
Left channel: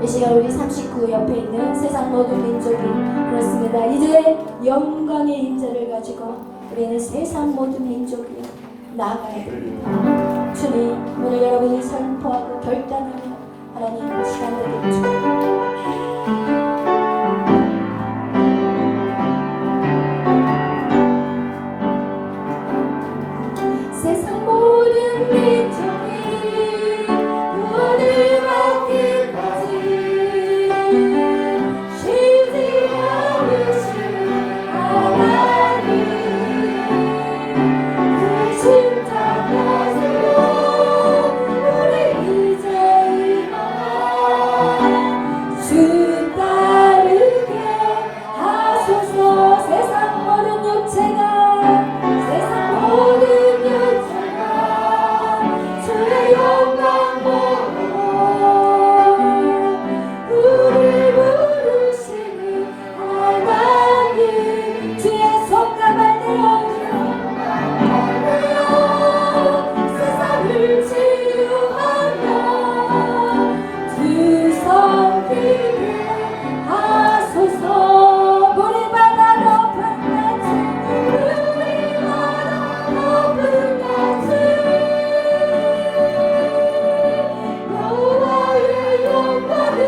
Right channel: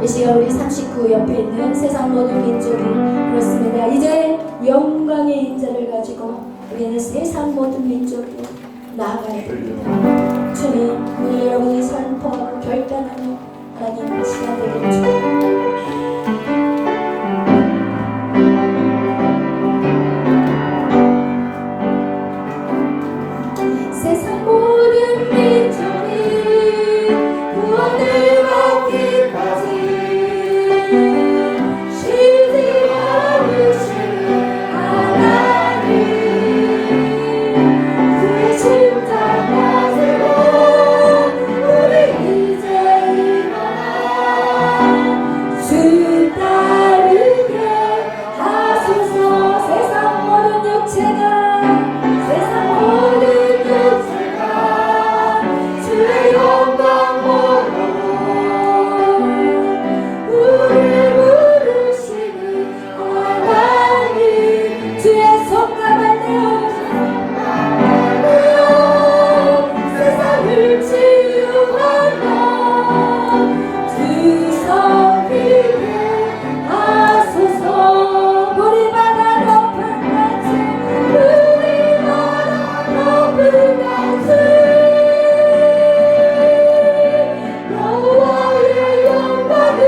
이 시간 우리 39 옆에 있는 세상 모든 민족이 그렇습니다. 이제 영광의 인자를 가지고 우리는 세상 모든 민족이 나아가야 됩니다. 주님, 오늘 여러분이 선포하고 결단하는 하나님 시간 되길 축원합니다. 세상 모든 민족이 구원을 받기까지 쉬지 않으시는 하나님, 그의 심장 가지고 우리 이제 일어나 주 따르게 하소서. 세상 모든 육체가 세상 모든 주의 영광 보고 우리를 부르시는 하나님, 주의 손가락 내어 세상을 치유하며 주섬기게 하소서. 우리마다 높은 가치, 우리마다 높은 가치, 여호와의 영광을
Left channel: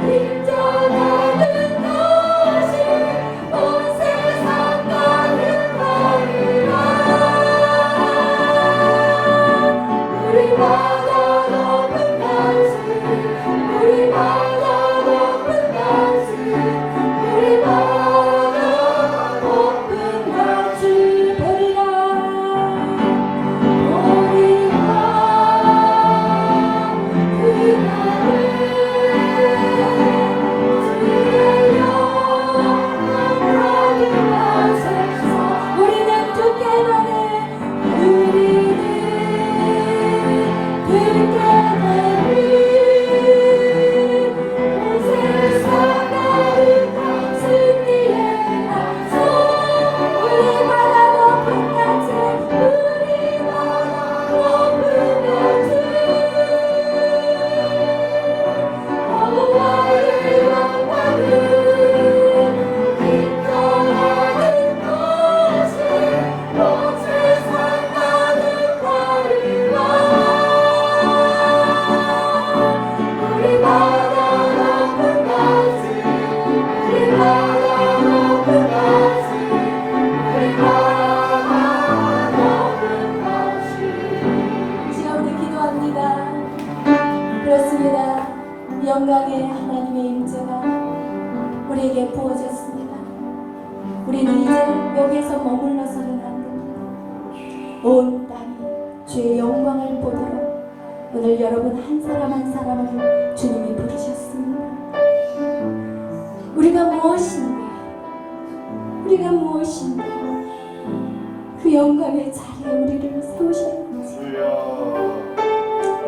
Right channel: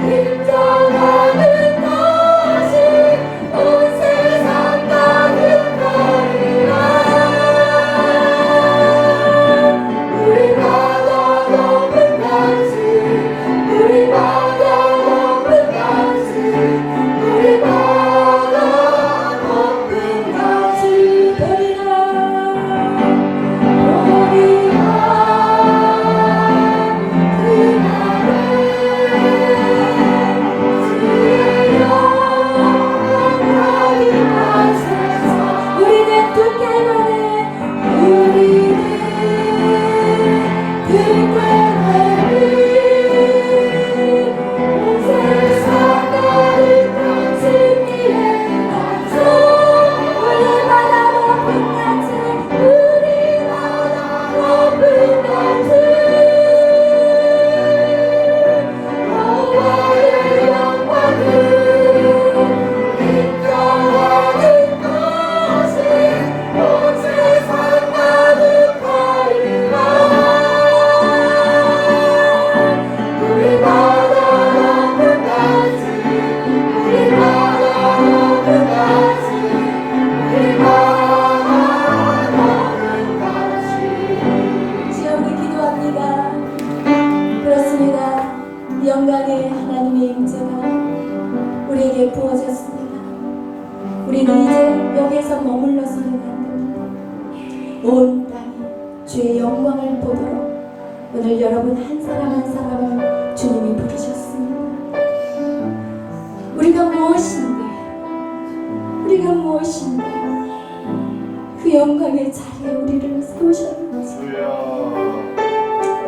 인정하는 것이 온 세상 가득하리라. 우리마다 높은 가치, 우리마다 높은 가치, 우리마다 높은 가치 되리라. 우리는 듣게 원해, 우리는 듣게 원해. 온 세상 가득한 진리의 나죠. 우리마다 높은 가치, 우리마다 높은 가치, 여호와의 영광을 인정하는 것이 온 세상 가득하리라. 우리마다 높은 가치, 우리마다 높은 가치, 우리마다 높은 가치. 지금 우리 기도합니다. 그렇습니다. 영광의 하나님의 임재가 우리에게 부어졌습니다. 우리는 이제 여기에서 머물러서는 안 됩니다. 온 땅이 주의 영광을 보도록 오늘 여러분 한 사람 한 사람을 주님이 부르셨습니다. 우리가 무엇인데, 우리가 무엇인데 그 영광의 자리에 우리를 세우셨는지,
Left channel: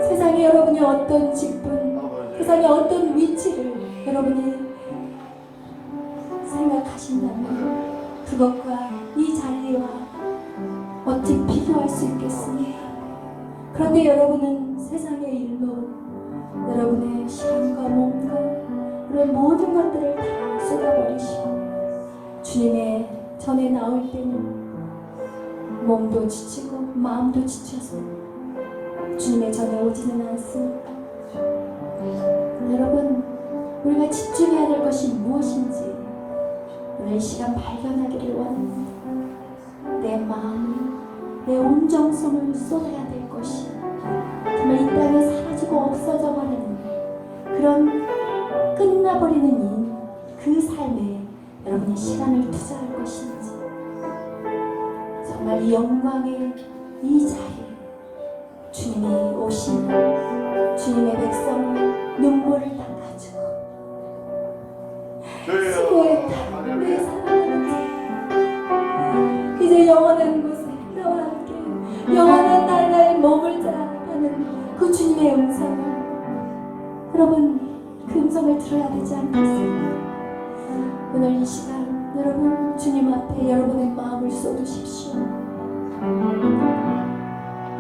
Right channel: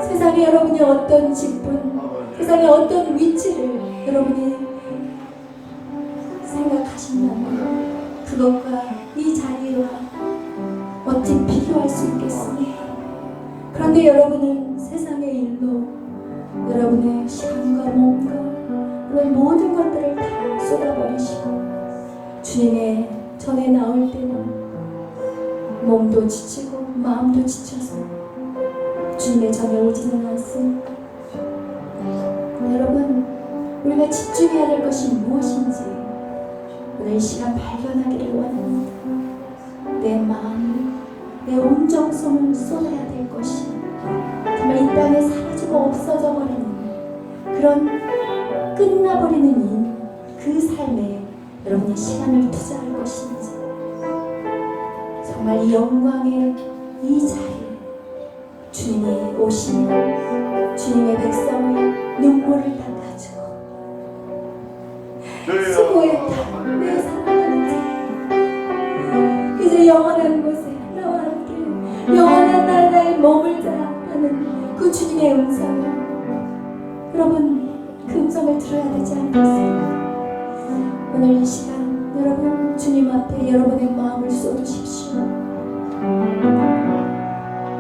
세상에 여러분이 어떤 직분, 세상에 어떤 위치를 여러분이 생각하신다면 그것과 이 자리와 어찌 비교할 수 있겠습니까? 그런데 여러분은 세상의 일로 여러분의 시간과 몸과 그런 모든 것들을 다 쏟아버리시고 주님의 전에 나올 때는 몸도 지치고 마음도 지쳐서 주님의 전에 오지는 않습니까? 여러분, 우리가 집중해야 될 것이 무엇인지 오늘 이 시간 발견하기를 원합니다. 내 마음, 내 온 정성을 쏟아야 될 것이 정말 이 땅에 사라지고 없어져 버리는 그런 끝나버리는 그 삶에 여러분이 시간을 투자할 것인지, 정말 이 영광의 이 자리에 주님이 오시면 주님의 백성이 눈물을 닦아주고 수고했다 내 사랑하는 자, 이제 영원한 곳에 나와 함께 영원한 나라에 머물자라는 그 주님의 음성을 여러분 그 음성을 들어야 되지 않겠습니까? 오늘 이 시간 여러분 주님 앞에 여러분의 마음을 쏟으십시오.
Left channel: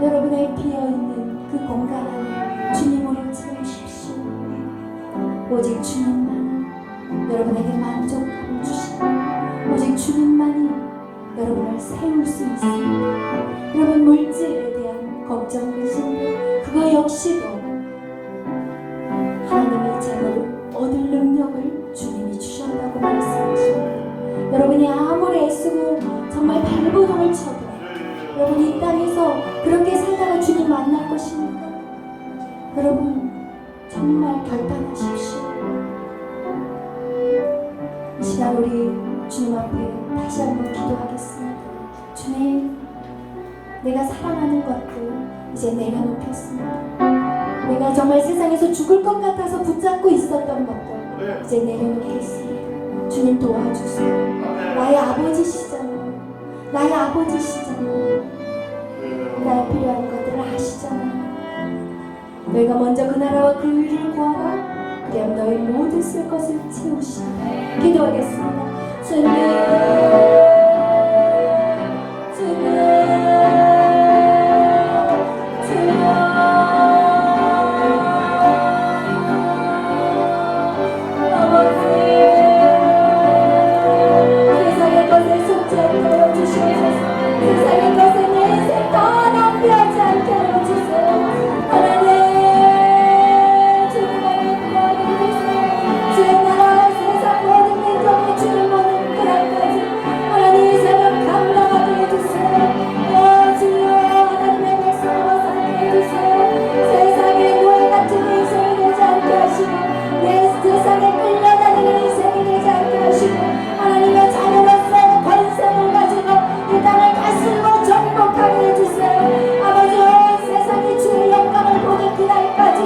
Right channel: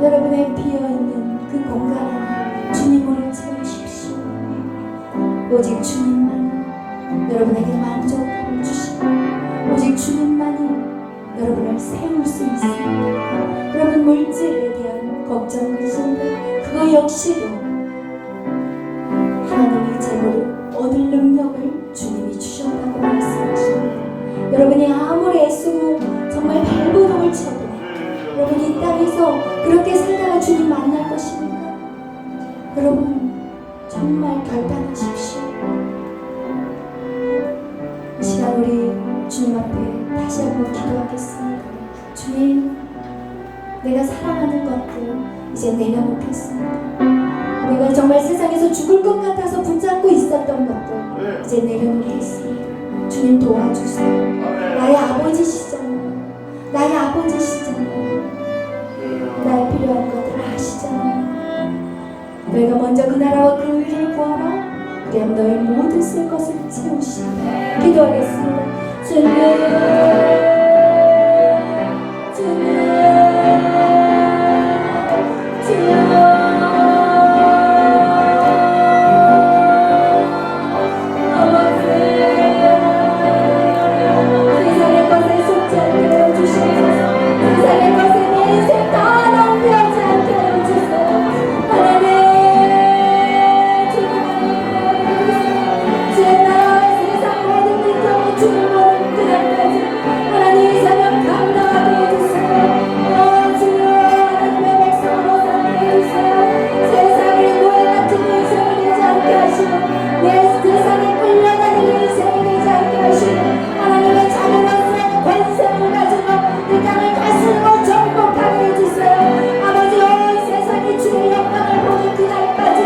여러분의 비어있는 그 공간을 주님으로 채우십시오. 오직 주님만이 여러분에게 만족함을 주시고 오직 주님만이 여러분을 세울 수 있습니다. 여러분 물질에 대한 걱정 의심 그거 역시도 하나님의 재물을 얻을 능력을 주님이 주셨다고 말씀하십니다. 여러분이 아무리 애쓰고 정말 발버둥을 쳐도 여러분 이 땅에서 그렇게 살다가 주님 만날 것입니까? 여러분 정말 결단하십시오. 이 시간 우리 주님 앞에 다시 한번 기도하겠습니다. 주님, 내가 사랑하는 것들 이제 내려놓겠습니다. 내가 정말 세상에서 죽을 것 같아서 붙잡고 있었던 것들 이제 내려놓겠습니다. 주님 도와주세요. 나의 아버지시잖아요. 나의 아버지시잖아요. 나의 필요한 것들을 아시잖아요. 너희가 먼저 그 나라와 그 의를 구하라. 그리하면 너의 모든 쓸 것을 채우시리라. 기도하겠습니다. 주님, 주님, 주여. 세상의 것에 속지 않게 해주시옵소서. 세상의 것에 내 인생 다 낭비하지 않게 해주세요. 하나님, 주님 안에 주의 나라와 세상 모든 민족의 주를 보는 그날까지 하나님 이 사명 감당하게 해주세요. 주여 하나님의 백성으로 살게 해주세요. 세상의 무에 같은 인생이 되지 않게 하시고 내 세상에 끌려다니는 인생이 되지 않게 하시고 하나님의 자녀로서 권세를 가지고 이 땅을 다스리고 정복하게 해주세요. 아버지 온 세상이 주의 영광을 보는 그날까지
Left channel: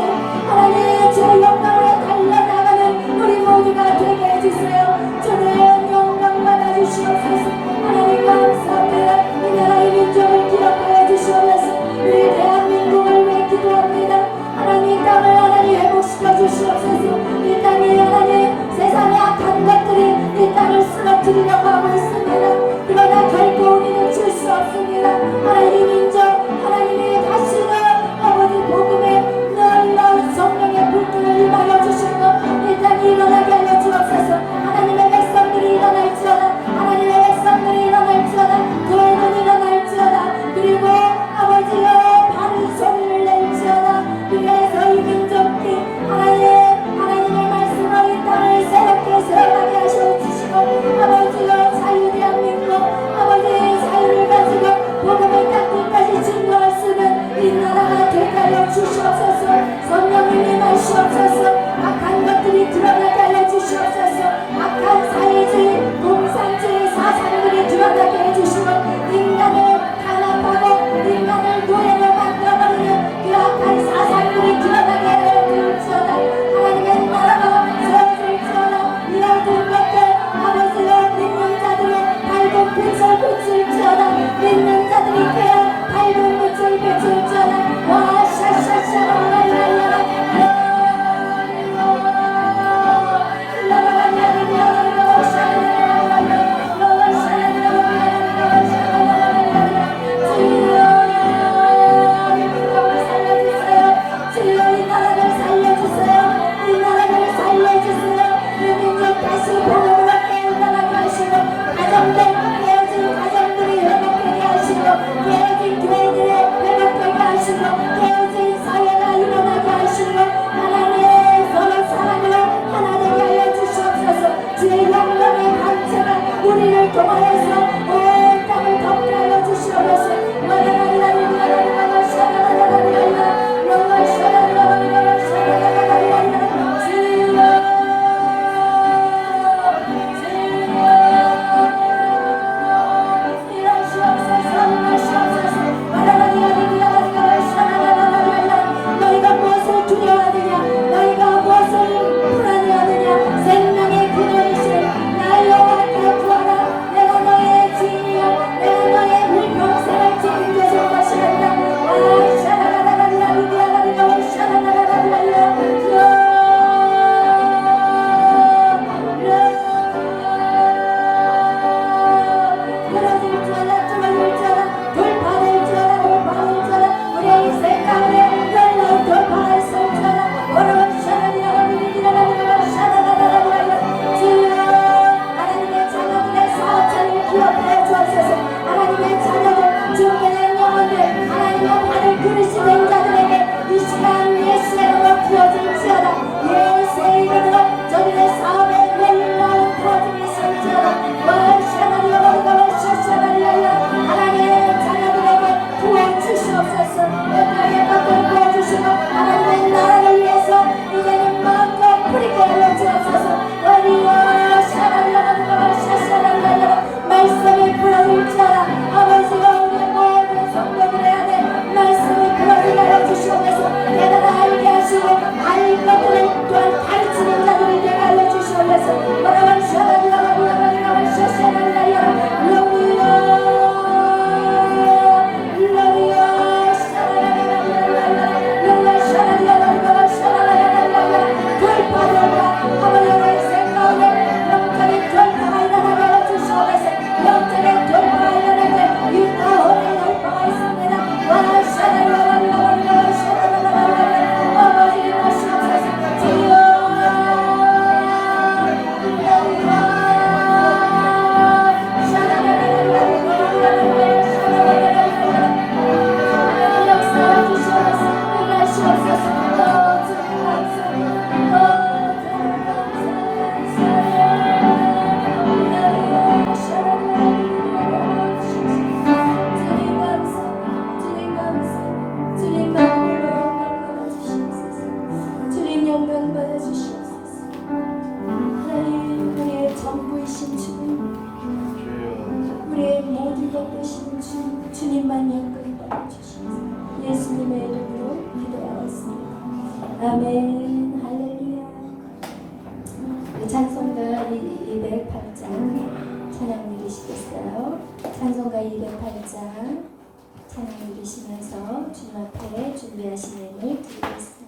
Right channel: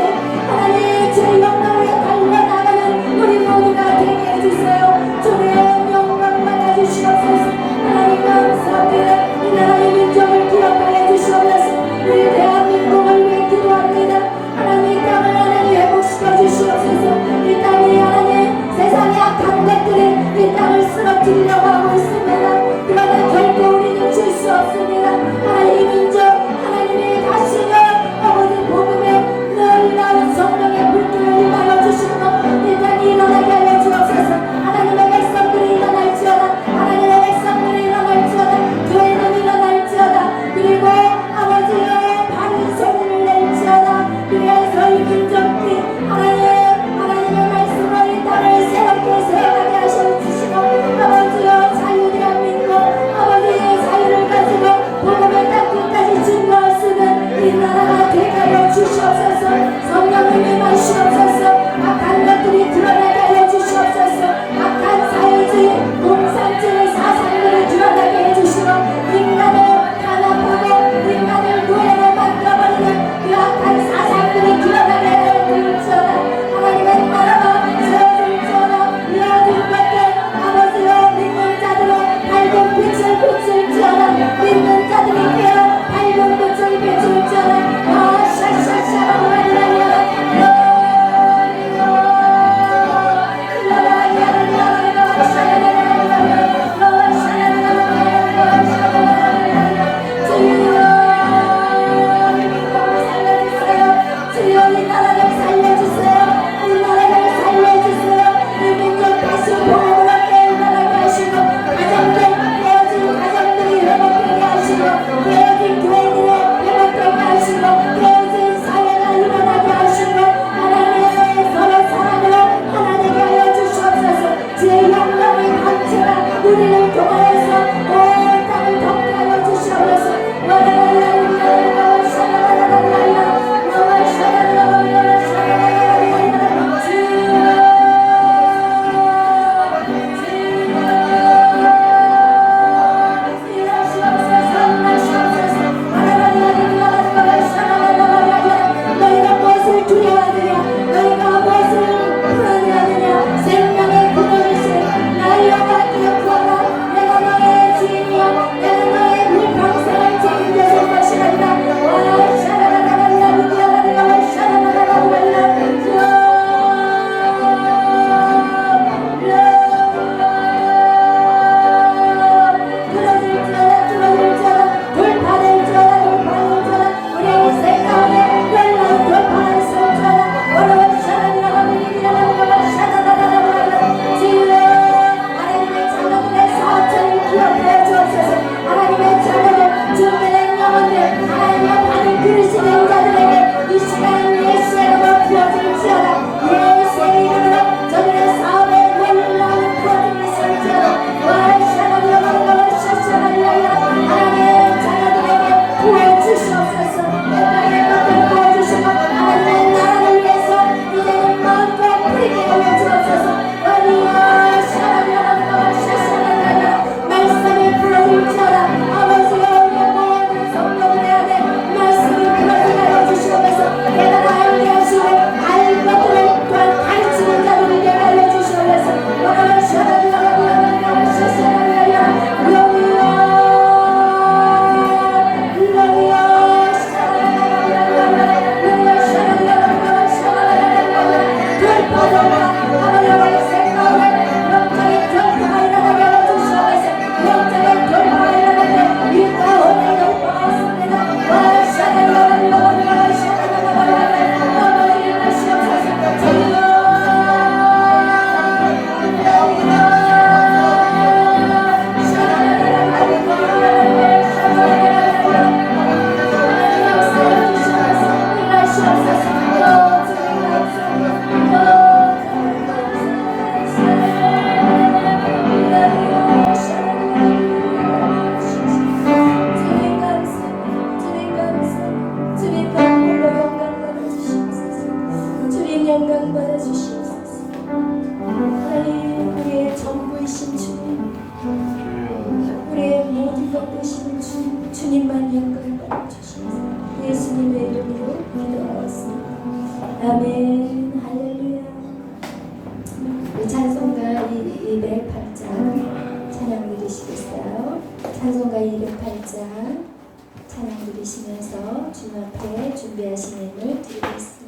하나님의 주의 영광으로 달려나가는 우리 모두가 되게 해주세요. 주의 영광 받아주시옵소서. 하나님 감사합니다. 이 나라의 민족을 기억하여 주시옵소서. 우리 대한민국을 위해 기도합니다. 하나님 이 땅을 하나님 회복시켜 주시옵소서. 이 땅이 하나님 세상의 악한 것들이 이 땅을 쓰러뜨리려고 하고 있습니다. 그러나 결코 우리는 질 수 없습니다. 하나님 민족 하나님의 다시는 아버지 복음에 놀라운 성령의 불길을 임하여 주시고 이 땅이 일어나게 하여 주옵소서. 하나님의 백성들이 일어날지어다. 하나님의 백성들이 일어날지어다. 교회는 일어날지어다. 그리고 아버지여 바른 소리를 낼지어다. 그래서 이 민족이 하나님 영광 받아 주시옵소서. 하나님 우리의 전부이신 주님, 우리의 모든 것 되시는 주님, 주님만 영광 받아 주시옵소서. 예수님의 이름으로 기도하였습니다. 아멘. 할렐루야. 우리 찬송가 208장 찬양 드리시겠어요? 찬송가 208장 찬양 드리시면서 주님 앞에 준비하신 예물 드리겠습니다.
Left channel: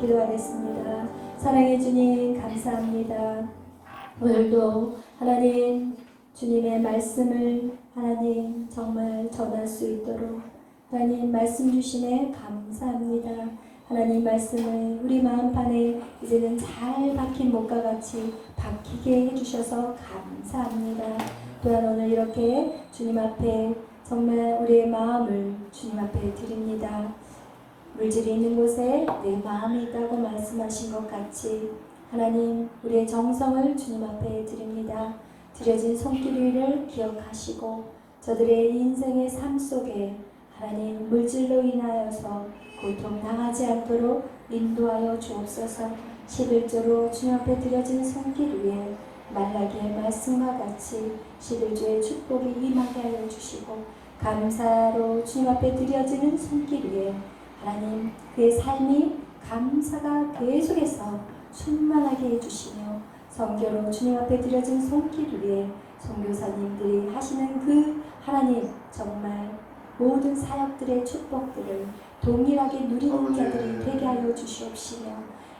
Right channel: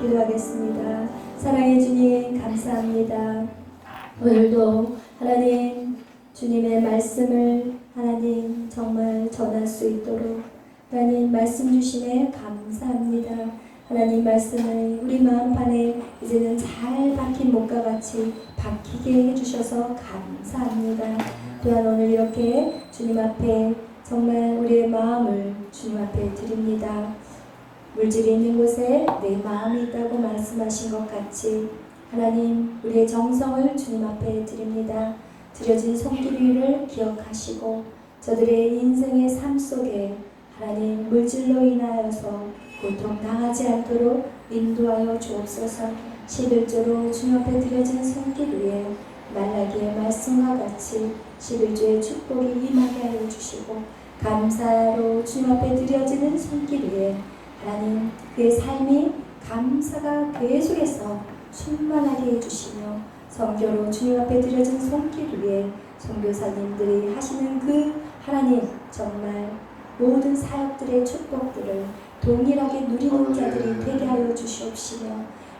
기도하겠습니다. 사랑의 주님 감사합니다. 오늘도 하나님 주님의 말씀을 하나님 정말 전할 수 있도록 하나님 말씀 주심에 감사합니다. 하나님 말씀을 우리 마음판에 이제는 잘 박힌 목과 같이 박히게 해주셔서 감사합니다. 또한 오늘 이렇게 주님 앞에 정말 우리의 마음을 주님 앞에 드립니다. 물질이 있는 곳에 내 마음이 있다고 말씀하신 것 같이 하나님 우리의 정성을 주님 앞에 드립니다. 드려진 손길 위를 기억하시고 저들의 인생의 삶 속에 하나님 물질로 인하여서 고통당하지 않도록 인도하여 주옵소서. 11조로 주님 앞에 드려진 손길 위에 말라기의 말씀과 같이 11조의 축복이 임하게 하여 주시고 감사로 주님 앞에 드려지는 손길 위에 하나님 그의 삶이 감사가 계속해서 충만하게 해주시며 선교로 주님 앞에 드려진 손길 위에 선교사님들이 하시는 그 하나님 정말 모든 사역들의 축복들을 동일하게 누리는 자들이 되게 하여 주시옵시며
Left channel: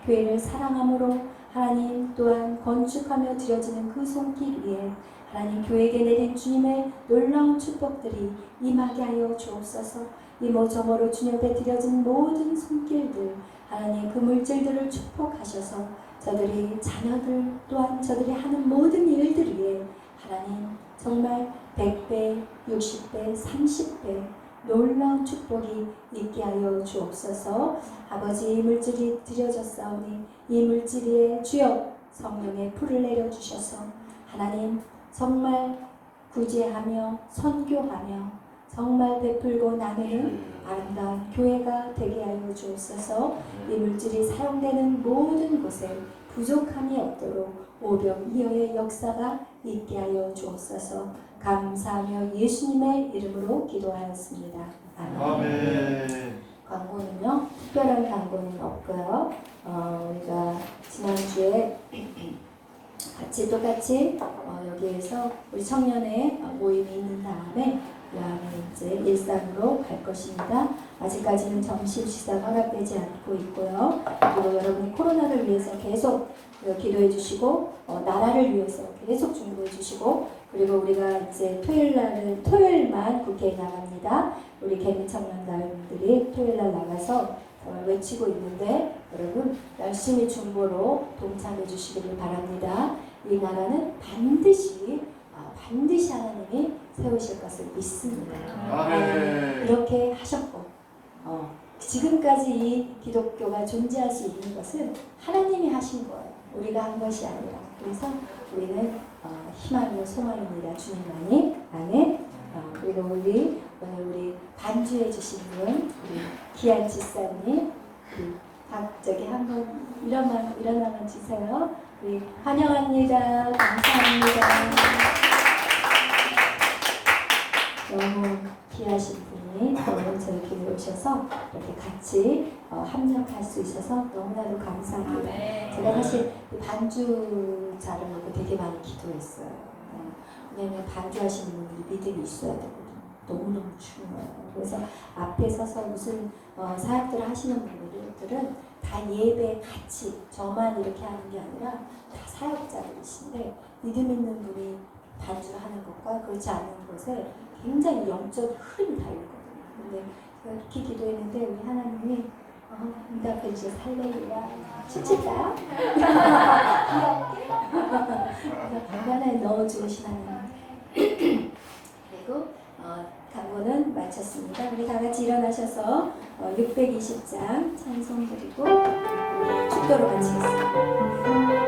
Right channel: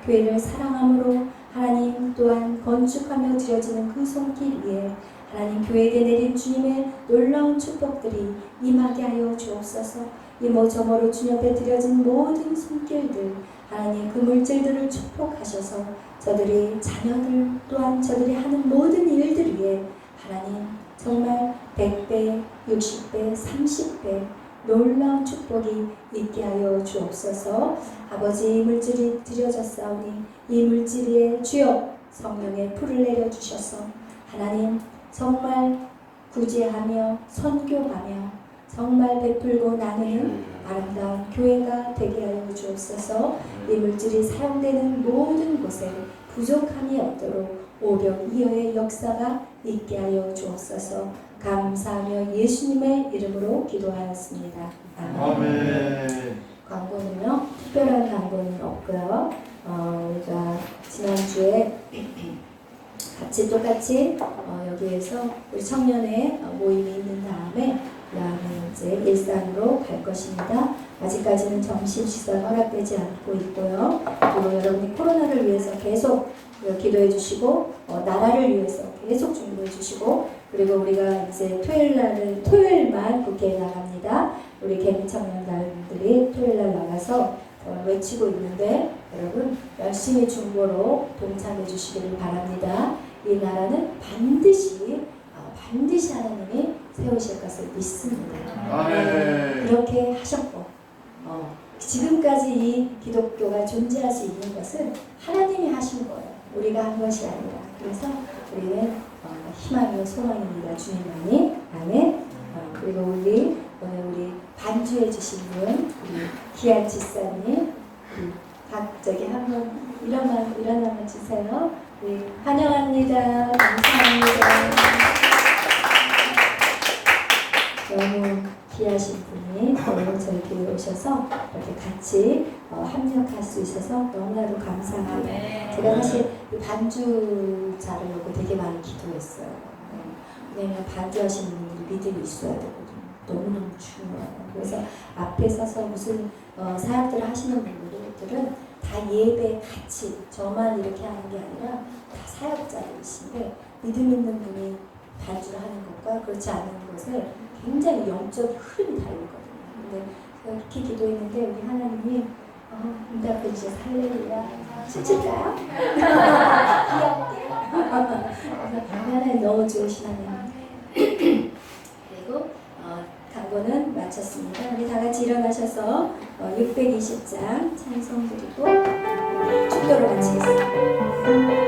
교회를 사랑함으로 하나님 또한 건축하며 드려지는 그 손길 위에 하나님 교회에게 내린 주님의 놀라운 축복들이 임하게 하여 주옵소서. 이모저모로 주님 앞에 드려진 모든 손길들 하나님 그 물질들을 축복하셔서 저들이 자녀들 또한 저들이 하는 모든 일들 위에 하나님 정말 100배, 60배, 30배 놀라운 축복이 있게 하여 주옵소서. 아버지 이 물질이 드려졌사오니 이 물질 위에 주여 성령의 풀을 내려주셔서 하나님 정말 구제하며 선교하며 정말 베풀고 나누는 아름다운 교회가 되게 하여 주옵소서. 이 물질이 사용되는 모든 곳에 부족함이 없도록 오병이어의 역사가 있게 하여 주옵소서. 감사하며 예수님의 이름으로 기도하였습니다. 아멘. 광고는요 특별한 광고는 없고요. 우리가 지난주에 같이 똑같이 여기에서 우리 청년의 모임이 있는 다음에 그다음에 이제 일산으로 갈 것입니다. 아직까지는 점심시설 허락되지 않고 있고요. 그리고 여러분이 코로나를 위해서 계속 기도해 주시고 나라를 위해서 계속 중보해 주시고 그리고 우리가 이제 토요일만 국회에 나갑니다. 우리 개미청년단들이 토요일날 나가서 외치고 있는데 여러분 열심히 중보로 동참해 주시기를 바랍니다. 이 나라는 반드시 하나님이 세우실 것을 믿습니다. 아멘. 그렇게 하셨고 지금까지 이 기독교가 존재할 수 있는 것은 하나님이 하신 거예요. 우리가 한 것이 아니라. 그래서 우리는 희망이요 소망입니다. 주님만이. 아멘. 그리고 오늘 우리 반주해 주신 분 우리 기한 지사님 저기 한번 일어나면 주세요. 우리 환영합니다. 감사합니다. 너무 귀하신 분이 오늘 저희 교회에 오셔서 이렇게 같이 합력할 수 있어서 너무나도 감사합니다. 제가 사실 이 반주 자르려고 되게 많이 기도했어요. 왜냐면 반주하시는 분들이 믿음이 있어야 되거든요. 너무너무 중요해요. 그래서 앞에 서서 무슨 사역들을 하시는 분들은 다 예배 같이 저만 이렇게 하는 게 아니라 다 사역자들이신데 믿음 있는 분이 반주를 하는 것과 그렇지 않은 것에 굉장히 영적 흐름이 다르거든요. 근데 제가 이렇게 기도했는데 우리 하나님이 응답해 주셔서 할렐루야. 춤출까요? 귀엽게. 얼마나 너무 좋으신 하나님. 그리고 강고는 마쳤습니다. 우리 다 같이 일어나셔서 620장 찬송 드리고 축도로 마치겠습니다.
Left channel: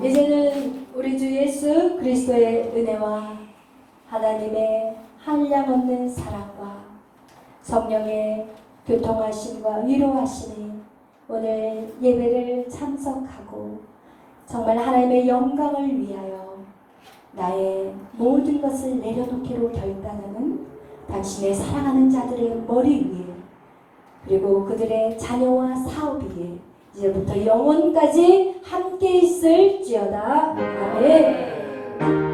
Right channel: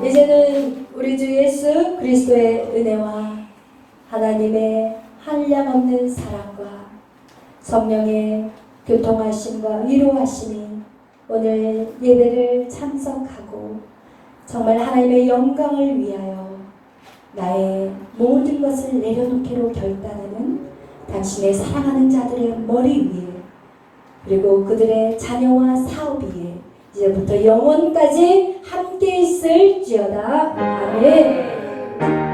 이제는 우리 주 예수 그리스도의 은혜와 하나님의 한량없는 사랑과 성령의 교통하심과 위로하심이 오늘 예배를 참석하고 정말 하나님의 영광을 위하여 나의 모든 것을 내려놓기로 결단하는 당신의 사랑하는 자들의 머리 위에 그리고 그들의 자녀와 사업 위에 이제부터 영원까지 함께 있을지어다. 아멘.